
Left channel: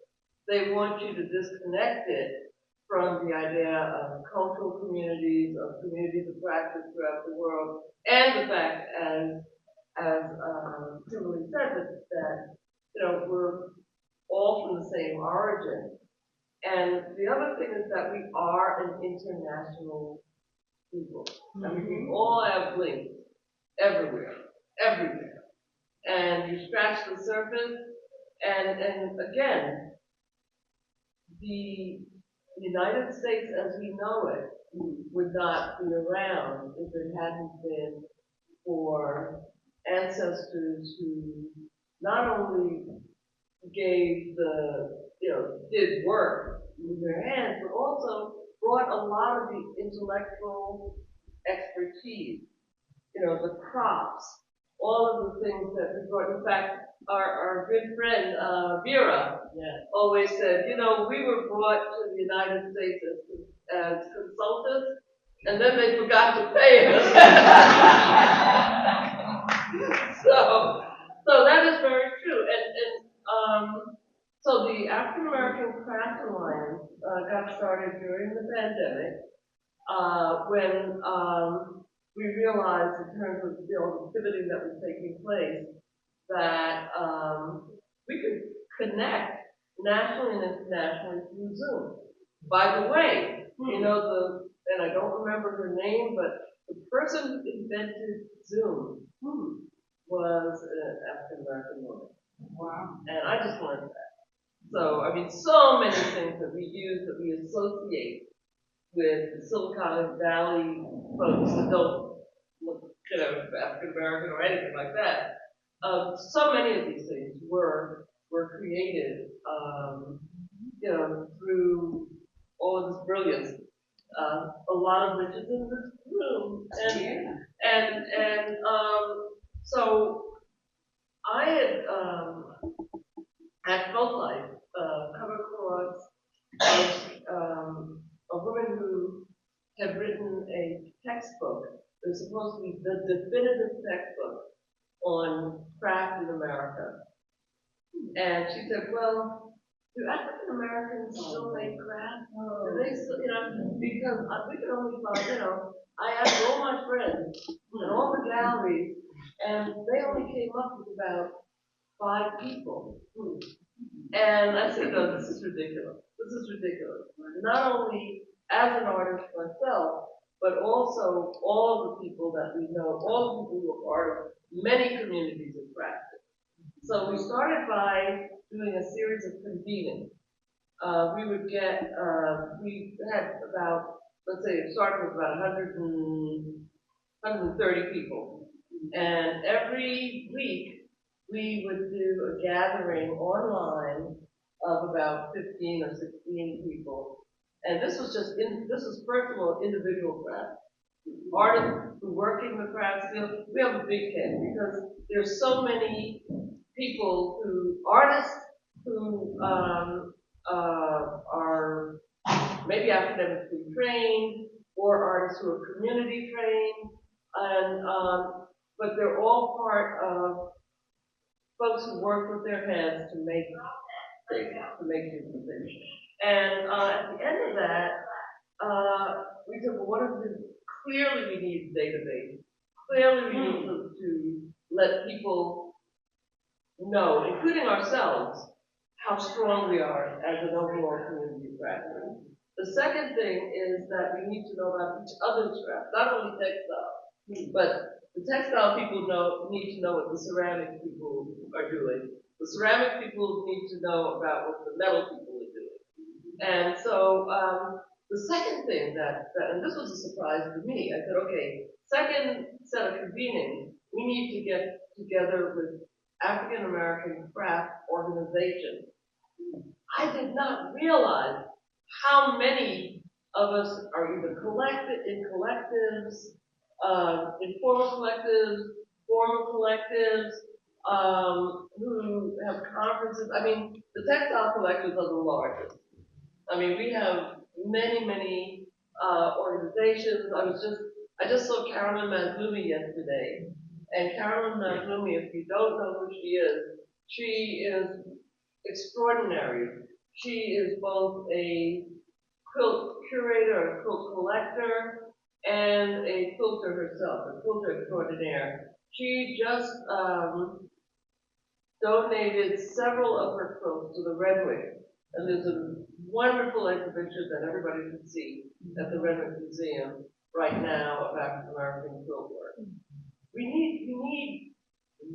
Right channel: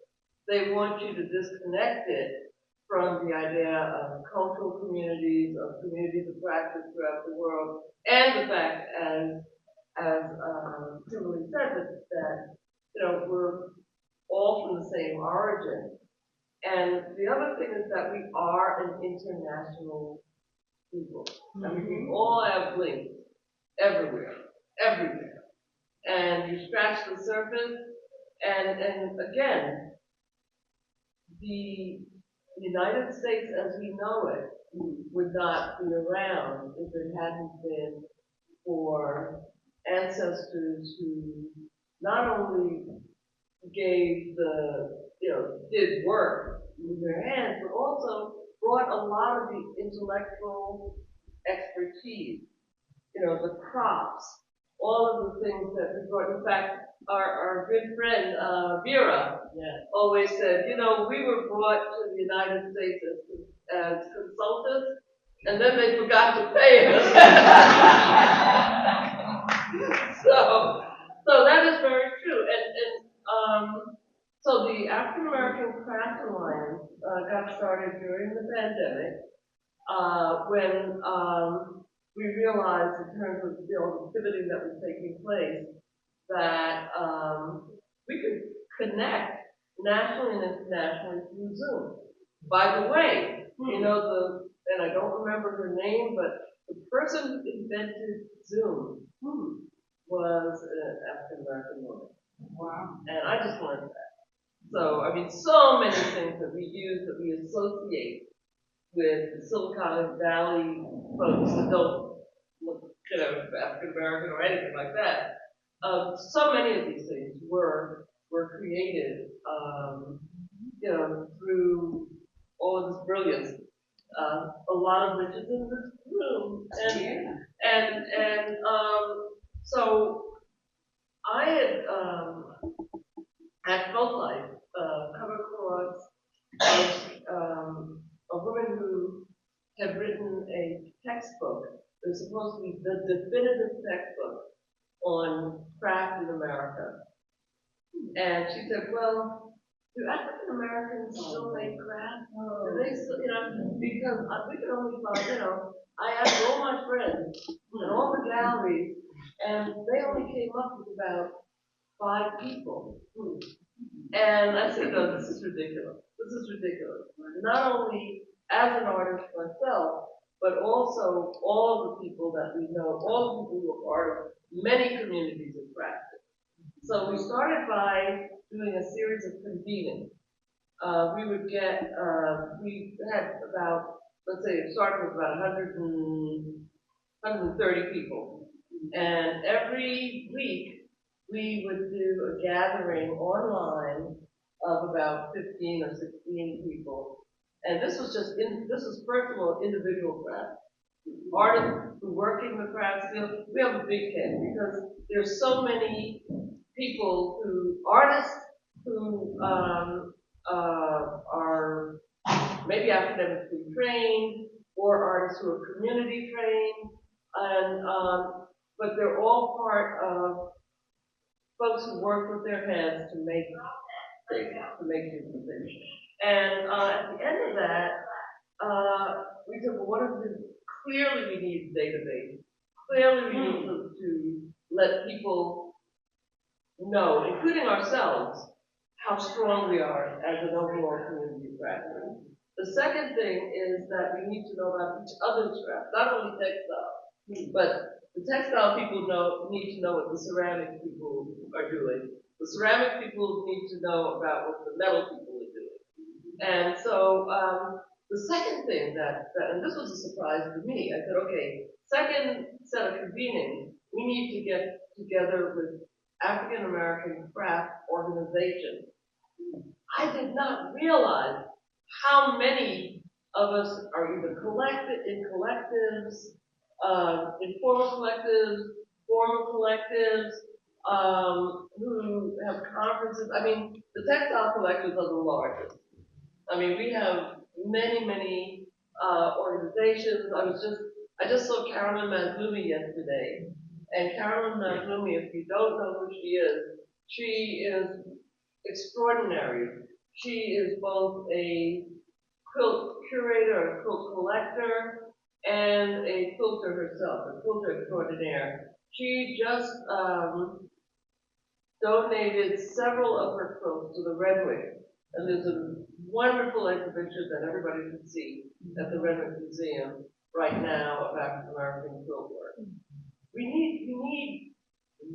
They want you to disconnect it from the idea of cultural communities, of communities of practice throughout the world, and the fact, as Kimberly said, that we're all from the same origin. And the other thing is that we are an international people. I mean, we all have links everywhere, everywhere. And you scratch the surface, and again, the United States as we know it would not be around if it hadn't been for ancestors who not only gave did work with their hands, but also brought a lot of the intellectual expertise, the crops, all of the things that we brought. In fact, our good friend, Vera, always said, we were brought to the United States as consultants, and then they forgot to pay us. So that is very true. So the African American Craft Alliance got started during the pandemic when we realized, in terms of the pivoting that was taking place, that we could connect nationally and internationally through Zoom. By the way, and I don't remember her name, but the person who invented Zoom was an African American woman. Wow. And I just learned that. So, I mean, so many things that we use, that we associate with the Silicon Valley folks that don't look, African American or anything like that. So many of these things were created, through all of this brilliance. A lot of which is in this room, so I had at Folk Life come across a woman who had written a textbook. It was supposed to be the definitive textbook on craft in America. And she said, well, do African Americans still make craft? Do they still, because we can only find, I asked all my friends and all the galleries, and they only came up with about 5 people. And I said, no, this is ridiculous. This is ridiculous. Not only as an artist myself, but also all the people that we know, all the people who are part of many communities of practice. So we started by doing a series of convenings. We had about, let's say, it started with about 130 people. And every week, we would do a gathering online of about 15 or 16 people. And this was first of all, individual craft. Artists who work in the craft field, we have a big tent because there's so many people artists who are maybe academically trained, or artists who are community trained, and but they're all part of folks who work with their hands to make things, to make different things. And at the end of that, we said, well, clearly we need a database. Clearly we need to let people know, including ourselves, how strong we are as an overall community practice. The second thing is that we need to know about each other's craft, not only textile, but the textile people need to know what the ceramic people are doing. The ceramic people need to know about what the metal people are doing. And so the second thing and this was a surprise to me, I said, okay, second set of convening, we need to get together with African American craft organizations. I did not realize how many of us are either in collectives, informal collectives, formal collectives, who have conferences. I mean, the textile collectives are the largest. I mean, we have many organizations. I just saw Carolyn Mazlumi yesterday. And Carolyn Mazlumi, if you don't know who she is extraordinary. She is both a quilt curator, a quilt collector, and a quilter herself, a quilter extraordinaire. She just donated several of her quilts to the Redwood. And there's a wonderful exhibition that everybody can see at the Redwood Museum right now of African American quilt work. We need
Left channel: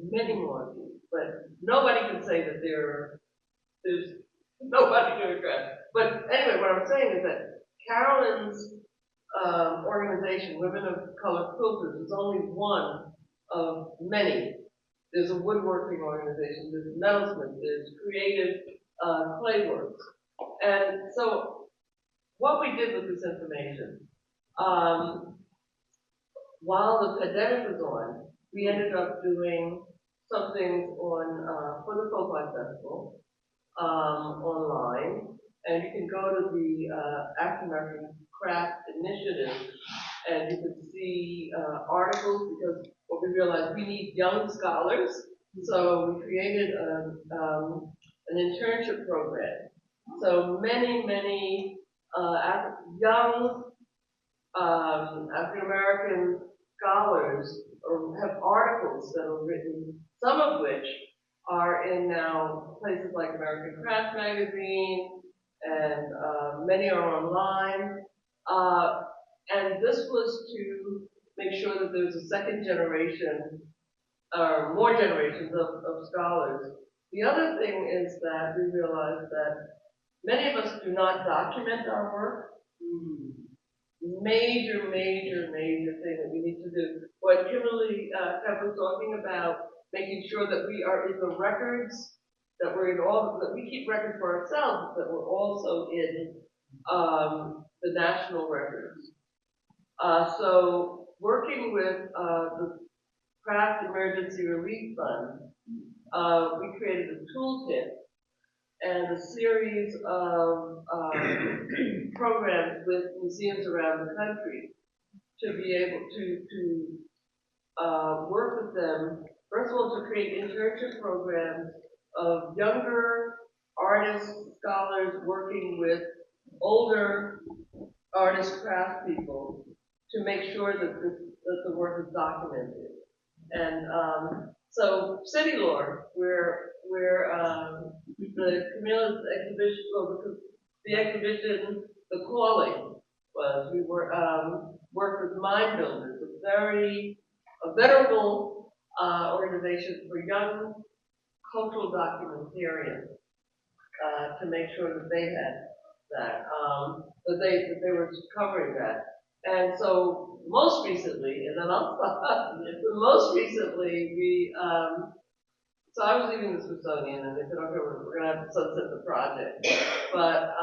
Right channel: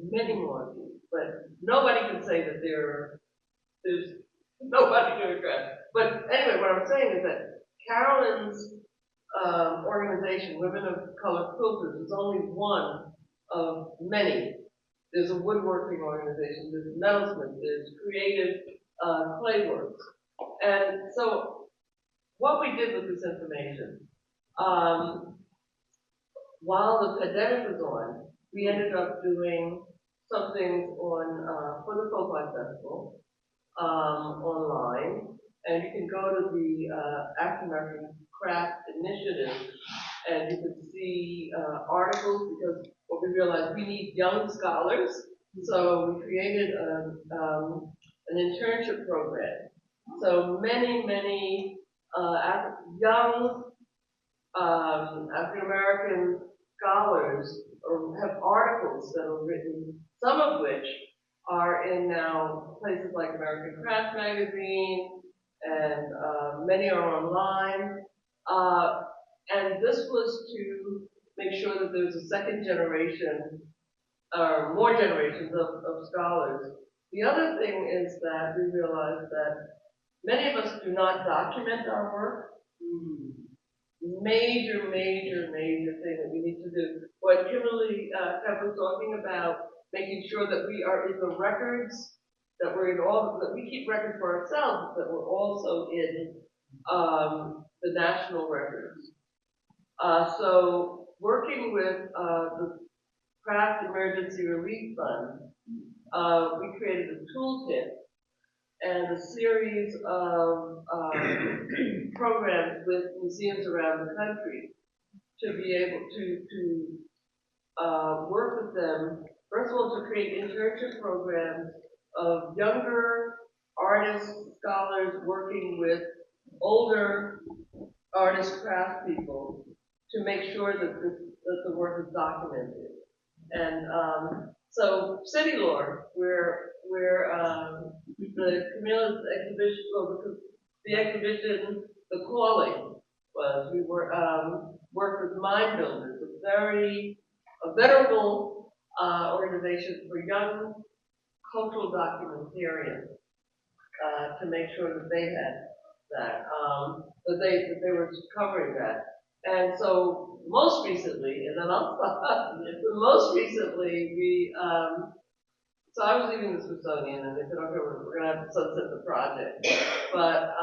many more of these, but nobody can say that there's nobody to address. But anyway, what I'm saying is that Carolyn's organization, Women of Color Quilters, is only one of many. There's a woodworking organization, there's metalsmith, there's creative clayworks. And so what we did with this information, while the pandemic was on, we ended up doing some things on for the Folklife Festival online, and you can go to the African American Craft Initiative, and you can see articles, because what we realized, we need young scholars, so we created an internship program. So many young African American scholars have articles that are written, some of which are in now places like American Craft Magazine, and many are online. And this was to make sure that there's a second generation, or more generations of scholars. The other thing is that we realized that many of us do not document our work. Major thing that we need to do. What Kimberly kept was talking about, making sure that we are in the records, that we're in all, that we keep records for ourselves, that we're also in the national records. So working with the Craft Emergency Relief Fund, we created a toolkit and a series of programs with museums around the country to be able to work with them. First of all, to create internship programs of younger artists, scholars working with older artist craft people to make sure that the work is documented. And so City Lore, where the Camila's exhibition, well, the exhibition, The Calling, was, we were worked with Mind Builders, a venerable organization for young cultural documentarians, to make sure that they had that, that they were covering that. And so most recently, and then I'll stop, most recently we, so I was leaving the Smithsonian and they said, okay, we're gonna have to sunset the project. But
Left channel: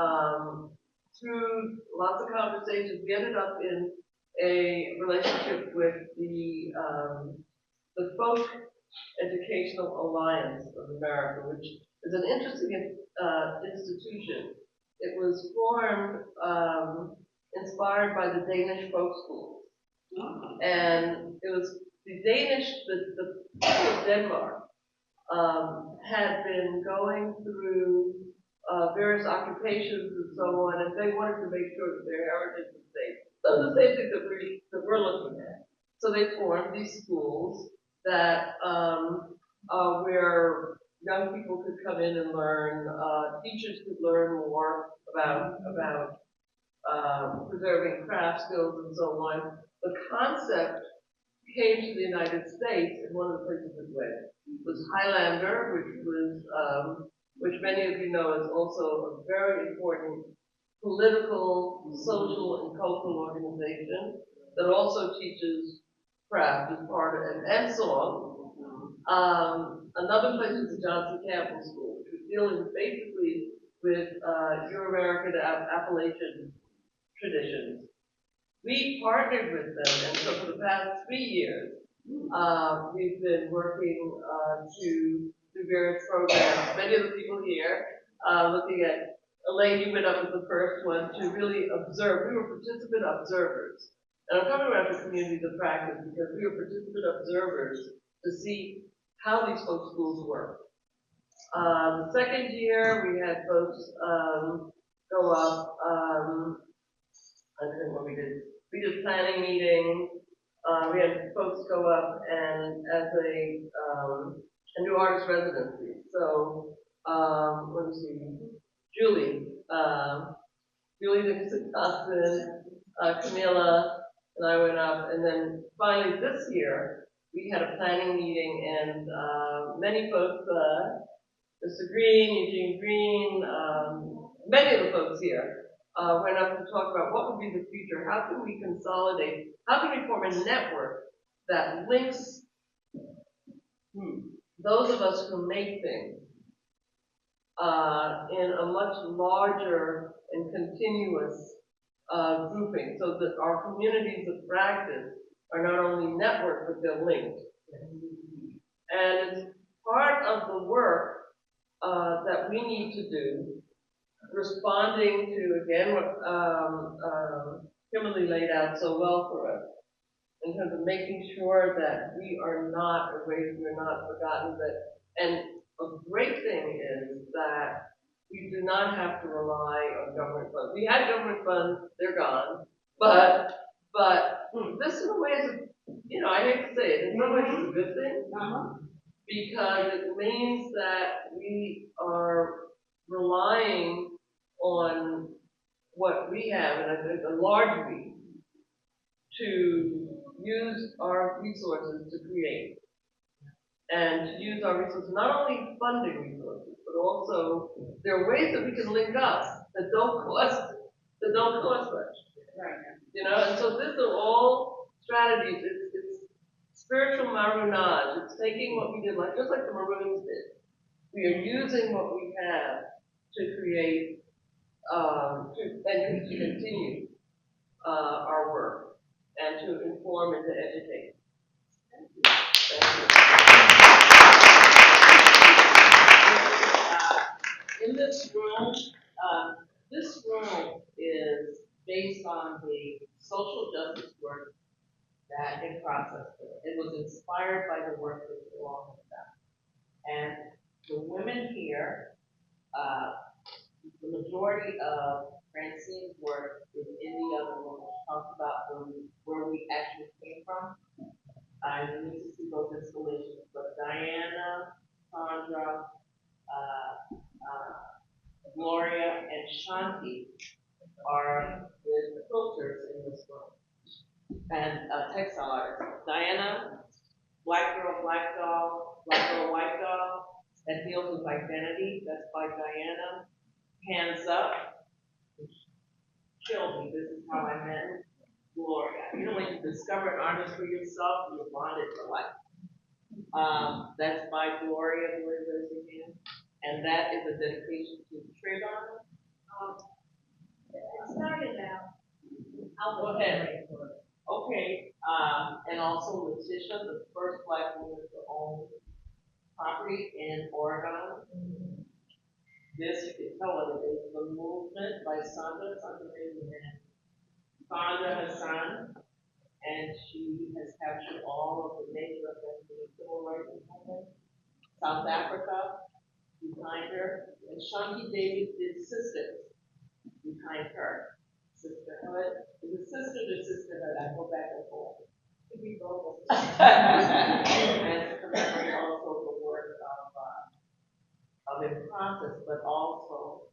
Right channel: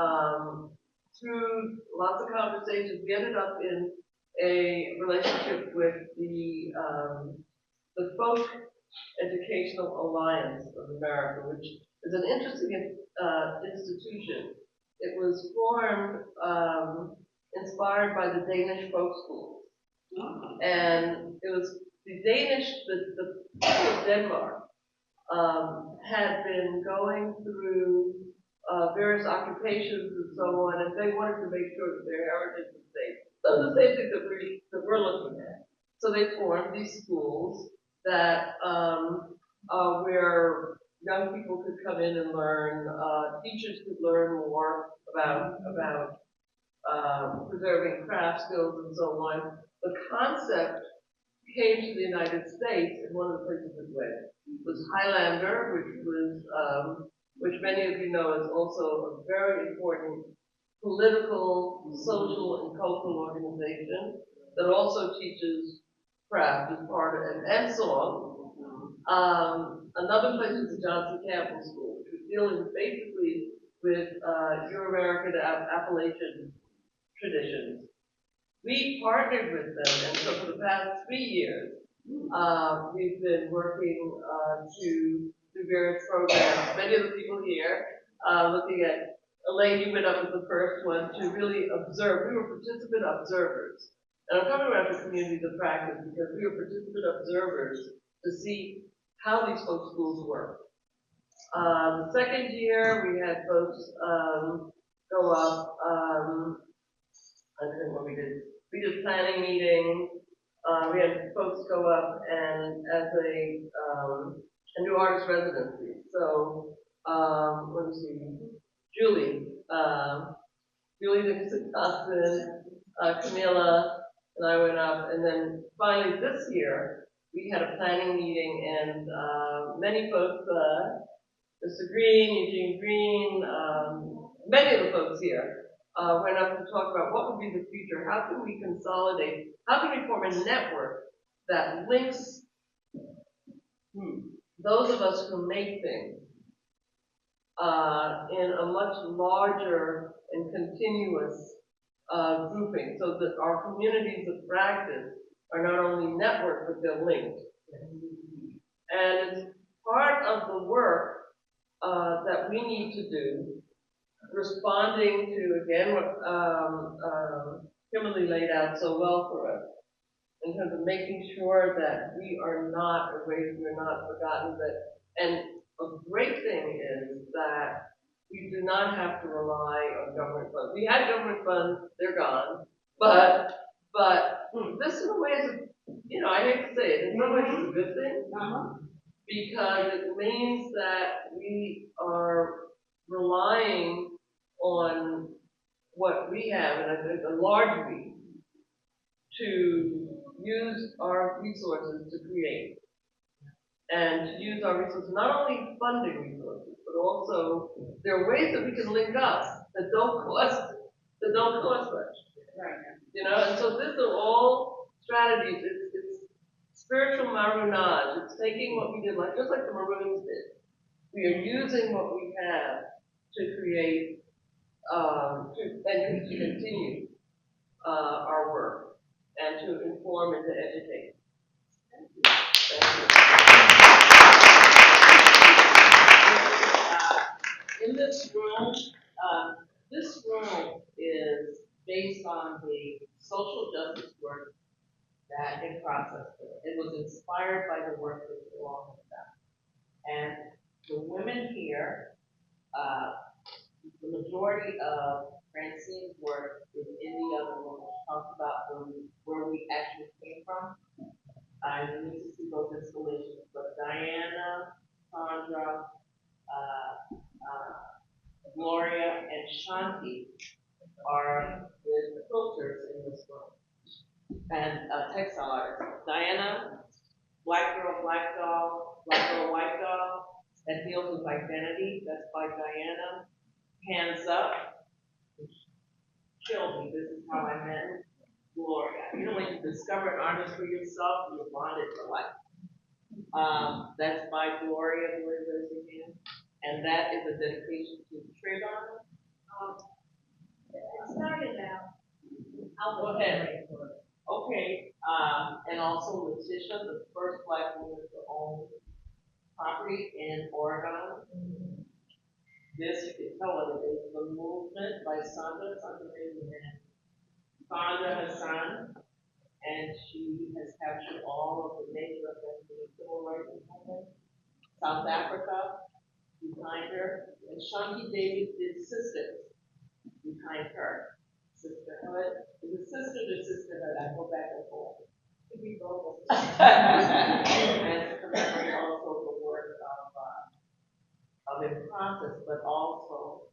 through lots of conversations, we ended up in a relationship with the Folk Educational Alliance of America, which is an interesting institution. It was formed, inspired by the Danish folk schools. And it was the people of Denmark had been going through various occupations and so on, and they wanted to make sure that their heritage was safe. So the same thing that we're looking at. So they formed these schools that where young people could come in and learn, teachers could learn more about preserving craft skills and so on. The concept came to the United States, and one of the places it went was Highlander, which many of you know is also a very important political, social, and cultural organization that also teaches craft as part of it, and song. Another place is the Johnson Campbell School, which was dealing basically with Euro-American Appalachian traditions. we partnered with them, and so for the past 3 years, we've been working to do various programs. Many of the people here, looking at Elaine, you went up as the first one to really observe. We were participant observers. And I'm talking about the communities of practice because we were participant observers to see how these folk schools work. The second year, we had folks go up. I don't know what we did. We did planning meetings. We had folks go up and as a new artist residency. So, let me see, Julie Dixon Thompson, Camila, and I went up. And then finally this year, we had a planning meeting and many folks, Mr. Green, Eugene Green, many of the folks here went up to talk about what would be the future. How can we consolidate? How can we form a network that links those of us who make things in a much larger and continuous grouping so that our communities of practice are not only networked, but they're linked. And it's part of the work that we need to do, responding to, again, what Kimberly laid out so well for us, in terms of making sure that we are not erased, we're not forgotten, and a great thing is that we do not have to rely on government funds. We had government funds, they're gone, but this in a way is, I hate to say it, in some ways it's a good thing, because it means that we are relying on what we have, and I think a large we, to use our resources to create. And to use our resources, not only funding resources, but also there are ways that we can link up that don't cost much. Right. And so these are all strategies. It's spiritual maroonage. It's taking what we did, just like the Maroons did. We are using what we have to create, and to continue our work, and to inform and to educate. Thank you. In this room is based on the social justice work that it processed. It was inspired by the work that you all have done. And the women here, the majority of Francine's work is in the other room. Talks about where we actually came from. You need to see those installations, but Diana, Sandra, Gloria, and Shanti are the quilters in this room, and textile artists. Diana, Black Girl, Black Doll, Black Girl, White Doll, that deals with identity. That's by Diana. Hands Up, which killed me. This is how I met Gloria. When you discover an artist for yourself, you're bonded for life. That's by Gloria, and that is a dedication to Trayvon. It started out. I'll go ahead. Okay, and also Letitia, the first Black woman to own property in Oregon. This, you can tell what it is, The Movement by Sandra Hassan, and she has captured all of the major events in the civil rights movement. South Africa, behind her, and Shanti Davis did Sisters behind her. Sisterhood. Is it sister to sisterhood? I go back and forth. Could be both. And to commemorate also the work of in process, but also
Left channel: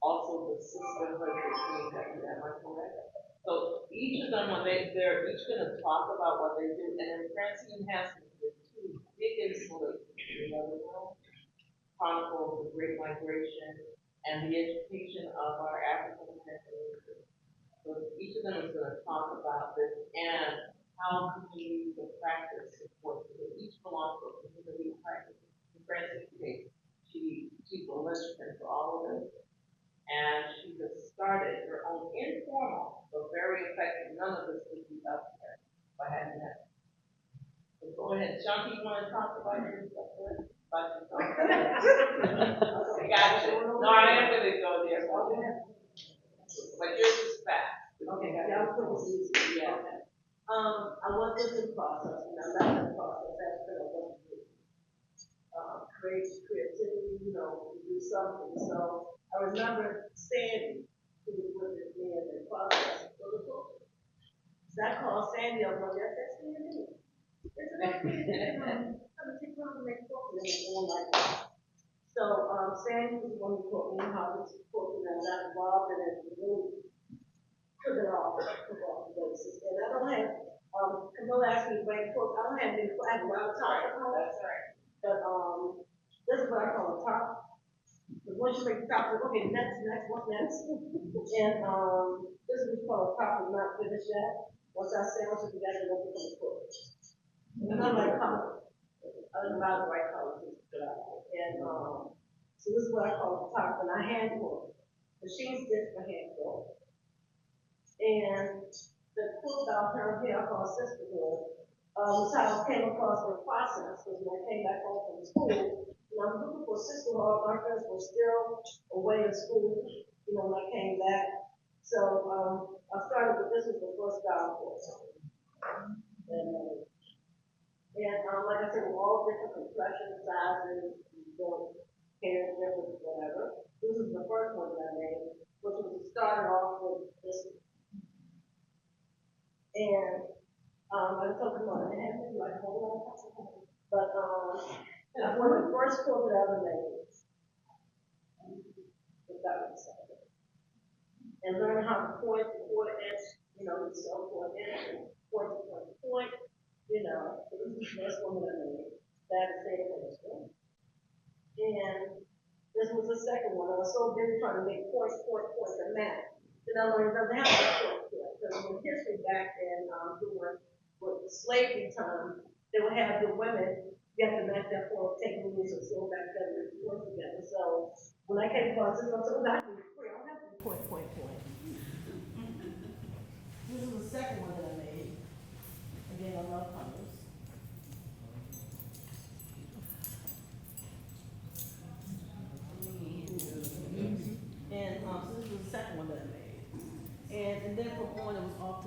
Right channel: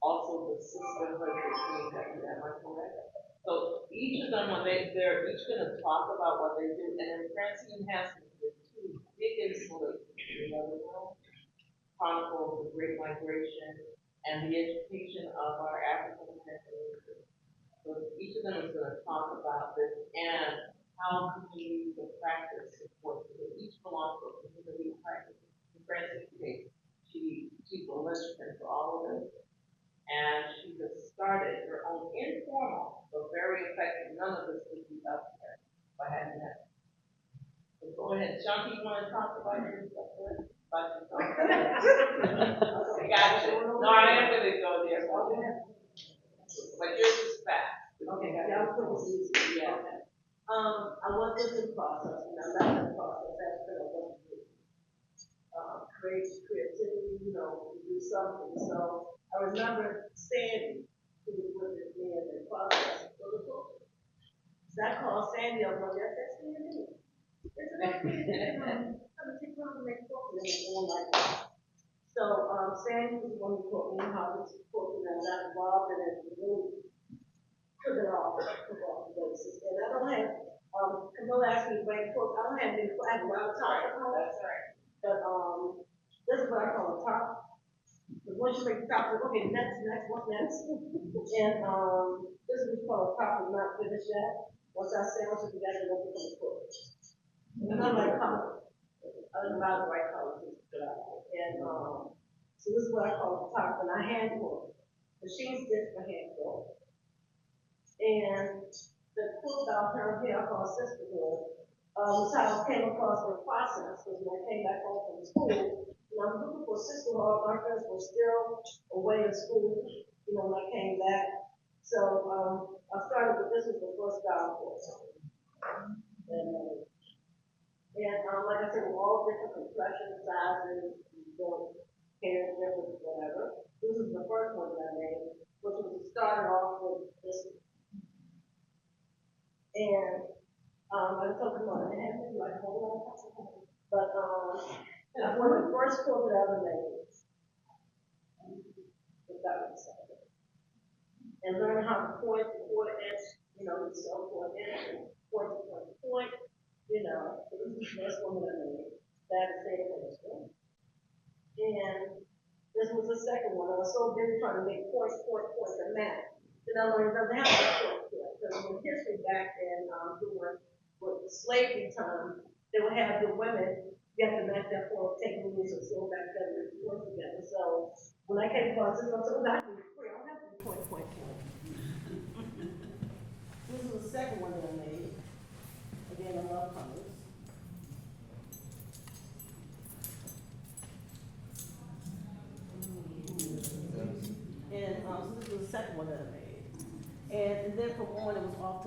the sisterhood between them. Am I correct? So each of them, when they're each going to talk about what they do, and then Francine and Haskins did two big installations in the other room, chronicle of the Great Migration and the education of our African American. So each of them is going to talk about this and how communities of practice support. They each belong to a community of practice. In Francine's case, she's a linchpin for all of this. And she has started her own informal, but very very effective. None of this would be up there if I hadn't had. So go ahead, Shanti, you want to talk about your stuff there? I got you. No, I am gonna go there. But yours is fast. Okay, y'all put this easy. Yeah. Okay. I went through the process, and I left the process after I went through. Creativity, you know, to do something. So I remember Sandy, who was with me in the process for the book. So I called Sandy up one day. I said, Sandy, there's an idea. I'm take time to make a book, and it was going like that. So Sandy was the one who taught me how to support, and I got involved in it and really took it off the basis. And I don't have, Camila asked me to bring quotes. I don't have any, I have a lot of time. That's right. But this is what I call a top. Because once you make the top, like, okay, next, what's next? And this is what we call a top and not finished yet. Once I sandwich it together, then we can put it. And I like color. I don't know the right colors. And so this is what I call the top, and I hand pull. Machine stitch for hand pull. And the quilt out here I call sisterhood. Was how I came across the process, because when I came back home from school, I was looking for sisterhood. My friends were still away in school, when I came back. So I started with this was the first style course. And like I said, we're all different complexion sizes, hair, whatever. This is the first one that I made, which was started off with this. And I was talking about it, and like, hold on. But that's one of the first quotes that I ever made. And learn how to point the quarter inch, so point inch, point to point, this is the first one that I made. That is the and this was the second one. I was so busy trying to make points, and math. Then I learned that I have to point. Because in history back then, with slavery time, they would have the women, you have to match that point, take moves and sew back together and point together. So when I came across this, I said, I don't have to point. This is the second one that I made. Again, I love colors. And so this was the second one that I made. And then from on, it was off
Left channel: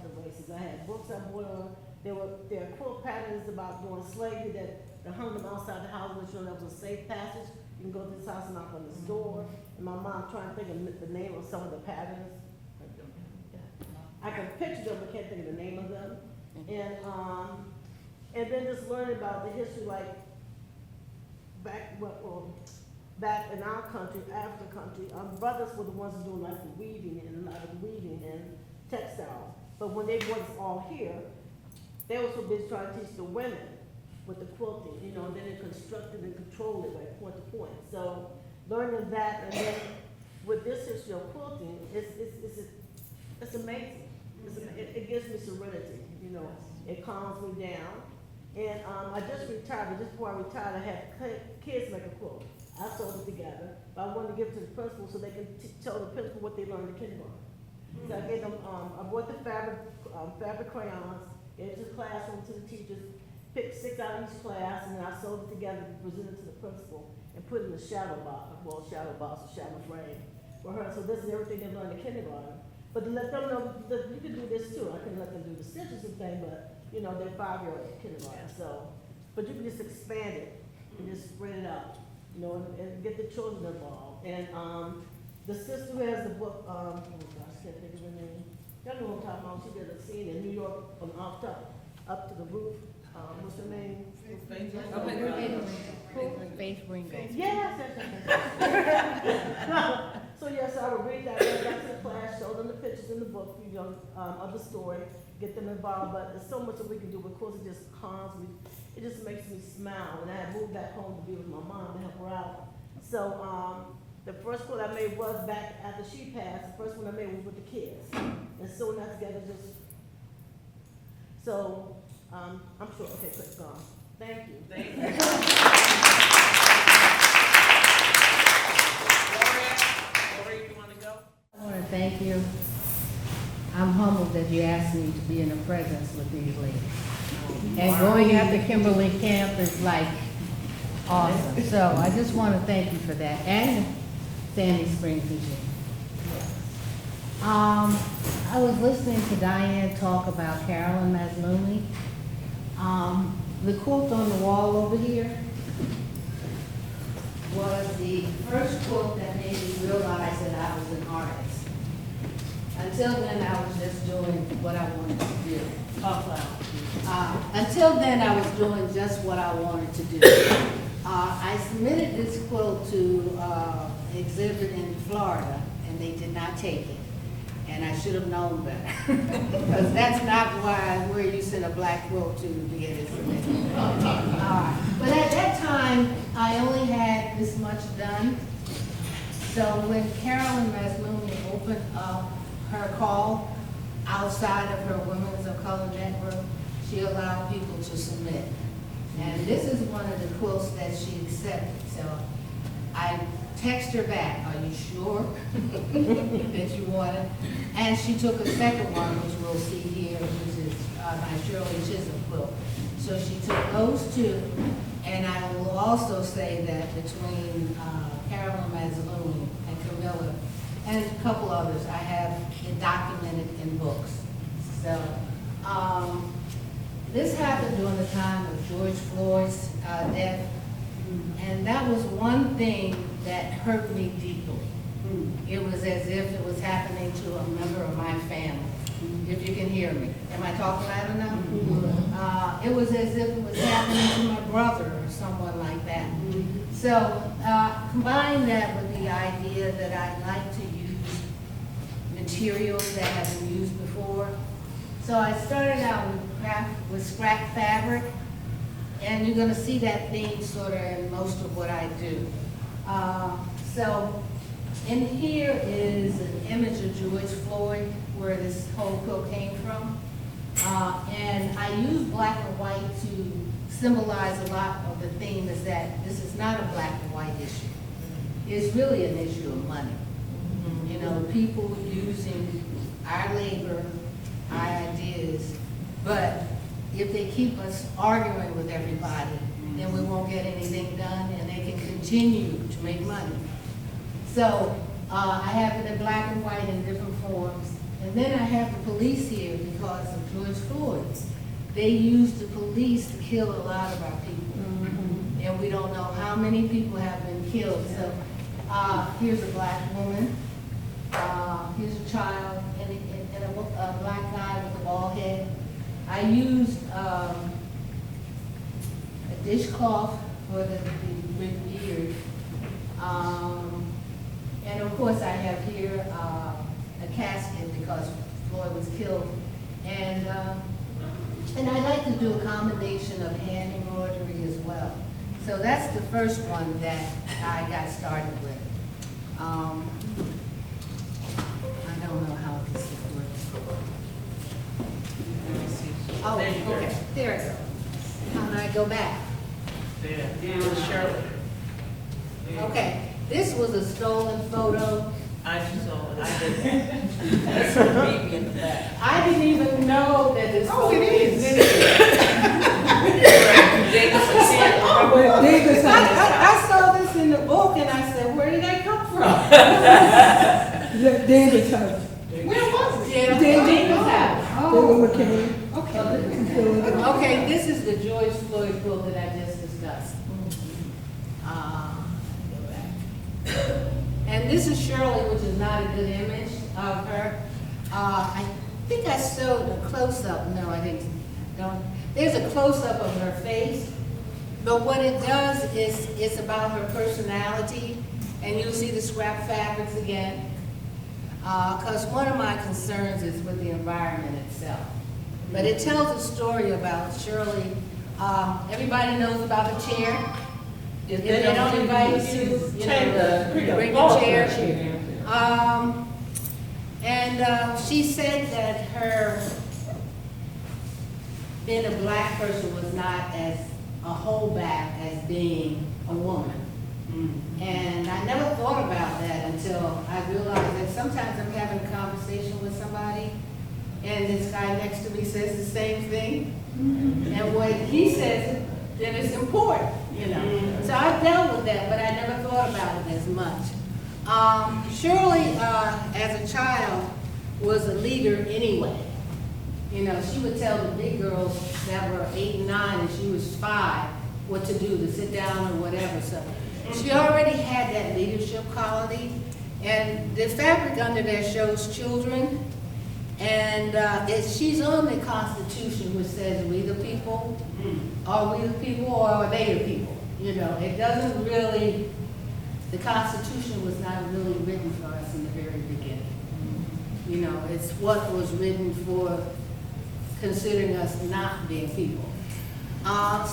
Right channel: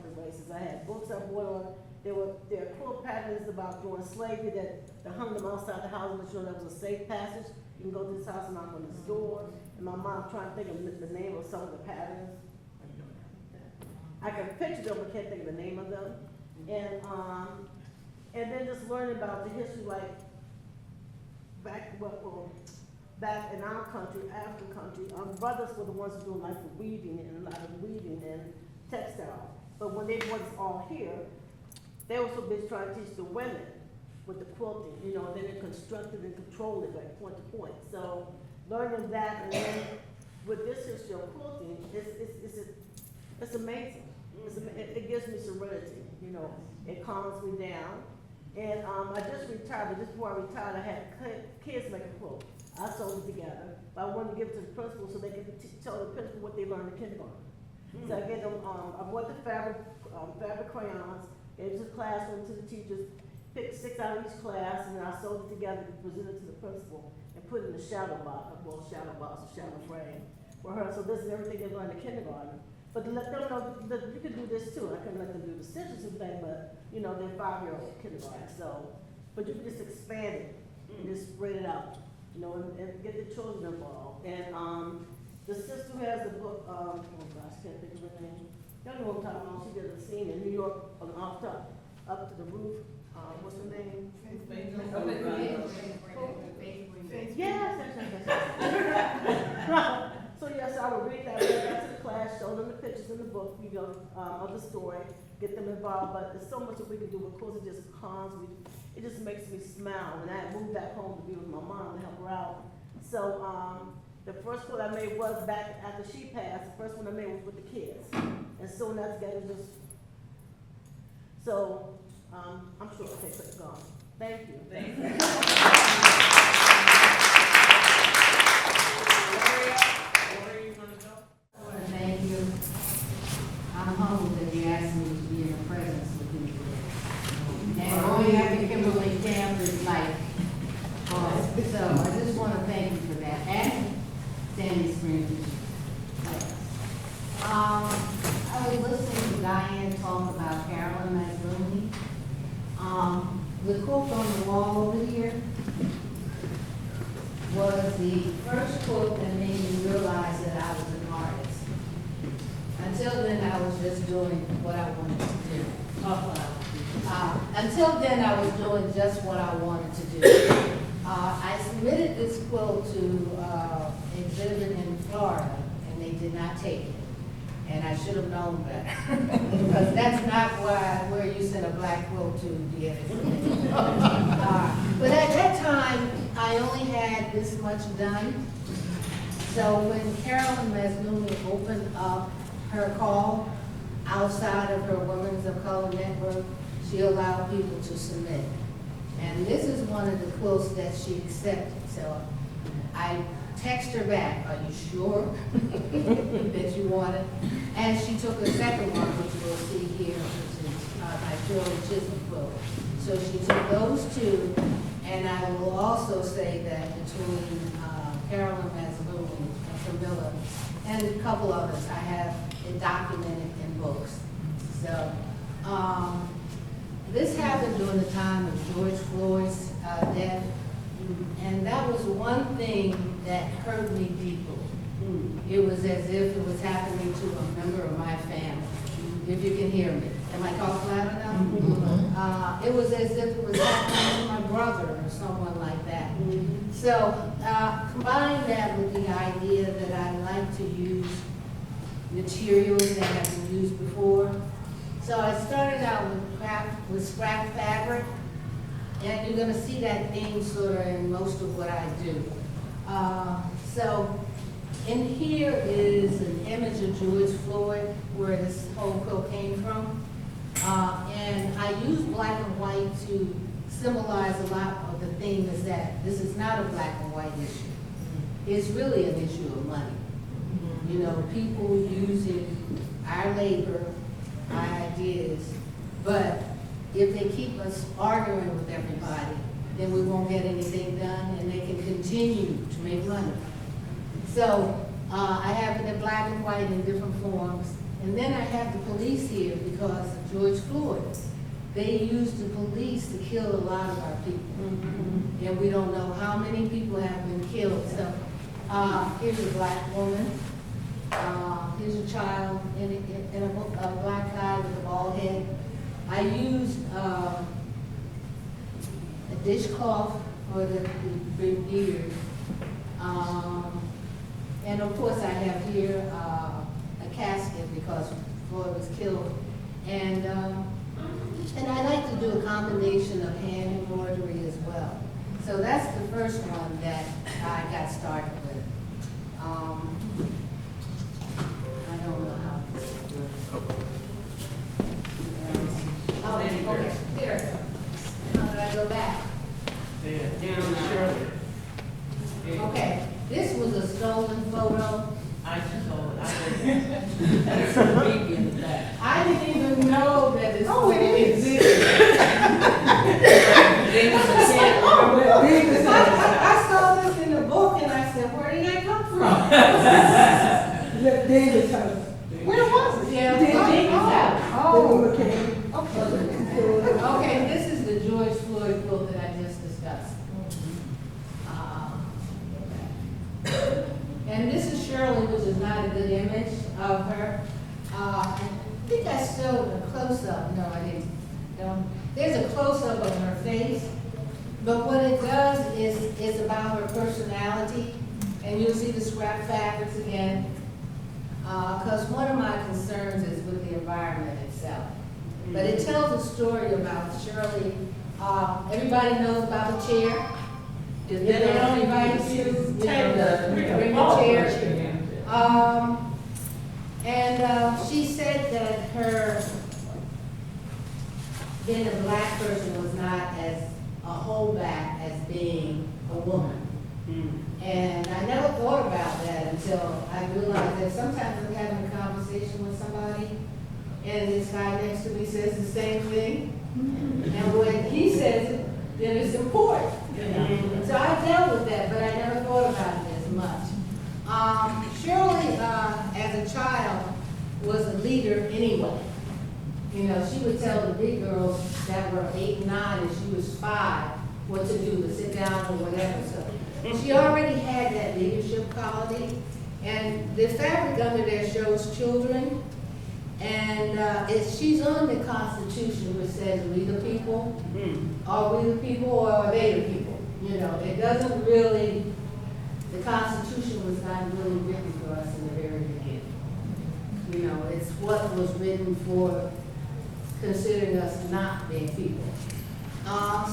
to the races. I had books I bought on. There were quilt patterns about doing slavery that hung them outside the house, and that was a safe passage. You can go to this house and knock on this door. And my mom trying to think of the name of some of the patterns. I can picture them, but can't think of the name of them. And then just learning about the history, like back in our country, African country, brothers were the ones who doing like the weaving and a lot of weaving and textiles. But when they brought us all here, they were so busy trying to teach the women with the quilting, and then they constructed and controlled it like point to point. So learning that, and then with this history of quilting, it's amazing. It gives me serenity, it calms me down. And I just retired, but just before I retired, I had kids make a quilt. I sewed it together, but I wanted to give it to the principal so they can tell the principal what they learned in kindergarten. So I gave them, I bought the fabric crayons, gave it to the classroom, to the teachers, picked 6 out of each class, and then I sewed it together, presented it to the principal, and put it in a shadow box or shadow frame for her. So this is everything they learned in kindergarten. But to let them know that you can do this too. I couldn't let them do the stitches and thing, but they're 5-year-old kindergarten. So, but you can just expand it and just spread it out, and get the children involved. And the sister who has the book, oh gosh, I can't think of her name. Y'all know what I'm talking about. She did a scene in New York on up to the roof. What's her name? Yes. So yes, I would read that, bring back to the class, show them the pictures in the book, of the story, get them involved. But there's so much that we can do because it just calms me. It just makes me smile. And I had moved back home to be with my mom to help her out. So the first quote I made was back after she passed. The first one I made was with the kids, and sewing that together just. So I'm sure. Okay, so it's gone. Thank you. Thank you. Gloria, you want to go? I want to thank you. I'm Awesome. So I just want to thank you for that, and Sandy Springs, Virginia. Yes. I was listening to Diane talk about Carolyn Mazlumi. The quote on the wall over here was the first quote that made me realize that I was an artist. Until then, I was just doing what I wanted to do. Until then, I was doing just what I wanted to do. I submitted this quote to exhibit in Florida, and they did not take it. And I should have known better, because that's not where you send a black quilt to get it submitted. But at that time, I only had this much done. So when Carolyn Mazlumi opened up her call outside of her Women's of Color Network, she allowed people to submit. And this is one of the quilts that she accepted. So I text her back, are you sure that you want it? And she took a second one, which we'll see here, which is my Shirley Chisholm quilt. So she took those two, and I will also say that between Carolyn Mazlumi and Camila, and a couple others, I have it documented in books. So this happened during the time of George Floyd's death, and that was one thing that hurt me deeply. It was as if it was happening to a member of my family, if you can hear me. Am I talking loud enough? It was as if it was happening to my brother or someone like that. So combine that with the idea that I like to use materials that have been used before. So I started out with scrap fabric, and you're gonna see that theme sort of in most of what I do. So in here is an image of George Floyd, where this whole quilt came from. And I use black and white to symbolize a lot of the theme is that this is not a black and white issue. It's really an issue of money. You know, people using our labor, our ideas, but if they keep us arguing with everybody, then we won't get anything done, and they can continue to make money. So I have it in black and white in different forms. And then I have the police here because of George Floyd. They used the police to kill a lot of our people. And we don't know how many people have been killed. So here's a black woman. Here's a child and a black guy with a bald head. I used a dishcloth for the beard. And of course I have here a casket because Floyd was killed. And I like to do a combination of hand embroidery as well. So that's the first one that I got started with. I don't know how this works. Oh, okay, there it goes. How do I go back? Down, Shirley. Okay, this was a stolen photo. I saw it, I did that. That's a baby in the back. I didn't even know that this Oh, it is. I saw this in the book and I said, where did that come from? Where was it? Yeah, David's house. Oh, okay, this is the George Floyd quilt that I just discussed. And this is Shirley, which is not a good image of her. I think I showed a close-up. No, I didn't. No. There's a close-up of her face. But what it does is it's about her personality. And you'll see the scrap fabrics again. Because one of my concerns is with the environment itself. But it tells a story about Shirley. Everybody knows about the chair. If they don't invite you, bring a chair. And she said that her being a black person was not as a holdback as being a woman. And I never thought about that until I realized that sometimes I'm having a conversation with somebody and this guy next to me says the same thing. And when he says it, then it's important, you know. So I Shirley, as a child, was a leader anyway. You know, she would tell the big girls that were 8 and 9 and she was 5 what to do, to sit down or whatever. So she already had that leadership quality. And the fabric under there shows children. And she's on the Constitution, which says we the people. Are we the people or are they the people? You know, it doesn't really, the Constitution was not really written for us in the very beginning. You know, it's what was written for considering us not being people.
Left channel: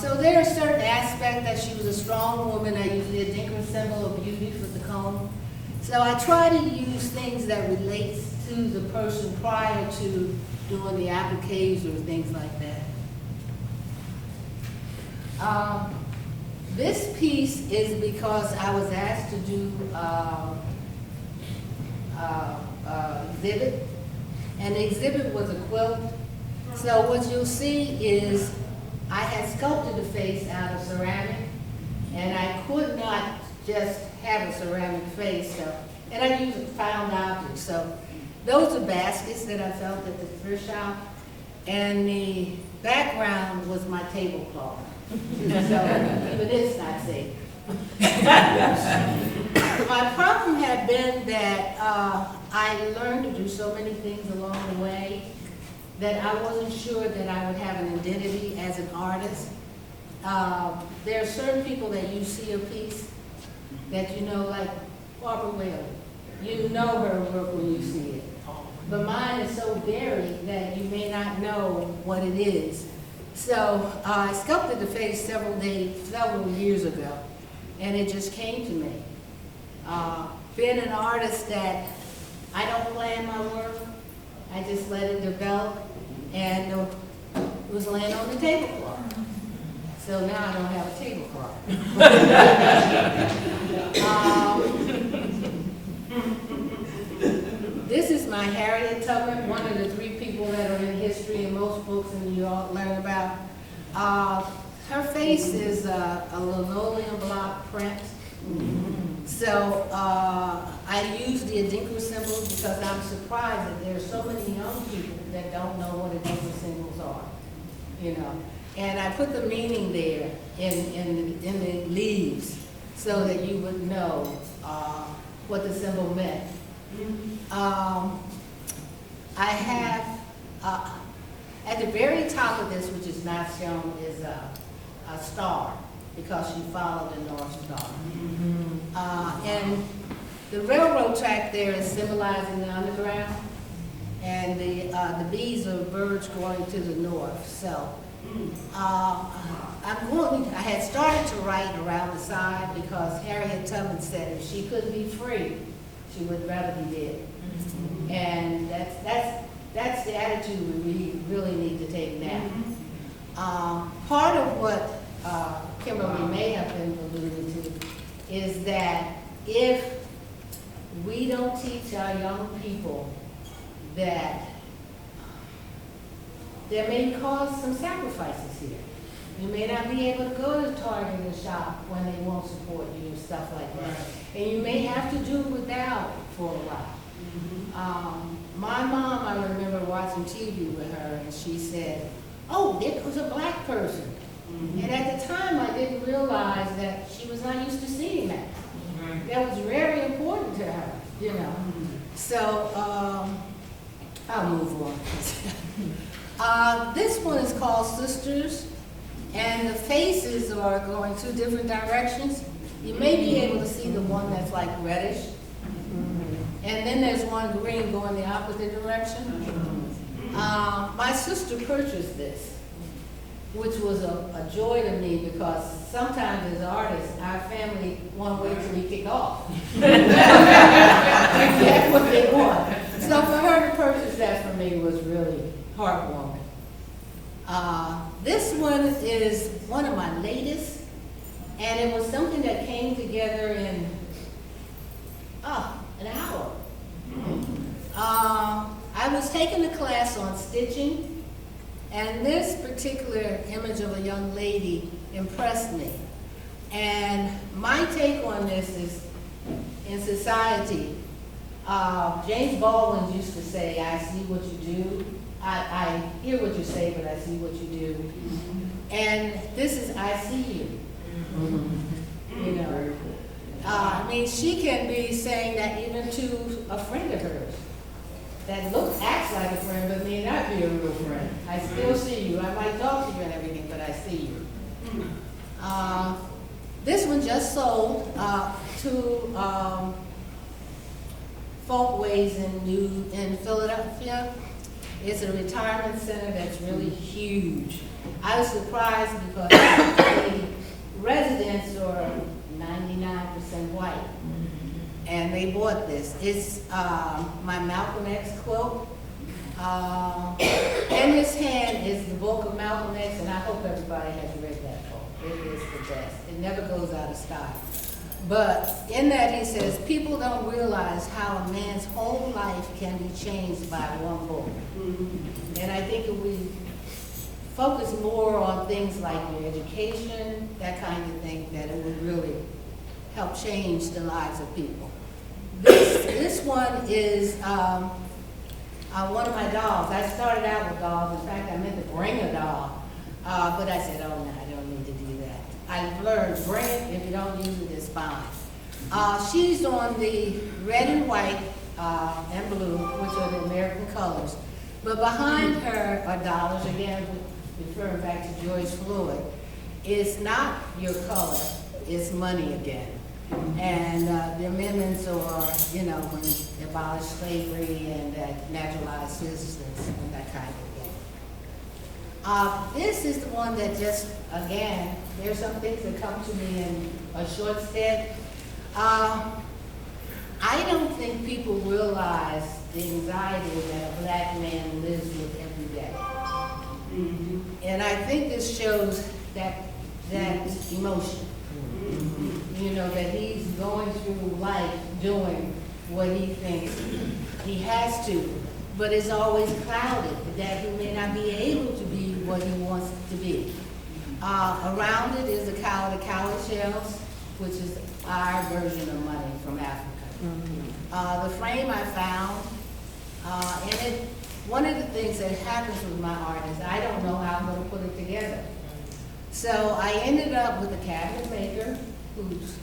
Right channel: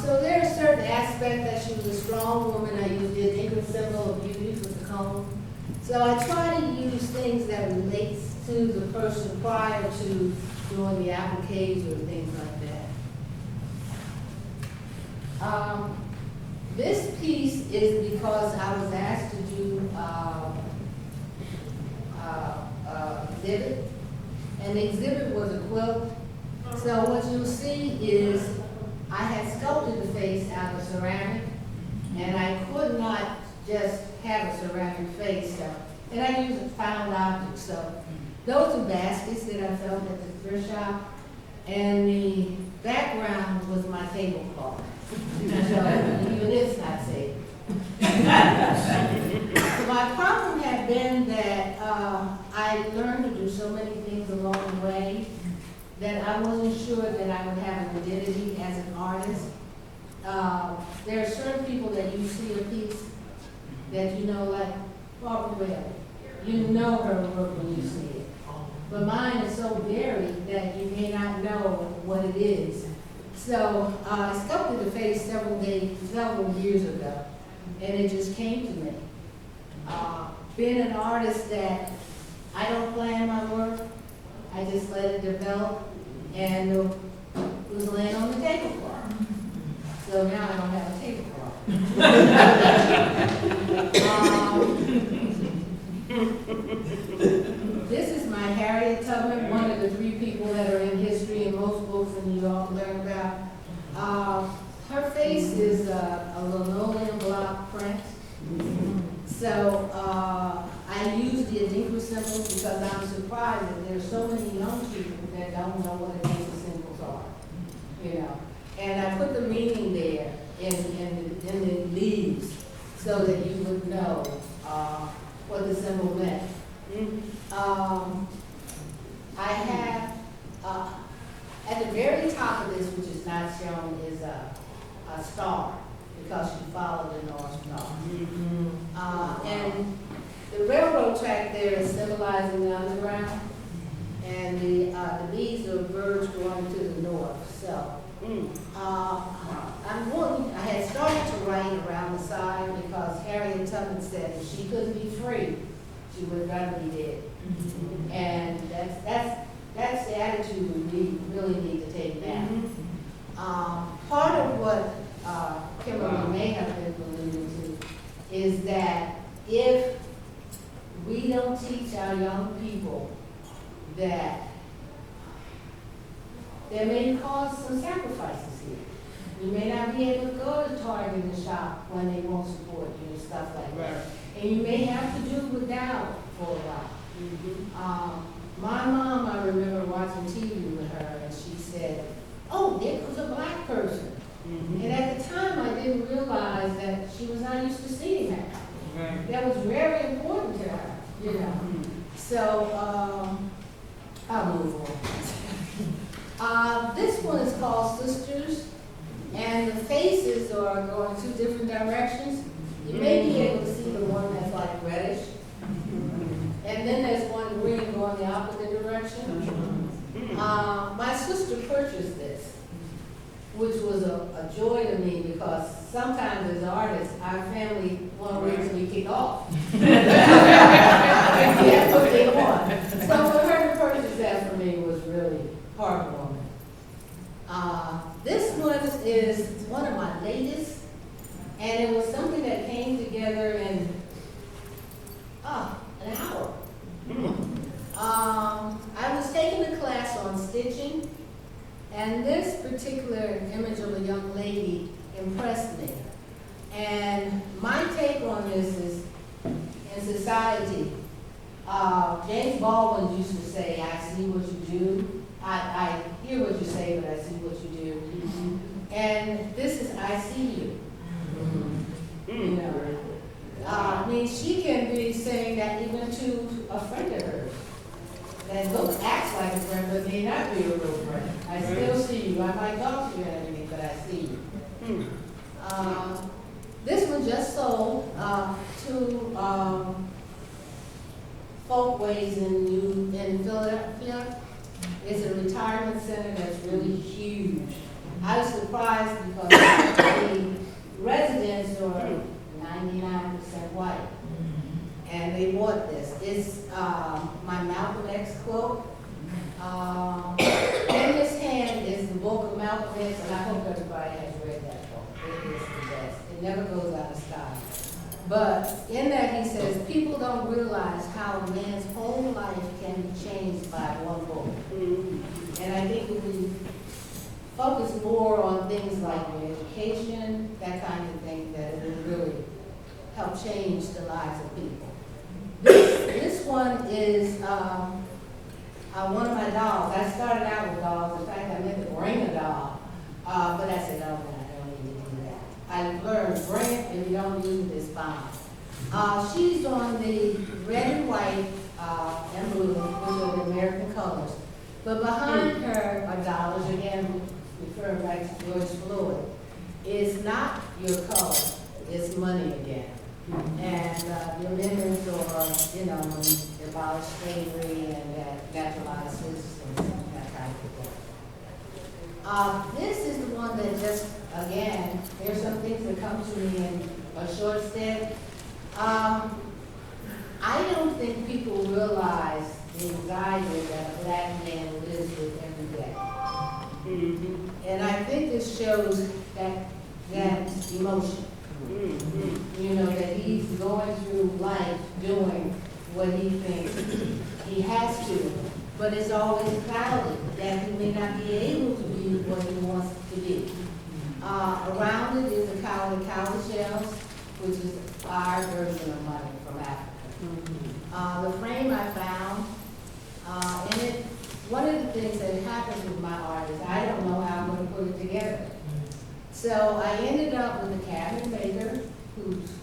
So there are certain aspects that she was a strong woman. I use the Adinkra symbol of beauty for the comb. So I try to use things that relate to the person prior to doing the appliques or things like that. This piece is because I was asked to do exhibit, and the exhibit was a quilt. So what you'll see is I had sculpted the face out of ceramic, and I could not just have a ceramic face, so, and I used found objects. So those are baskets that I found at the thrift shop, and the background was my tablecloth. So even it's not safe. My problem had been that I learned to do so many things along the way that I wasn't sure that I would have an identity as an artist. There are certain people that you see a piece that you know, like Barbara Bell. You know her work when you see it. But mine is so varied that you may not know what it is. So I sculpted the face several years ago, and it just came to me. Being an artist that I don't plan my work, I just let it develop, and it was laying on the tablecloth. So now I don't have a tablecloth. This is my Harriet Tubman, one of the 3 people that are in history and most books and you all learn about. Her face is a linoleum block print. So I use the Adinkra symbol because I'm surprised that there are so many young people that don't know what Adinkra symbols are, you know. And I put the meaning there in the leaves so that you would know what the symbol meant. I have, at the very top of this, which is not shown, is a star, because she followed the North Star. And the railroad track there is symbolizing the underground, and the bees are birds going to the north. So I had started to write around the side because Harriet Tubman said if she couldn't be free, she would rather be dead. And that's the attitude we really need to take now. Part of what Kimberly may have been alluding to is that if we don't teach our young people that there may cause some sacrifices here. You may not be able to go to Target and shop when they won't support you and stuff like that. And you may have to do without for a while. My mom, I remember watching TV with her, and she said, "Oh, it was a black person." And at the time, I didn't realize that she was not used to seeing that. That was very important to her, you know. So, I'll move on. This one is called Sisters, and the faces are going 2 different directions. You may be able to see the one that's like reddish. And then there's one green going the opposite direction. My sister purchased this, which was a joy to me because sometimes as artists, our family won't wait till we kick off. That's what they want. So for her to purchase that for me was really heartwarming. This one is one of my latest, and it was something that came together in an hour. I was taking a class on stitching, and this particular image of a young lady impressed me. And my take on this is society. James Baldwin used to say, I see what you do. I hear what you say, but I see what you do. And this is, I see you. You know, I mean, she can be saying that even to a friend of hers that acts like a friend, but may not be a real friend. I still see you. I might talk to you and everything, but I see you. This one just sold to Folkways in Philadelphia. It's a retirement center that's really huge. I was surprised because the residents are 99% white, and they bought this. It's my Malcolm X quote. In his hand is the book of Malcolm X, and I hope everybody has read that book. It is the best. It never goes out of style. But in that he says, people don't realize how a man's whole life can be changed by one book. And I think if we focus more on things like your education, that kind of thing, that it would really help change the lives of people. This one is one of my dogs. I started out with dogs. In fact, I meant to bring a dog, but I said, oh no, I don't need to do that. I learned, bring it, if you don't use it, it's fine. She's on the red and white and blue, which are the American colors. But behind her are dollars, again, referring back to George Floyd. It's not your color, it's money again. And the amendments are, you know, when they abolish slavery and that naturalized citizens and that kind of thing. This is the one that just, again, there's some things that come to me in a short step. I don't think people realize the anxiety that a black man lives with every day. And I think this shows that emotion. You know, that he's going through life doing what he thinks he has to, but it's always clouded, that he may not be able to be what he wants to be. Around it is the cowrie shells, which is our version of money from Africa. The frame I found, and one of the things that happens with my art is I don't know how I'm going to put it together. So I ended up with a cabinet maker who's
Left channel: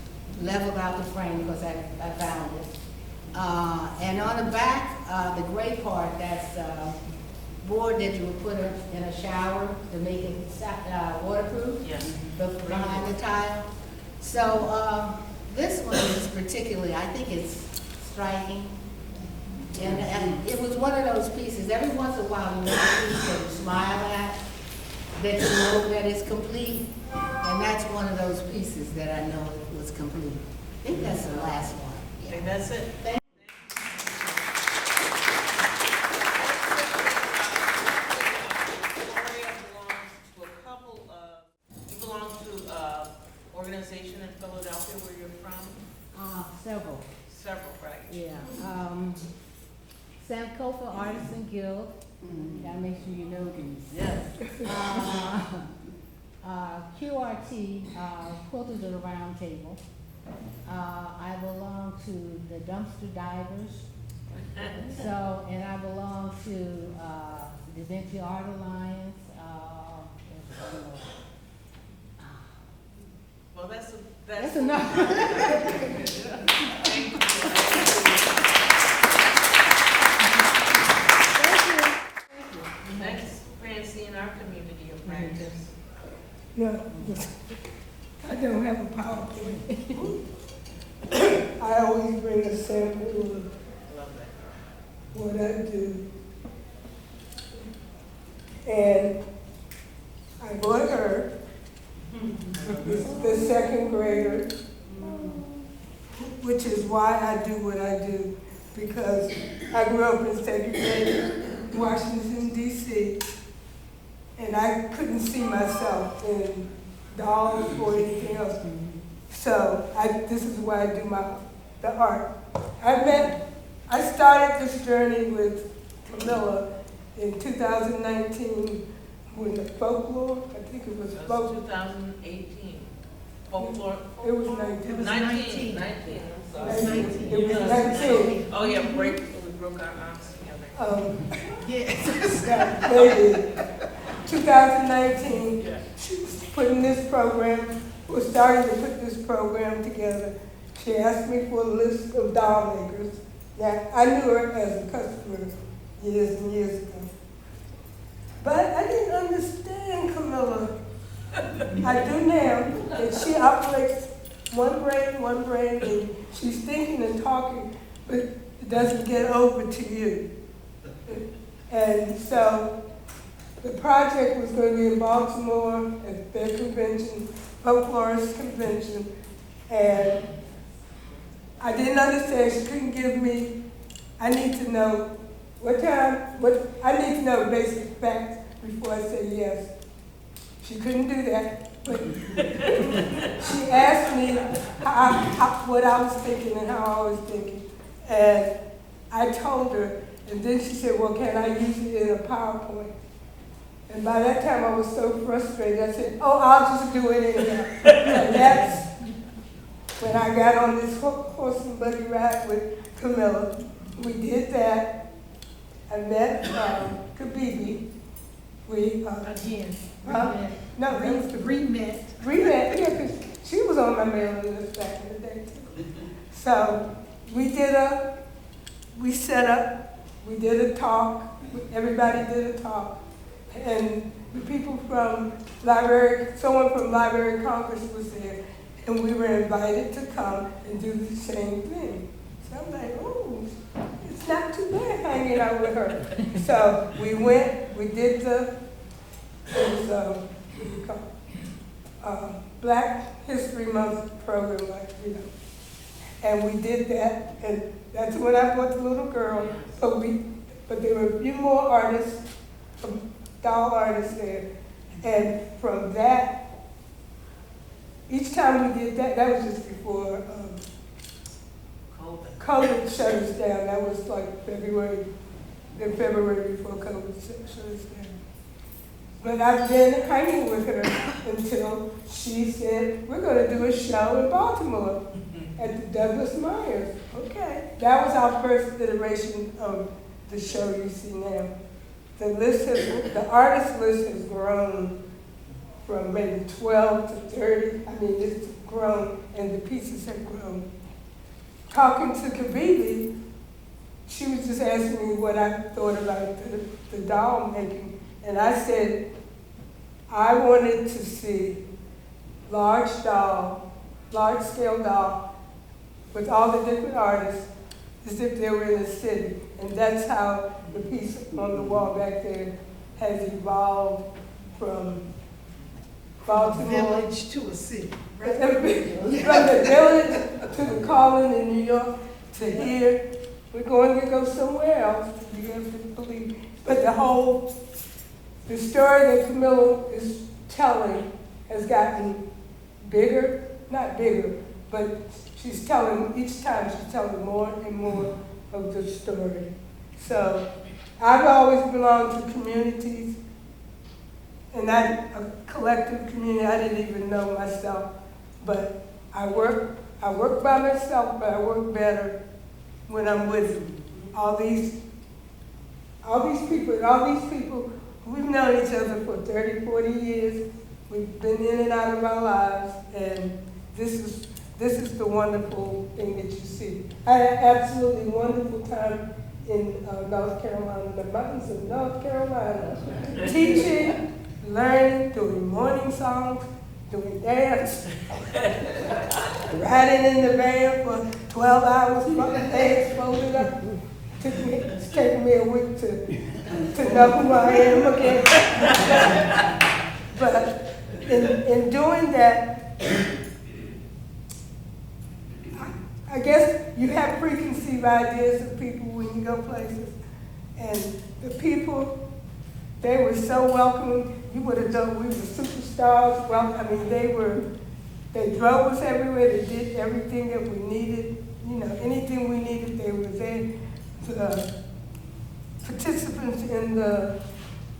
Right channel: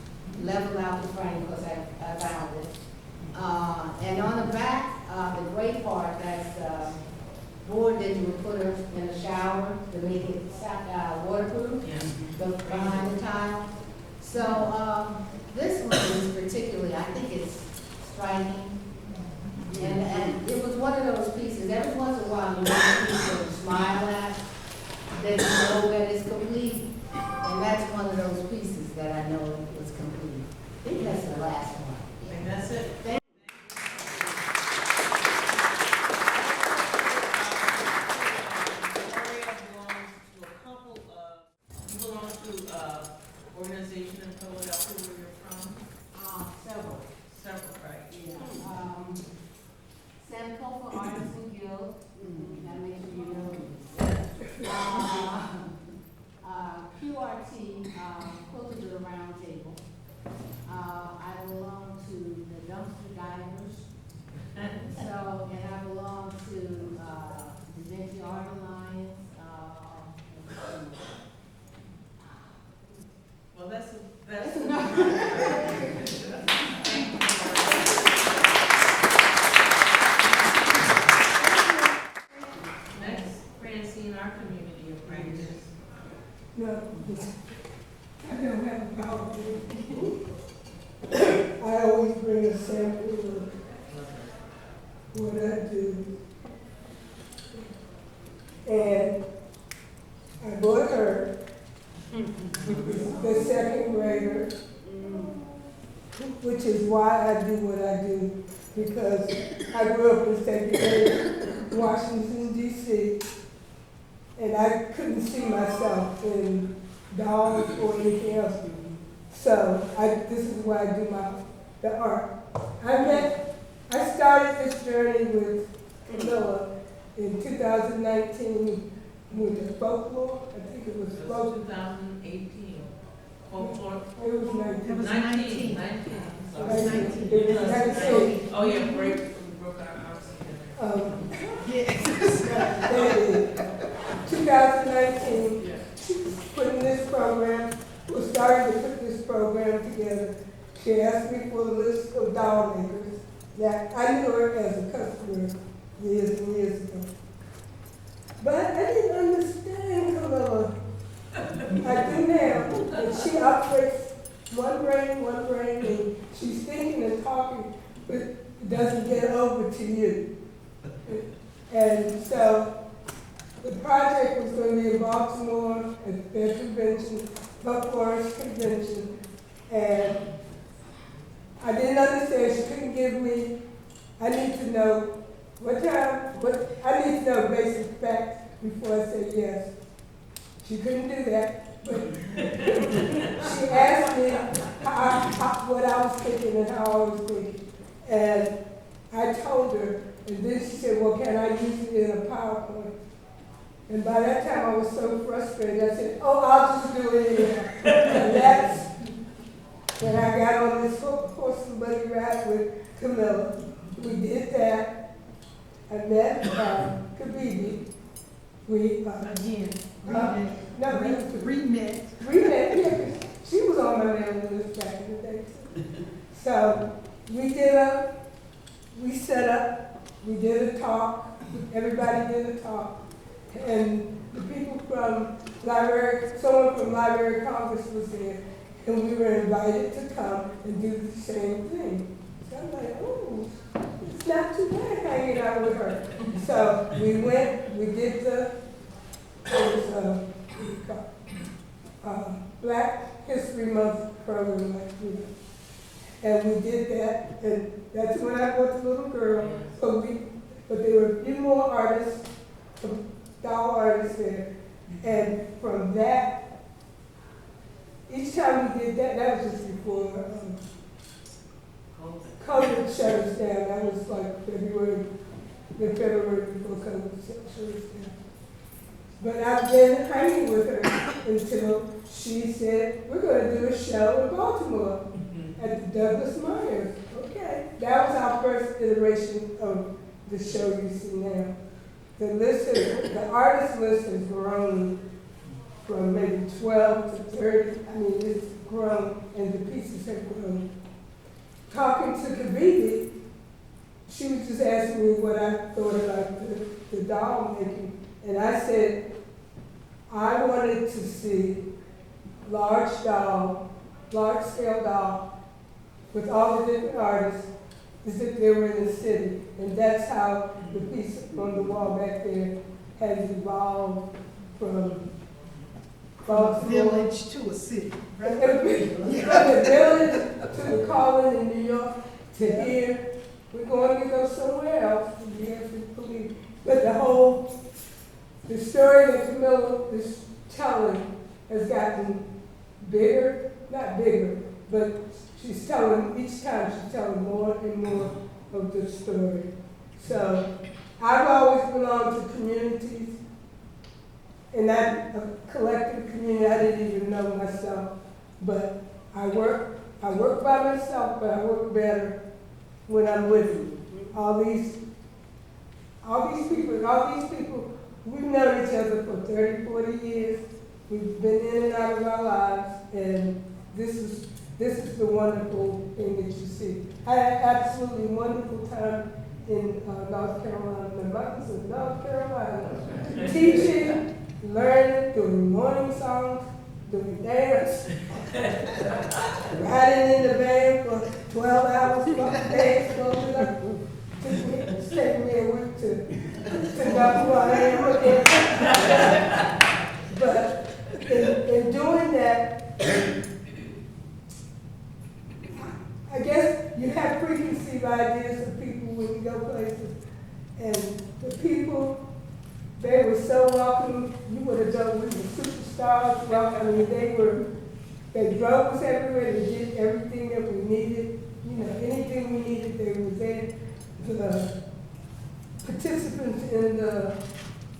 leveled out the frame because I found it. And on the back, the gray part, that's board that you would put in a shower to make it waterproof. Yes. Behind the tile. So this one is particularly, I think it's striking. And it was one of those pieces. Every once in a while, you make a piece that you smile at, that you know that it's complete. And that's one of those pieces that I know was complete. I think that's the last one. I think that's it. Thank organization in Philadelphia where you're from? Several. Several, right? Yeah. Sankofa Artisan Guild. That makes sure you know these. Yeah. QRT, Quilters of the Round Table. I belong to the Dumpster Divers. So, and I belong to the Vinci Art Alliance. Well, that's enough. Next, Francine, our community of practice. Yeah, I don't have the power to it. I always bring a sample of what I do. And I brought her, the second grader, which is why I do what I do, because I grew up in second grade, Washington, D.C., and I couldn't see myself in dolls or anything else. So this is why I do the art. I started this journey with Camila in 2019 with the folklore. I think it was folklore. 2018. Folklore. It was 19. It was 19. I'm sorry. It was They did. 2019, putting this program, was starting to put this program together. She asked me for a list of doll makers. Now, I knew her as a customer years and years ago. But I didn't understand Camila. I do now. And she operates one brain, and she's thinking and talking, but it doesn't get over to you. And so the project was going to be in Baltimore at their convention, folklorist convention, and I didn't understand. She couldn't give me, I need to know what time, I need to know basic facts before I say yes. She couldn't do that, but she asked me what I was thinking and how I was thinking. And I told her, and then she said, well, can I use it in a PowerPoint? And by that time I was so frustrated, I said, oh, I'll just do it anyhow. And that's when I got on this horse and buggy ride with Camila. We did that. I met Kabibi. We, Again. No, that was the Remet. Remet, yeah, because she was on my mailing list back in the day too. So we set up, we did a talk, everybody did a talk. And the people from someone from Library of Congress was there, and we were invited to come and do the same thing. So I'm like, oh, it's not too bad hanging out with her. So we went, we did Black History Month program, and we did that, and that's when I brought the little girl, but there were a few more artists, doll artists there, and from that, each time we did that, that was just before COVID shut us down. That was like February before COVID shut us down. But I've been hanging with her until she said, we're going to do a show in Baltimore at the Douglas Myers. Okay. That was our first iteration of the show you see now. The artist list has grown from maybe 12 to 30. I mean, it's grown, and the pieces have grown. Talking to Kabibi, she was just asking me what I thought about the doll making. And I said, I wanted to see large-scale doll with all the different artists as if they were in a city. And that's how the piece on the wall back there has evolved from Baltimore. Village to a city. Right? From the village to the Carolyn in New York to here. We're going to go somewhere else, you have to believe. But the story that Camila is telling has gotten bigger, not bigger, but each time she's telling more and more of the story. So I've always belonged to communities, and that a collective community. I didn't even know myself, but I work by myself, but I work better when I'm with all these people. We've known each other for 30, 40 years. We've been in and out of our lives, and this is the wonderful thing that you see. I had an absolutely wonderful time in North Carolina, the mountains of North Carolina, teaching, learning, doing morning songs, doing dance, riding in the van for 12 hours, legs folded up. It's taken me a week to know who I am again. But in doing that, I guess you have preconceived ideas of people when you go places. And the people, they were so welcoming. You would have done, we were superstars. Well, I mean, they drove us everywhere. They did everything that we needed. Anything we needed, they were there. The participants in the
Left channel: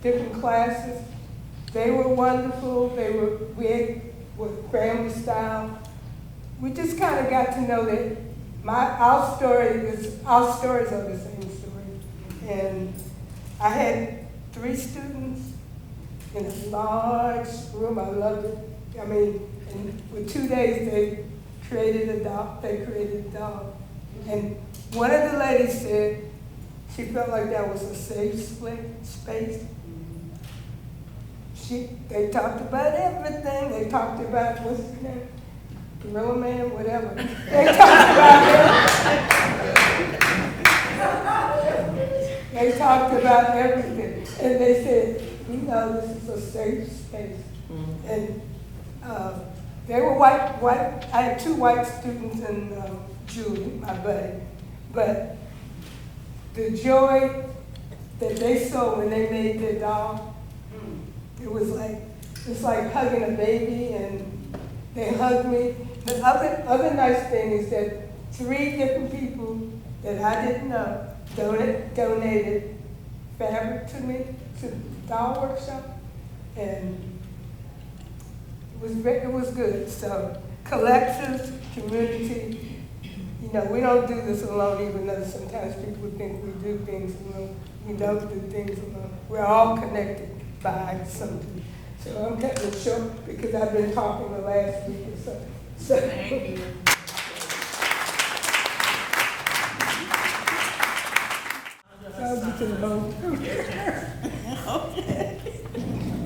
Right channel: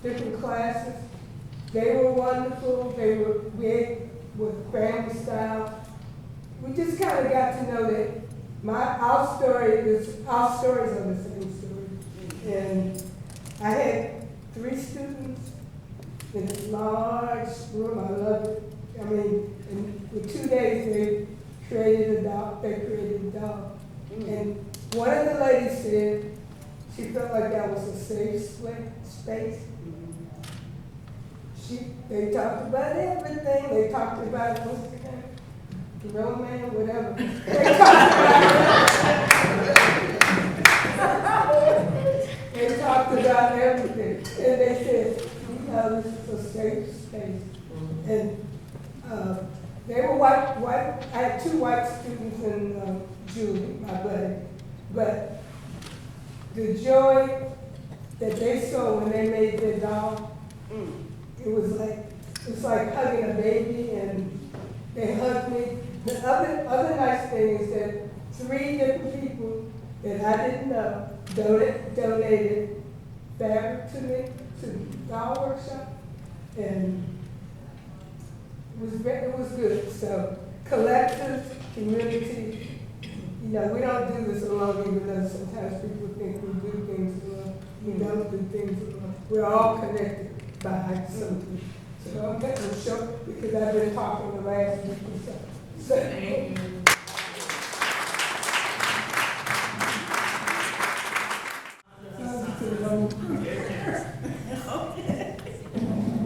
different classes, they were wonderful. We were family style. We just kind of got to know that our stories are the same story. And I had 3 students in a large room. I loved it. I mean, with 2 days, they created a dog. And one of the ladies said she felt like that was a safe space. They talked about everything. They talked about, what's his name? Roman, whatever. They talked about They talked about everything. And they said, you know, this is a safe space. And they were white. I had 2 white students and Julie, my buddy. But the joy that they saw when they made their doll, it's like hugging a baby, and they hugged me. The other nice thing is that 3 different people that I didn't know donated fabric to me, to the doll workshop, and it was good. So collective, community, you know, we don't do this alone, even though sometimes people think we do things alone. We don't do things alone. We're all connected by something. So I'm cutting it short because I've been talking the last week or so. Thank you.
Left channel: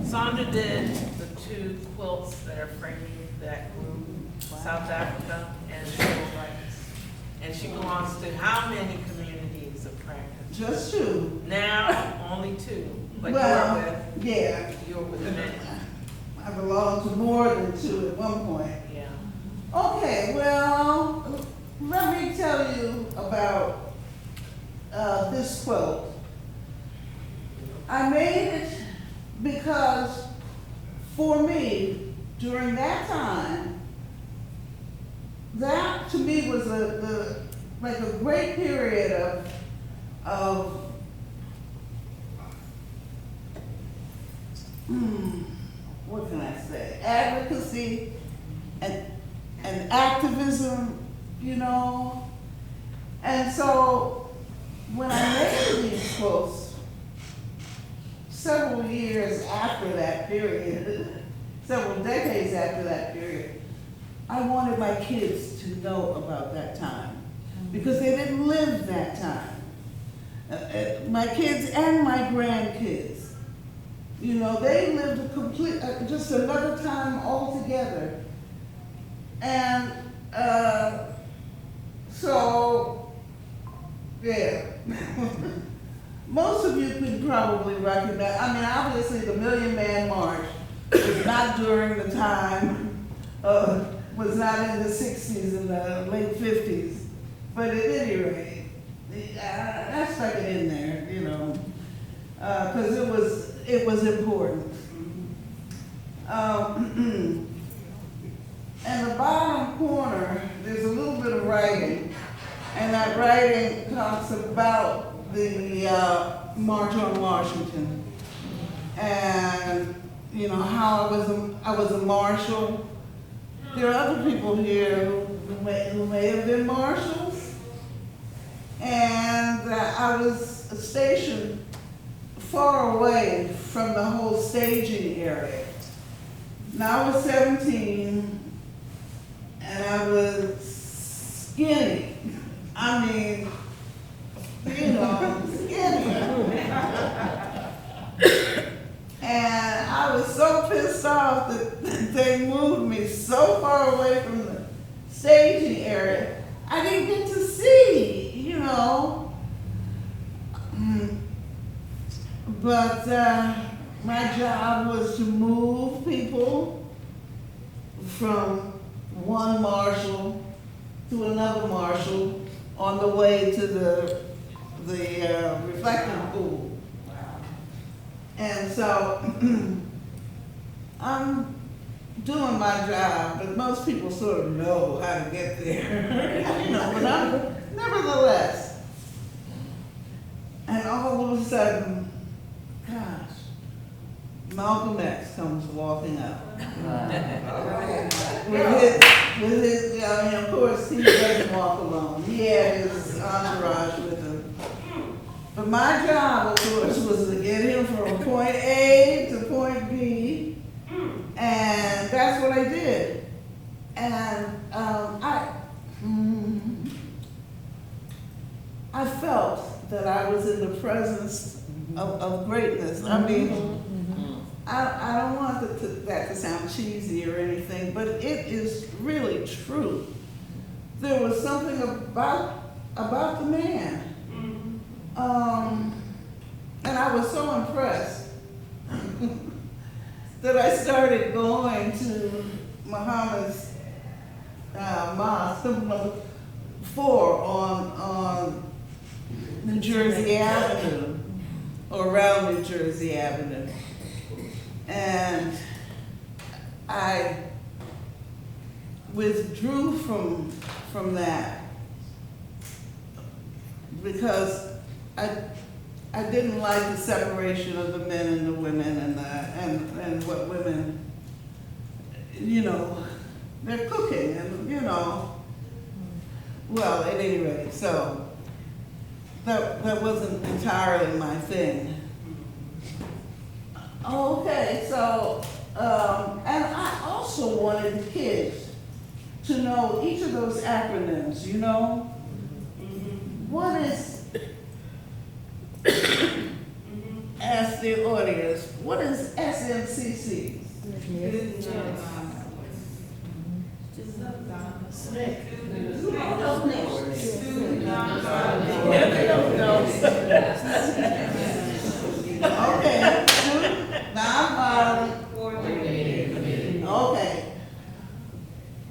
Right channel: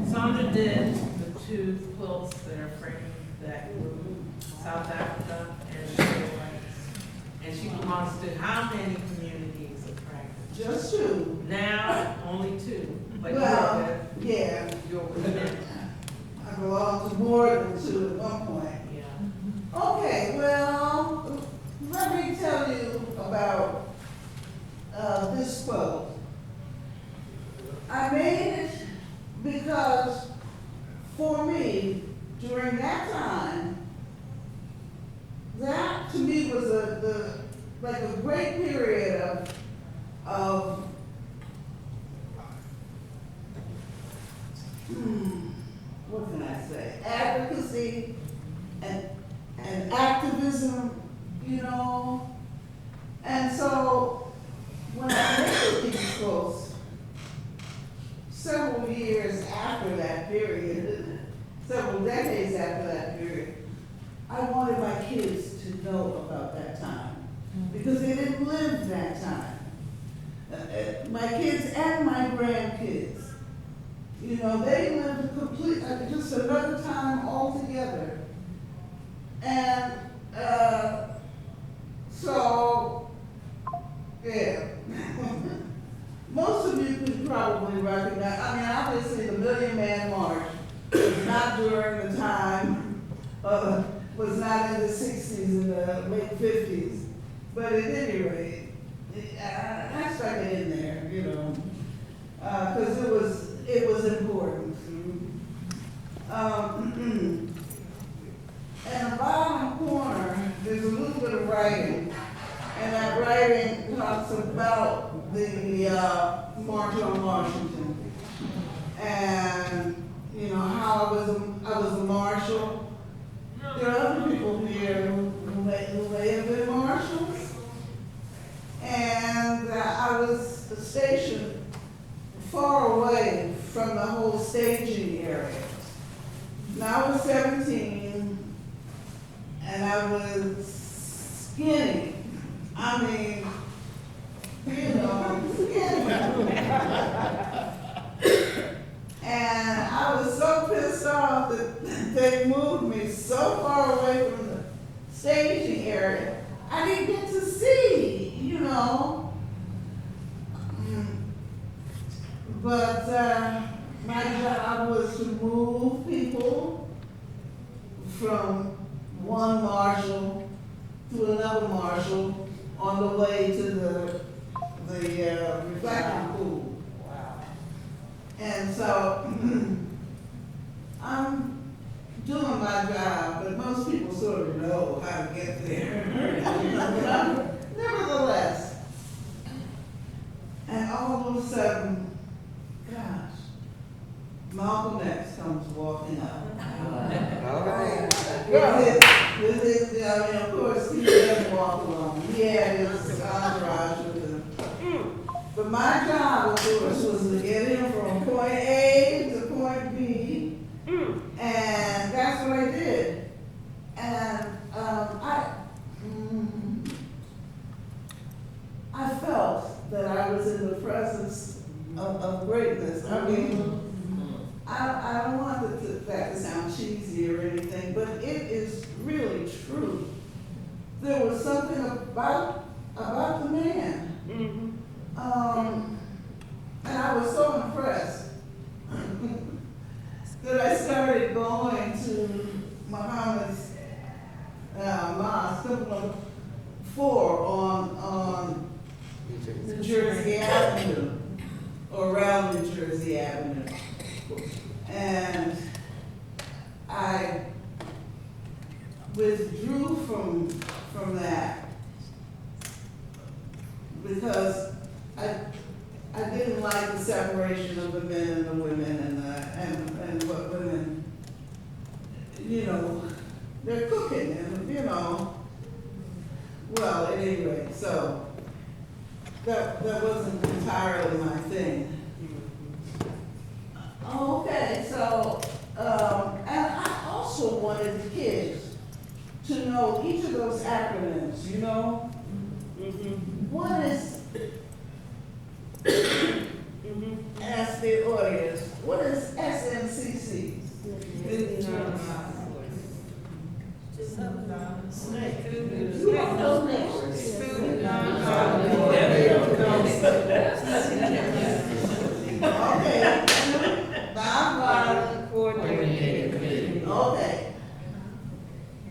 Sandra did the 2 quilts that are framed that South Africa and civil rights. And she belongs to how many communities of practice? Just 2. Now, only 2. But Well, you were with, yeah. you were with many. I belong to more than 2 at one point. Yeah. Okay, well, let me tell you about this quilt. I made it because for me, during that time, that to me was like a great period of what can I say, advocacy and activism, you know. And so when I made these quilts, several years after that period, several decades after that period, I wanted my kids to know about that time because they didn't live that time. My kids and my grandkids, you know, they lived just another time altogether. And so, yeah. Most of you can probably recognize, I mean, obviously the Million Man March was not during the time, was not in the 60s and the late 50s. But at any rate, I stuck it in there, you know, because it was important. In the bottom corner, there's a little bit of writing, and that writing talks about the March on Washington, and you know how I was a marshal. There are other people here who may have been marshals, and I was stationed far away from the whole staging area. Now I was 17, and I was skinny. I mean, you know, skinny. And I was so pissed off that they moved me so far away from the staging area, I didn't get to see, you know. But my job was to move people from one marshal to another marshal on the way to the reflecting pool. And so I'm doing my job, but most people sort of know how to get there. But I'm, nevertheless, and all of a sudden, gosh, Malcolm X comes walking up. With his, I mean, of course, he doesn't walk alone. He had his entourage with him. But my job, of course, was to get him from point A to point B, and that's what I did. And I felt that I was in the presence of greatness. I mean, I don't want that to sound cheesy or anything, but it is really true. There was something about the man. And I was so impressed that I started going to Muhammad's mosque, number 4 on New Jersey Avenue, or around New Jersey Avenue. And I withdrew from that because I didn't like the separation of the men and the women and what women, you know, they're cooking and, you know, well, at any rate, so that wasn't entirely my thing. Okay, so, and I also wanted the kids to know each of those acronyms, you know? What is, ask the audience, what is SNCC? Okay. Okay.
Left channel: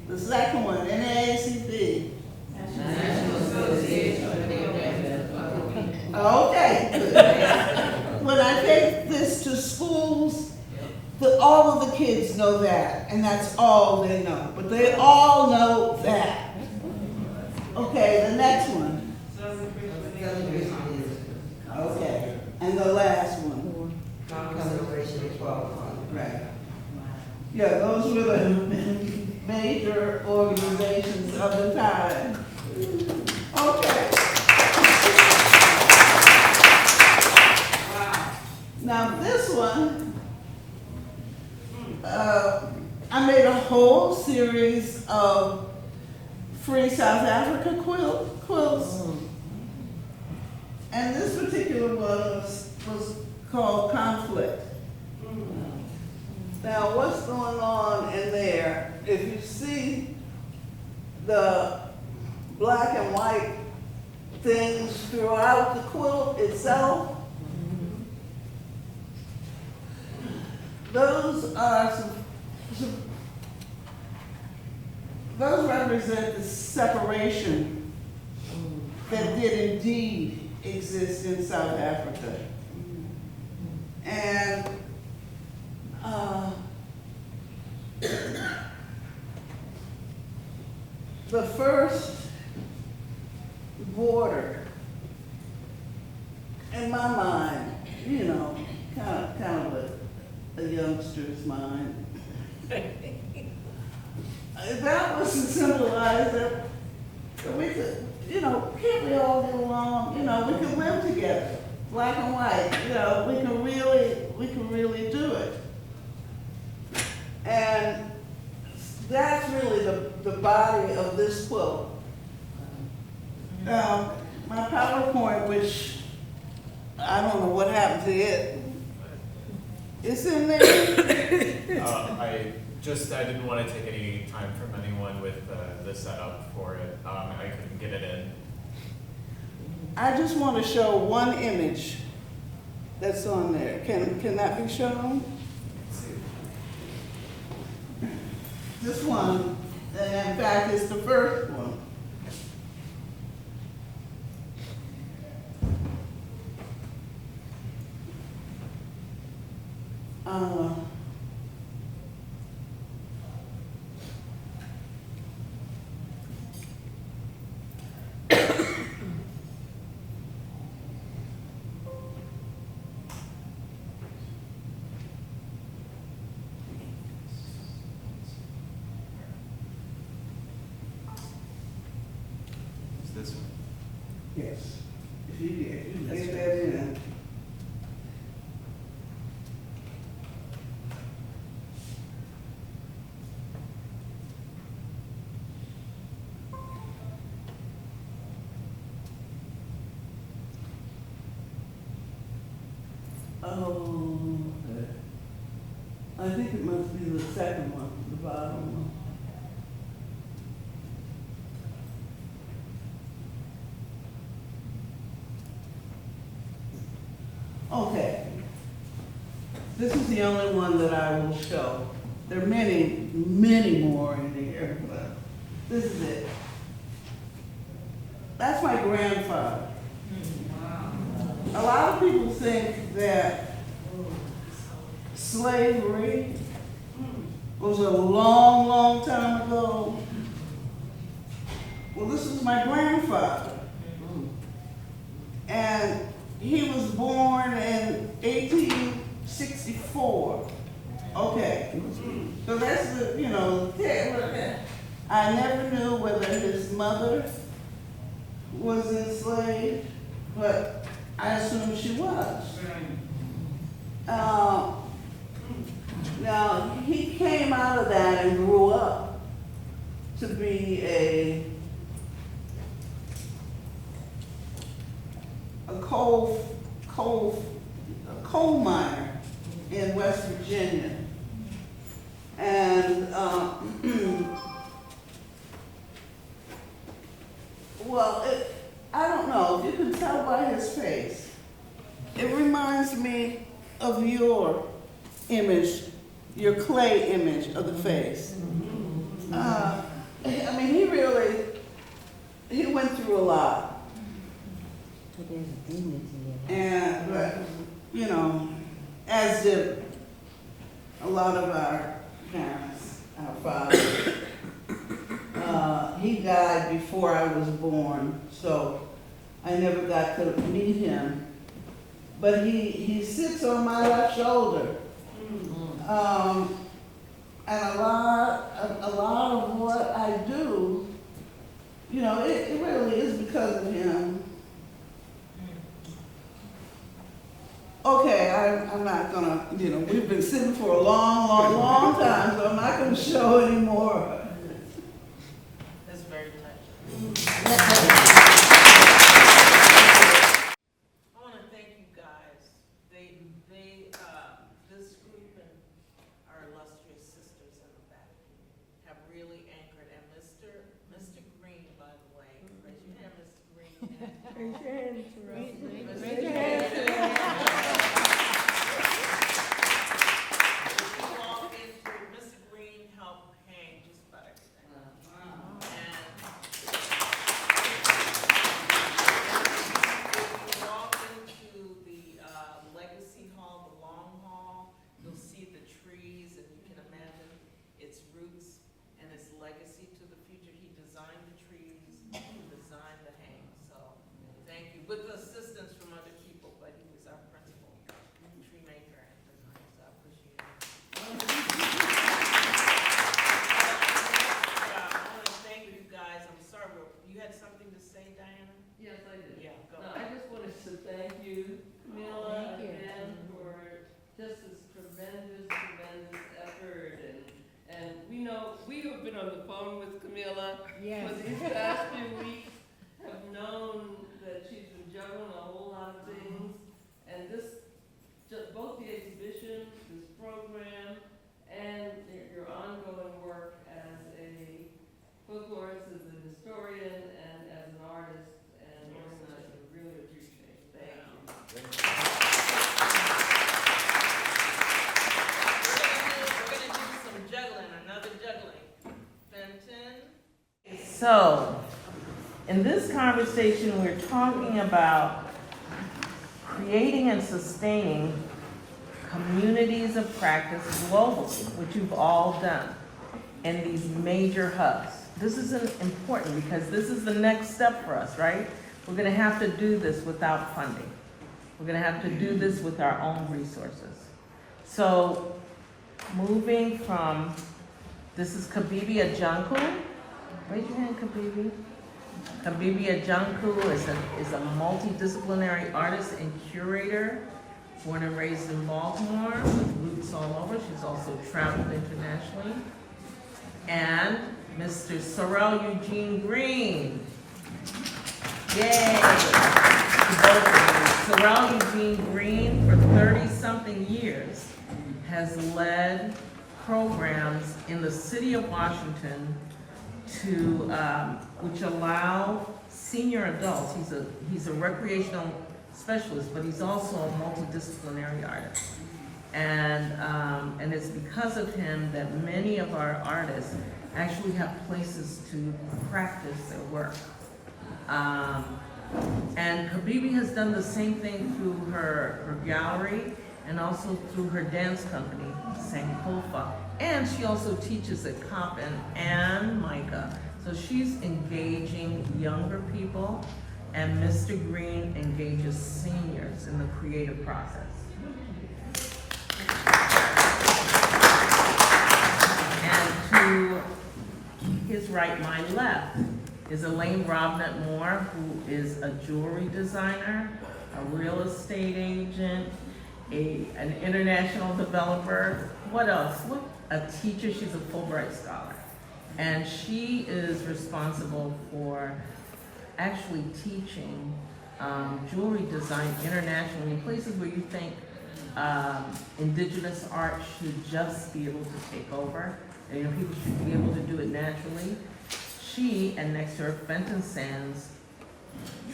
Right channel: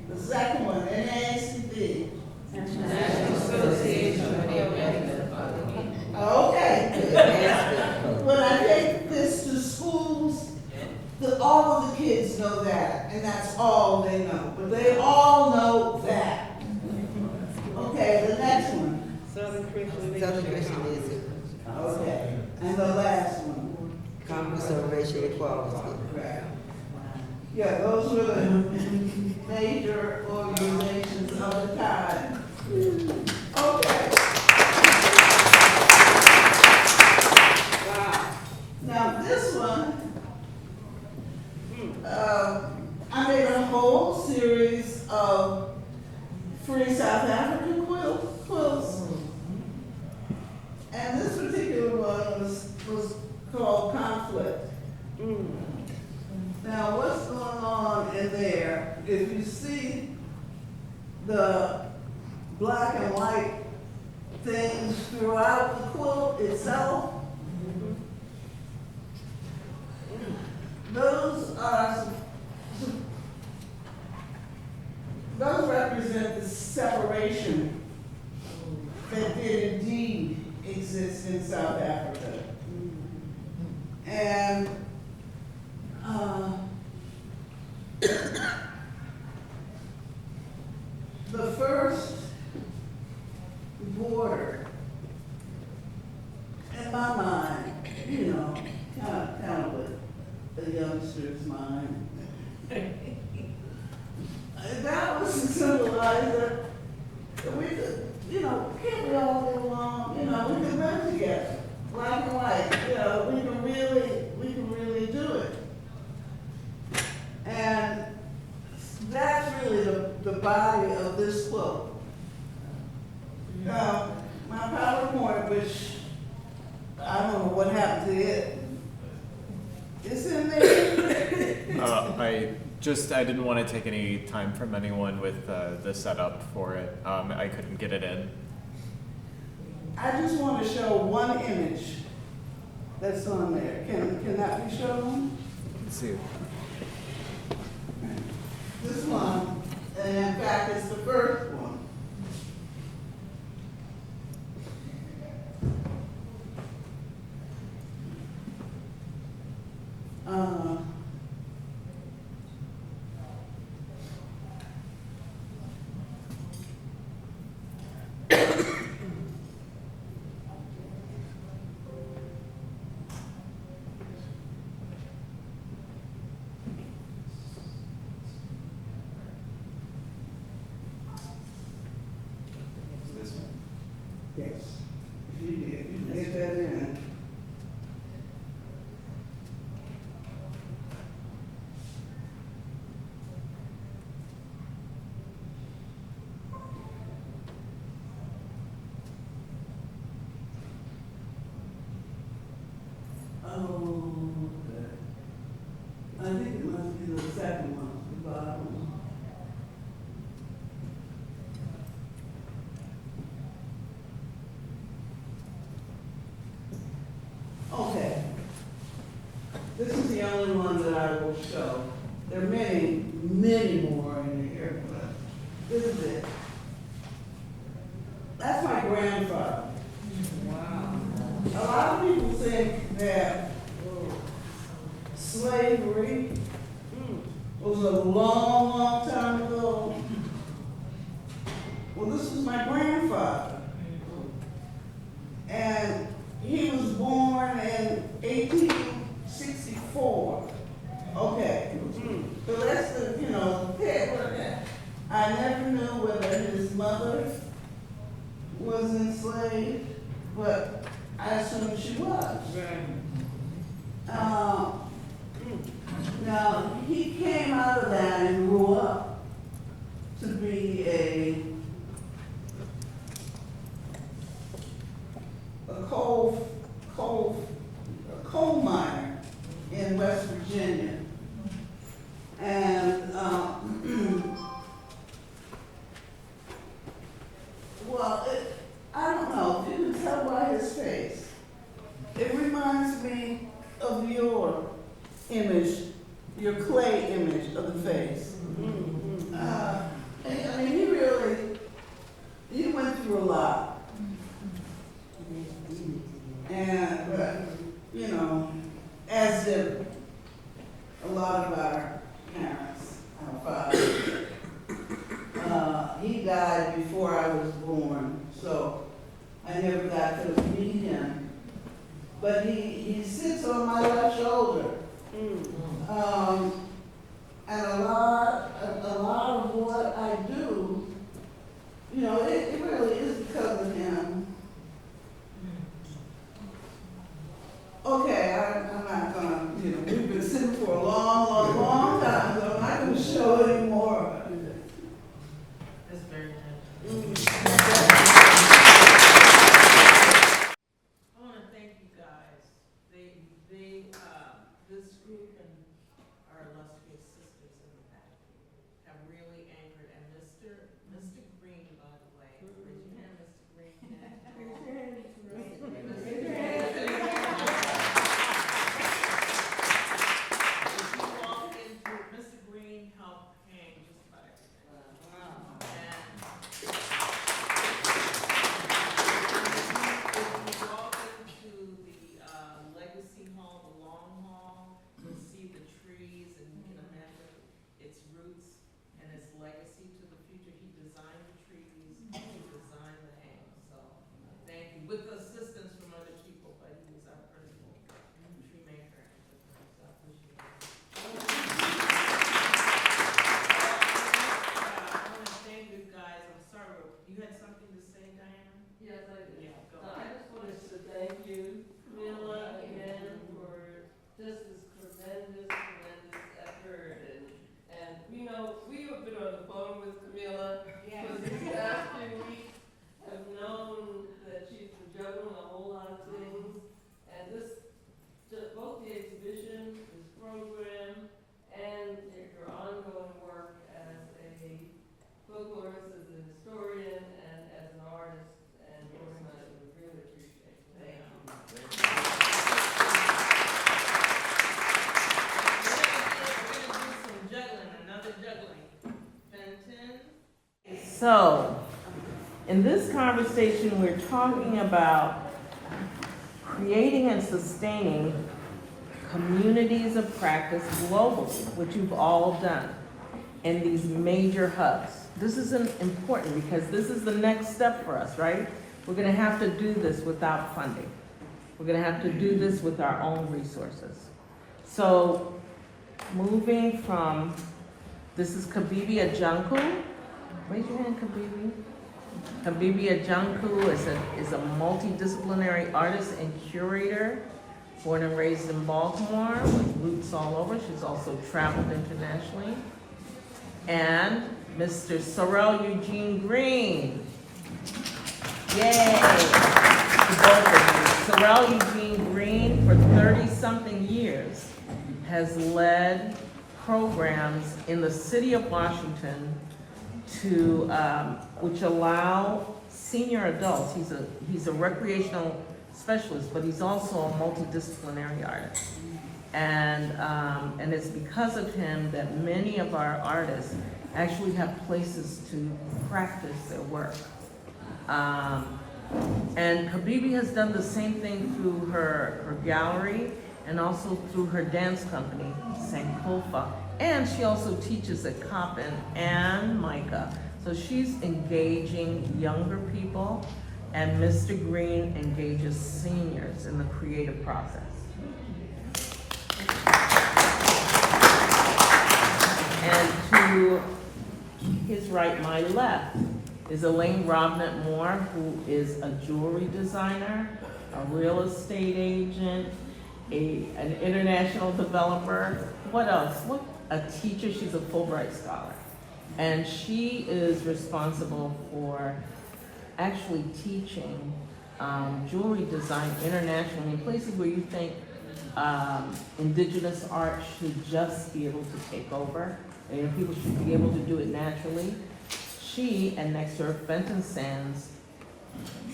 The second one, NAACP. National Association of Okay. When I take this to schools, all of the kids know that, and that's all they know. But they all know that. Okay, the next one. Okay, and the last one. Congress of Racial Equality. Right. Yeah, those were the major organizations of the time. Okay. Wow. Now this one, I made a whole series of free South African quilts. And this particular one was called Conflict. Now what's going on in there, if you see the black and white things throughout the quilt itself, those represent the separation that did indeed exist in South Africa. And the first border, in my mind, you know, kind of a youngster's mind, that was to symbolize that we could, you know, can't we all get along? You know, we can live together, black and white. You know, we can really do it. And that's really the body of this quilt. My PowerPoint, which I don't know what happened to it, it's in there. I didn't want to take any time from anyone with the setup for it. I couldn't get it in. I just want to show one image that's on there. Can that be shown? Let's see. This one, and in fact, it's the first one. the only one that I will show. There are many, many more in here, but this is it. That's my grandfather. Wow. A lot of people think that slavery was a long, long time ago. Well, this is my grandfather. And he was born in 1864. Okay. The rest of, I never knew whether his mother was enslaved, but I assume she was. Now, he came out of that and grew up to be a coal miner in West Virginia. And, I don't know, you can tell by his face. It reminds me of your image, your clay image of the face. He went through a lot. And, as did a lot of our parents, our fathers. He died before I was born, so I never got to meet him. But he sits on my left shoulder. And a lot of what I do, it really is because of him. Okay, I'm not gonna, we've been sitting for a long, long, long time, so I'm not gonna show anymore. That's very touching. I want to thank you guys. This group and our illustrious sisters in the back have really anchored, and Mr. Green, by the way, raise your hand, Mr. Green. Mr. Green helped hang just about everything. And if you walk into the Legacy Hall, the Long Hall, you'll see the trees, and you can imagine its roots and its legacy to the future. He designed the trees, he designed the hang. So thank you. With assistance from other people, but he was our principal tree maker at the time, so I appreciate it. I want to thank you guys. I'm sorry, you had something to say, Diana? Yes, I do. Yeah, go. I just wanted to thank you, Camila, again, for just this tremendous effort. And we have been on the phone with Camila for these past few weeks, have known that she's been juggling a whole lot of things. And both the exhibition, this program, and your ongoing work as a folklorist, as a historian, and as an artist and organizer, we really appreciate it. Thank you. We're going to do some juggling, another juggling. Fenton. So, in this conversation, we're talking about creating and sustaining communities of practice globally, which you've all done, in these major hubs. This is important because this is the next step for us, right? We're going to have to do this without funding. We're going to have to do this with our own resources. So, moving from, this is Kabibi Ajanku. Raise your hand, Kabibi. Kabibi Ajanku is a multidisciplinary artist and curator, born and raised in Baltimore, roots all over. She's also traveled internationally. And Mr. Sorrel Eugene Green. Yay! Sorrel Eugene Green, for 30-something years, has led programs in the city of Washington to, which allow senior adults, he's a recreational specialist, but he's also a multidisciplinary artist. And it's because of him that many of our artists actually have places to practice their work. And Habibi has done the same thing through her gallery and also through her dance company, Sankofa. And she also teaches at Coppin and Micah. So she's engaging younger people, and Mr. Green engages seniors in the creative process. And to his right, my left, is Elaine Robnett Moore, who is a jewelry designer, a real estate agent, an international developer. What else? What? A teacher. She's a Fulbright scholar. And she is responsible for actually teaching jewelry design internationally in places where you think indigenous art should just be able to take over. And, you know, people should be able to do it naturally. She, and next to her, Fenton Sands,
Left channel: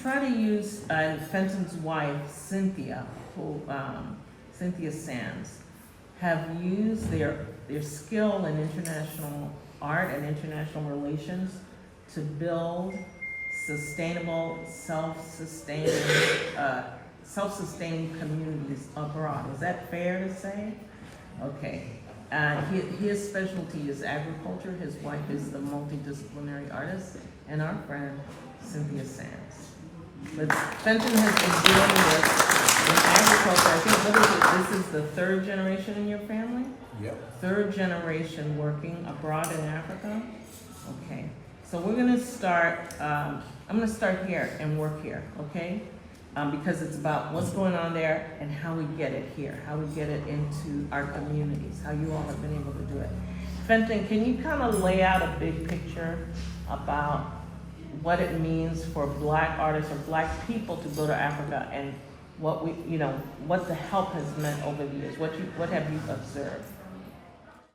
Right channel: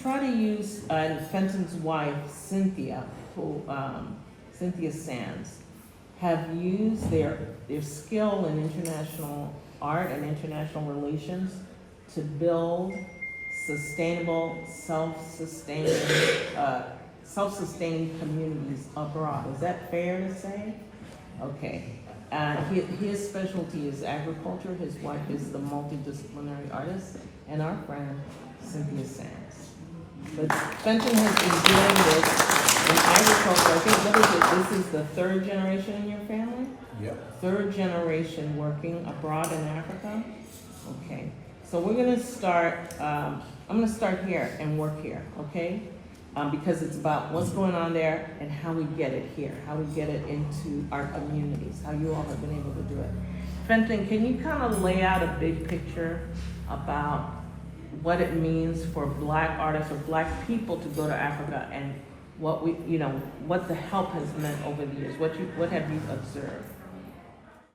try to use, Fenton's wife, Cynthia, who, Cynthia Sands, have used their skill in international art and international relations to build sustainable, self-sustaining communities abroad. Is that fair to say? Okay. His specialty is agriculture. His wife is the multidisciplinary artist, and our friend, Cynthia Sands. But Fenton has been doing this in agriculture. I think, what is it? This is the third generation in your family? Yep. Third generation working abroad in Africa? Okay. So we're gonna start, I'm gonna start here and work here, okay? Because it's about what's going on there and how we get it here, how we get it into our communities, how you all have been able to do it. Fenton, can you kind of lay out a big picture about what it means for Black artists or Black people to go to Africa, and what we, you know, what the help has meant over the years? What have you observed?